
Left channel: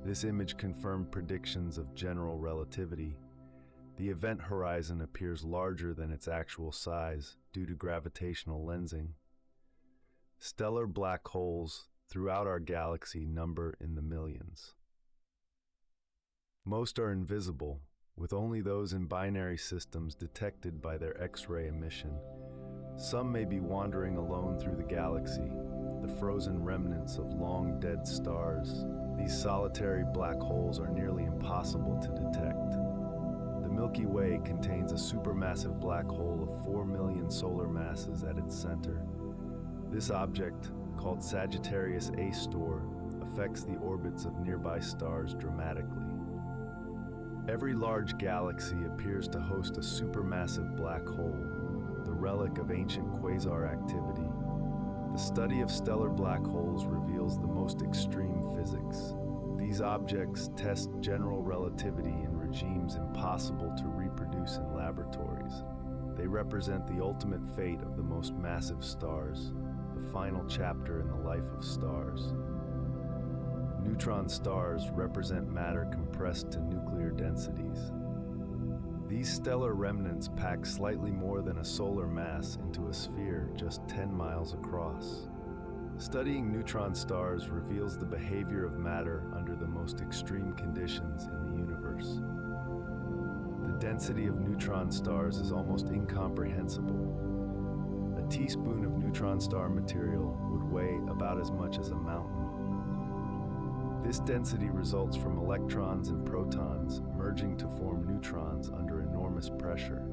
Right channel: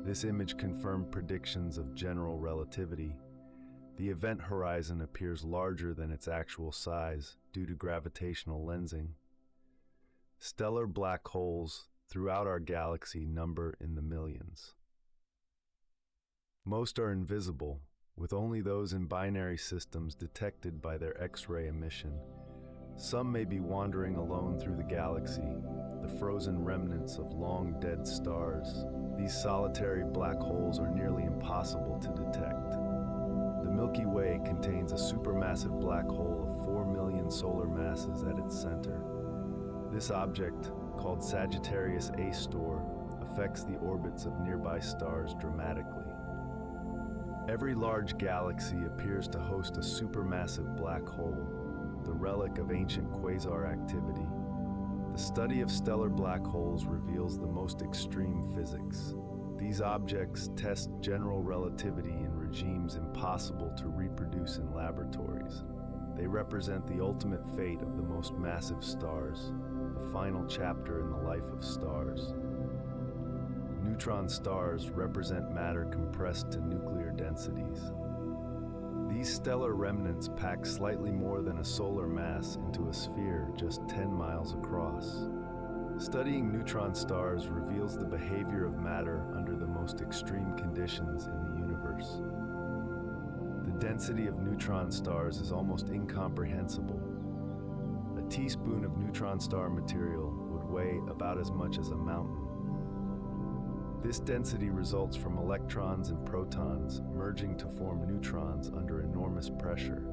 This image confirmed predictions of general relativity. The event horizon appears larger than its actual size due to gravitational lensing. Stellar black holes throughout our galaxy number in the millions. Most are invisible, with only those in binary systems detected by their X-ray emission. Some may be wandering alone through the galaxy, the frozen remnants of long-dead stars. These solitary black holes are nearly impossible to detect. The Milky Way contains a supermassive black hole of 4 million solar masses at its center. This object, called Sagittarius A Stor, affects the orbits of nearby stars dramatically. Every large galaxy appears to host a supermassive black hole, the relic of ancient quasar activity. The study of stellar black holes reveals the most extreme physics. These objects test general relativity in regimes impossible to reproduce in laboratories. They represent the ultimate fate of the most massive stars, the final chapter in the life of stars. Neutron stars represent matter compressed to nuclear densities. These stellar remnants pack slightly more than a solar mass into a sphere just 10 miles across. Studying neutron stars reveals the behavior of matter under the most extreme conditions in the universe. The density of neutron stars is almost incomprehensible. A teaspoon of neutron star material would weigh about as much as a mountain. This density results from electrons and protons merging to form neutrons under enormous pressure.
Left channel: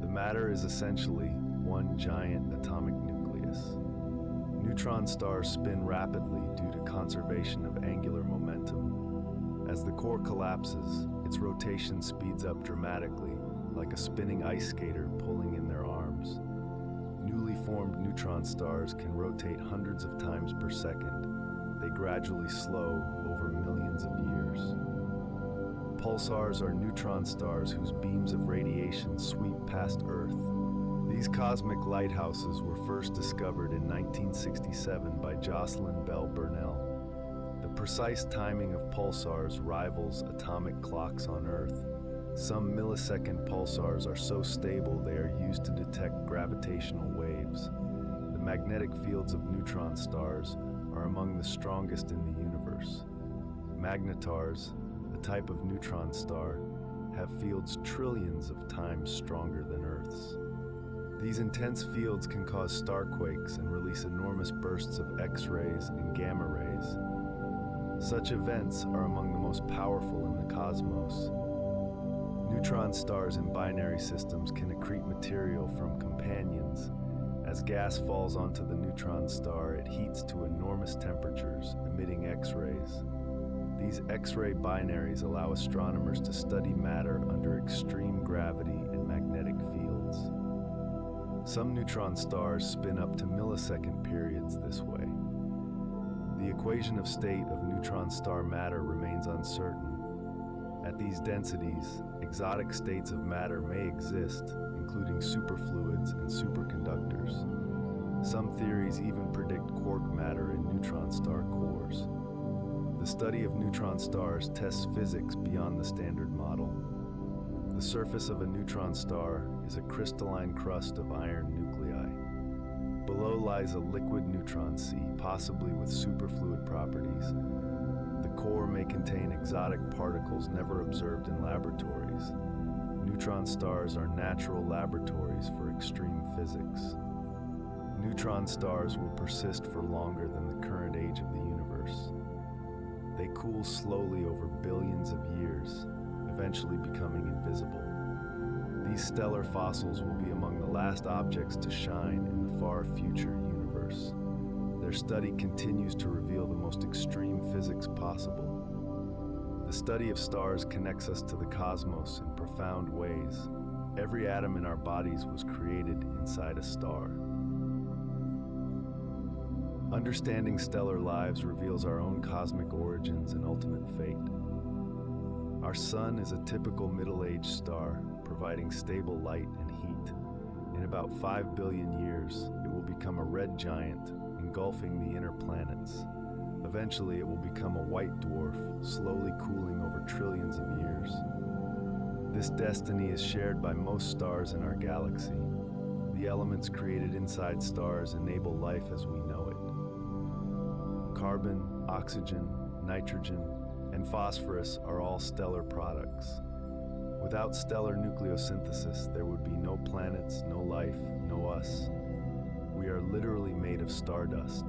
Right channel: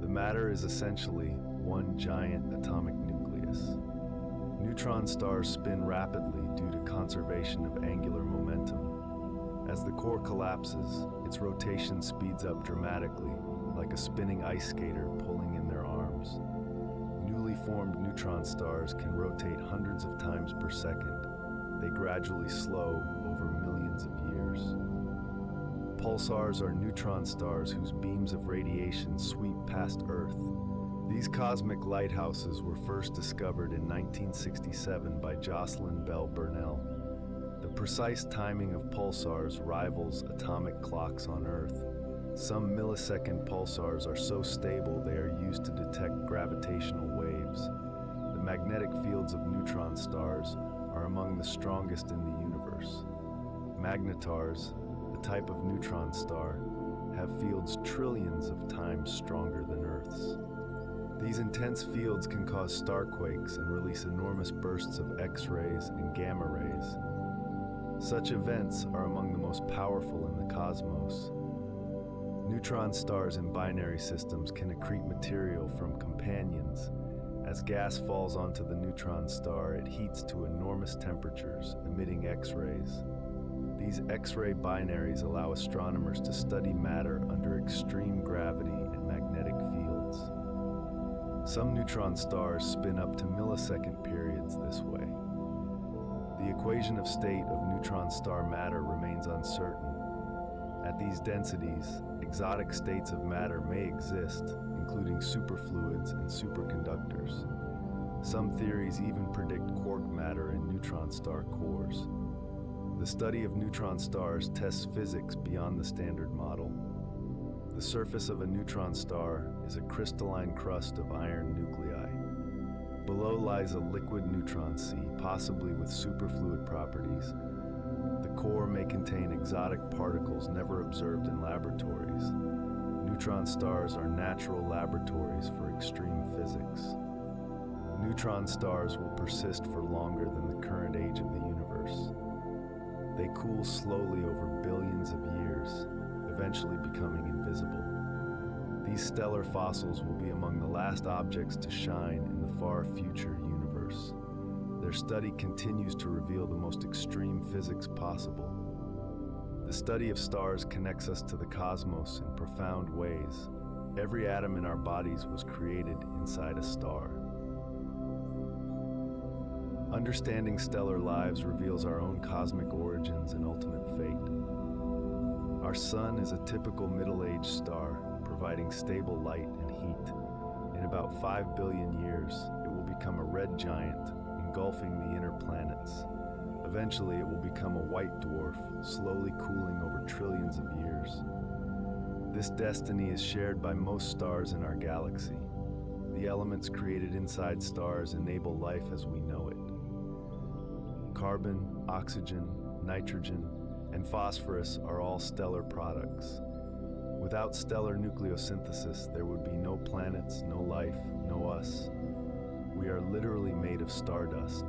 The matter is essentially one giant atomic nucleus. Neutron stars spin rapidly due to conservation of angular momentum. As the core collapses, its rotation speeds up dramatically, like a spinning ice skater pulling in their arms. Newly formed neutron stars can rotate hundreds of times per second. They gradually slow over millions of years. Pulsars are neutron stars whose beams of radiation sweep past Earth. These cosmic lighthouses were first discovered in 1967 by Jocelyn Bell Burnell. The precise timing of pulsars rivals atomic clocks on Earth. Some millisecond pulsars are so stable they are used to detect gravitational waves. The magnetic fields of neutron stars are among the strongest in the universe. Magnetars, a type of neutron star, have fields trillions of times stronger than Earth's. These intense fields can cause starquakes and release enormous bursts of X-rays and gamma rays. Such events are among the most powerful in the cosmos. Neutron stars in binary systems can accrete material from companions. As gas falls onto the neutron star, it heats to enormous temperatures, emitting X-rays. These X-ray binaries allow astronomers to study matter under extreme gravity and magnetic fields. Some neutron stars spin up to millisecond periods this way. The equation of state of neutron star matter remains uncertain. At these densities, exotic states of matter may exist, including superfluids and superconductors. Some theories even predict quark matter in neutron star cores. The study of neutron stars tests physics beyond the standard model. The surface of a neutron star is a crystalline crust of iron nuclei. Below lies a liquid neutron sea, possibly with superfluid properties. The core may contain exotic particles never observed in laboratories. Neutron stars are natural laboratories for extreme physics. Neutron stars will persist for longer than the current age of the universe. They cool slowly over billions of years, eventually becoming invisible. These stellar fossils will be among the last objects to shine in the far future universe. Their study continues to reveal the most extreme physics possible. The study of stars connects us to the cosmos in profound ways. Every atom in our bodies was created inside a star. Understanding stellar lives reveals our own cosmic origins and ultimate fate. Our sun is a typical middle-aged star, providing stable light and heat. In about 5 billion years, it will become a red giant, engulfing the inner planets. Eventually, it will become a white dwarf, slowly cooling over trillions of years. This destiny is shared by most stars in our galaxy. The elements created inside stars enable life as we know it. Carbon, oxygen, nitrogen, and phosphorus are all stellar products. Without stellar nucleosynthesis, there would be no planets, no life, no us. We are literally made of stardust.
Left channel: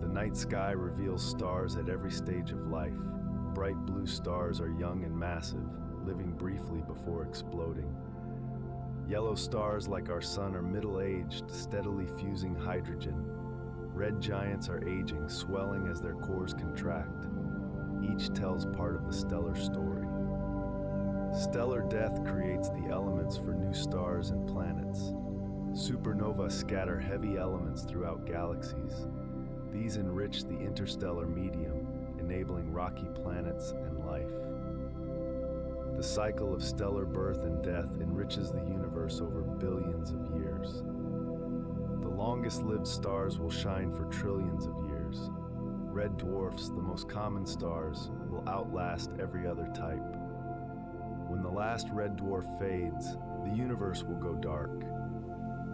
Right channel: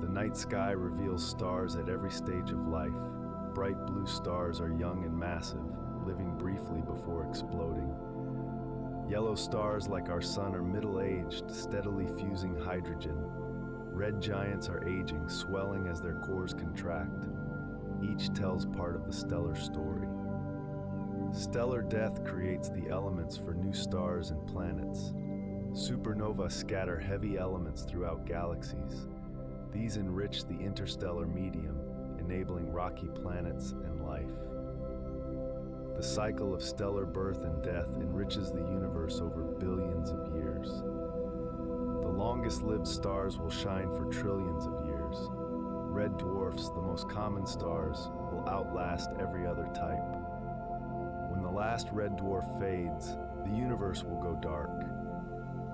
The night sky reveals stars at every stage of life. Bright blue stars are young and massive, living briefly before exploding. Yellow stars like our sun are middle-aged, steadily fusing hydrogen. Red giants are aging, swelling as their cores contract. Each tells part of the stellar story. Stellar death creates the elements for new stars and planets. Supernovae scatter heavy elements throughout galaxies. These enrich the interstellar medium, enabling rocky planets and life. The cycle of stellar birth and death enriches the universe over billions of years. The longest-lived stars will shine for trillions of years. Red dwarfs, the most common stars, will outlast every other type. When the last red dwarf fades, the universe will go dark.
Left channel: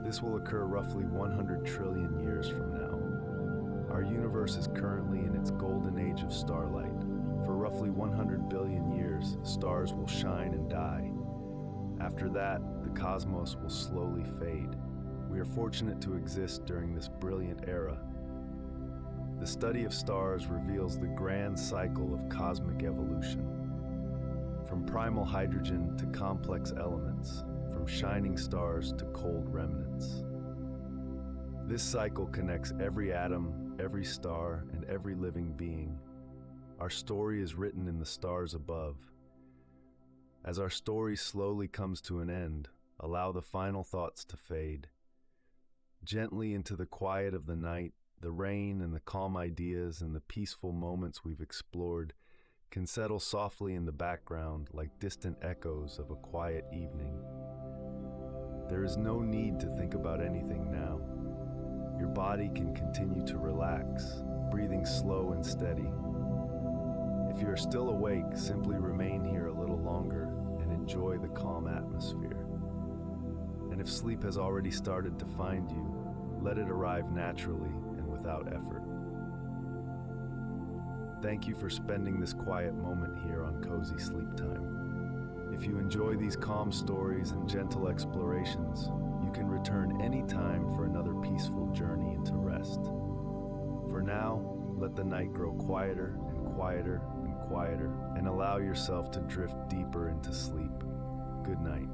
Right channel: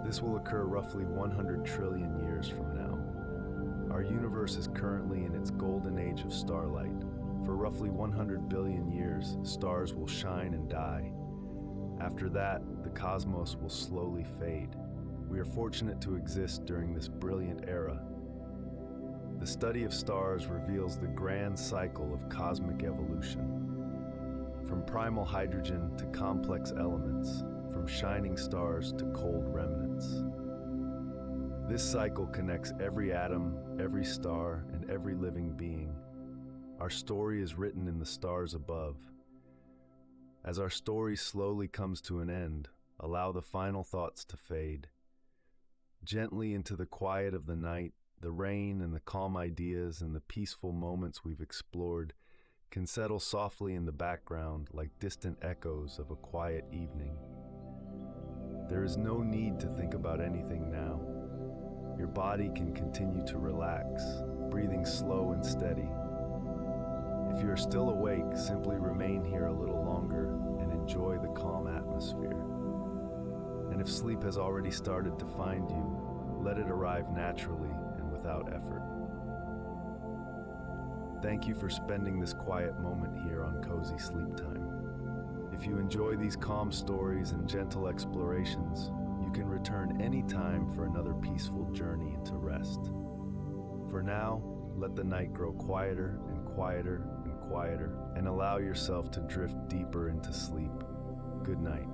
This will occur roughly 100 trillion years from now. Our universe is currently in its golden age of starlight. For roughly 100 billion years, stars will shine and die. After that, the cosmos will slowly fade. We are fortunate to exist during this brilliant era. The study of stars reveals the grand cycle of cosmic evolution. From primal hydrogen to complex elements, from shining stars to cold remnants. This cycle connects every atom, every star, and every living being. Our story is written in the stars above. As our story slowly comes to an end, allow the final thoughts to fade. Gently into the quiet of the night, the rain and the calm ideas and the peaceful moments we've explored can settle softly in the background like distant echoes of a quiet evening. There is no need to think about anything now. Your body can continue to relax, breathing slow and steady. If you are still awake, simply remain here a little longer and enjoy the calm atmosphere. And if sleep has already started to find you, let it arrive naturally and without effort. Thank you for spending this quiet moment here on Cozy Sleep Time. If you enjoy these calm stories and gentle explorations, you can return anytime for another peaceful journey into rest. For now, let the night grow quieter and quieter and quieter, and allow yourself to drift deeper into sleep. Good night.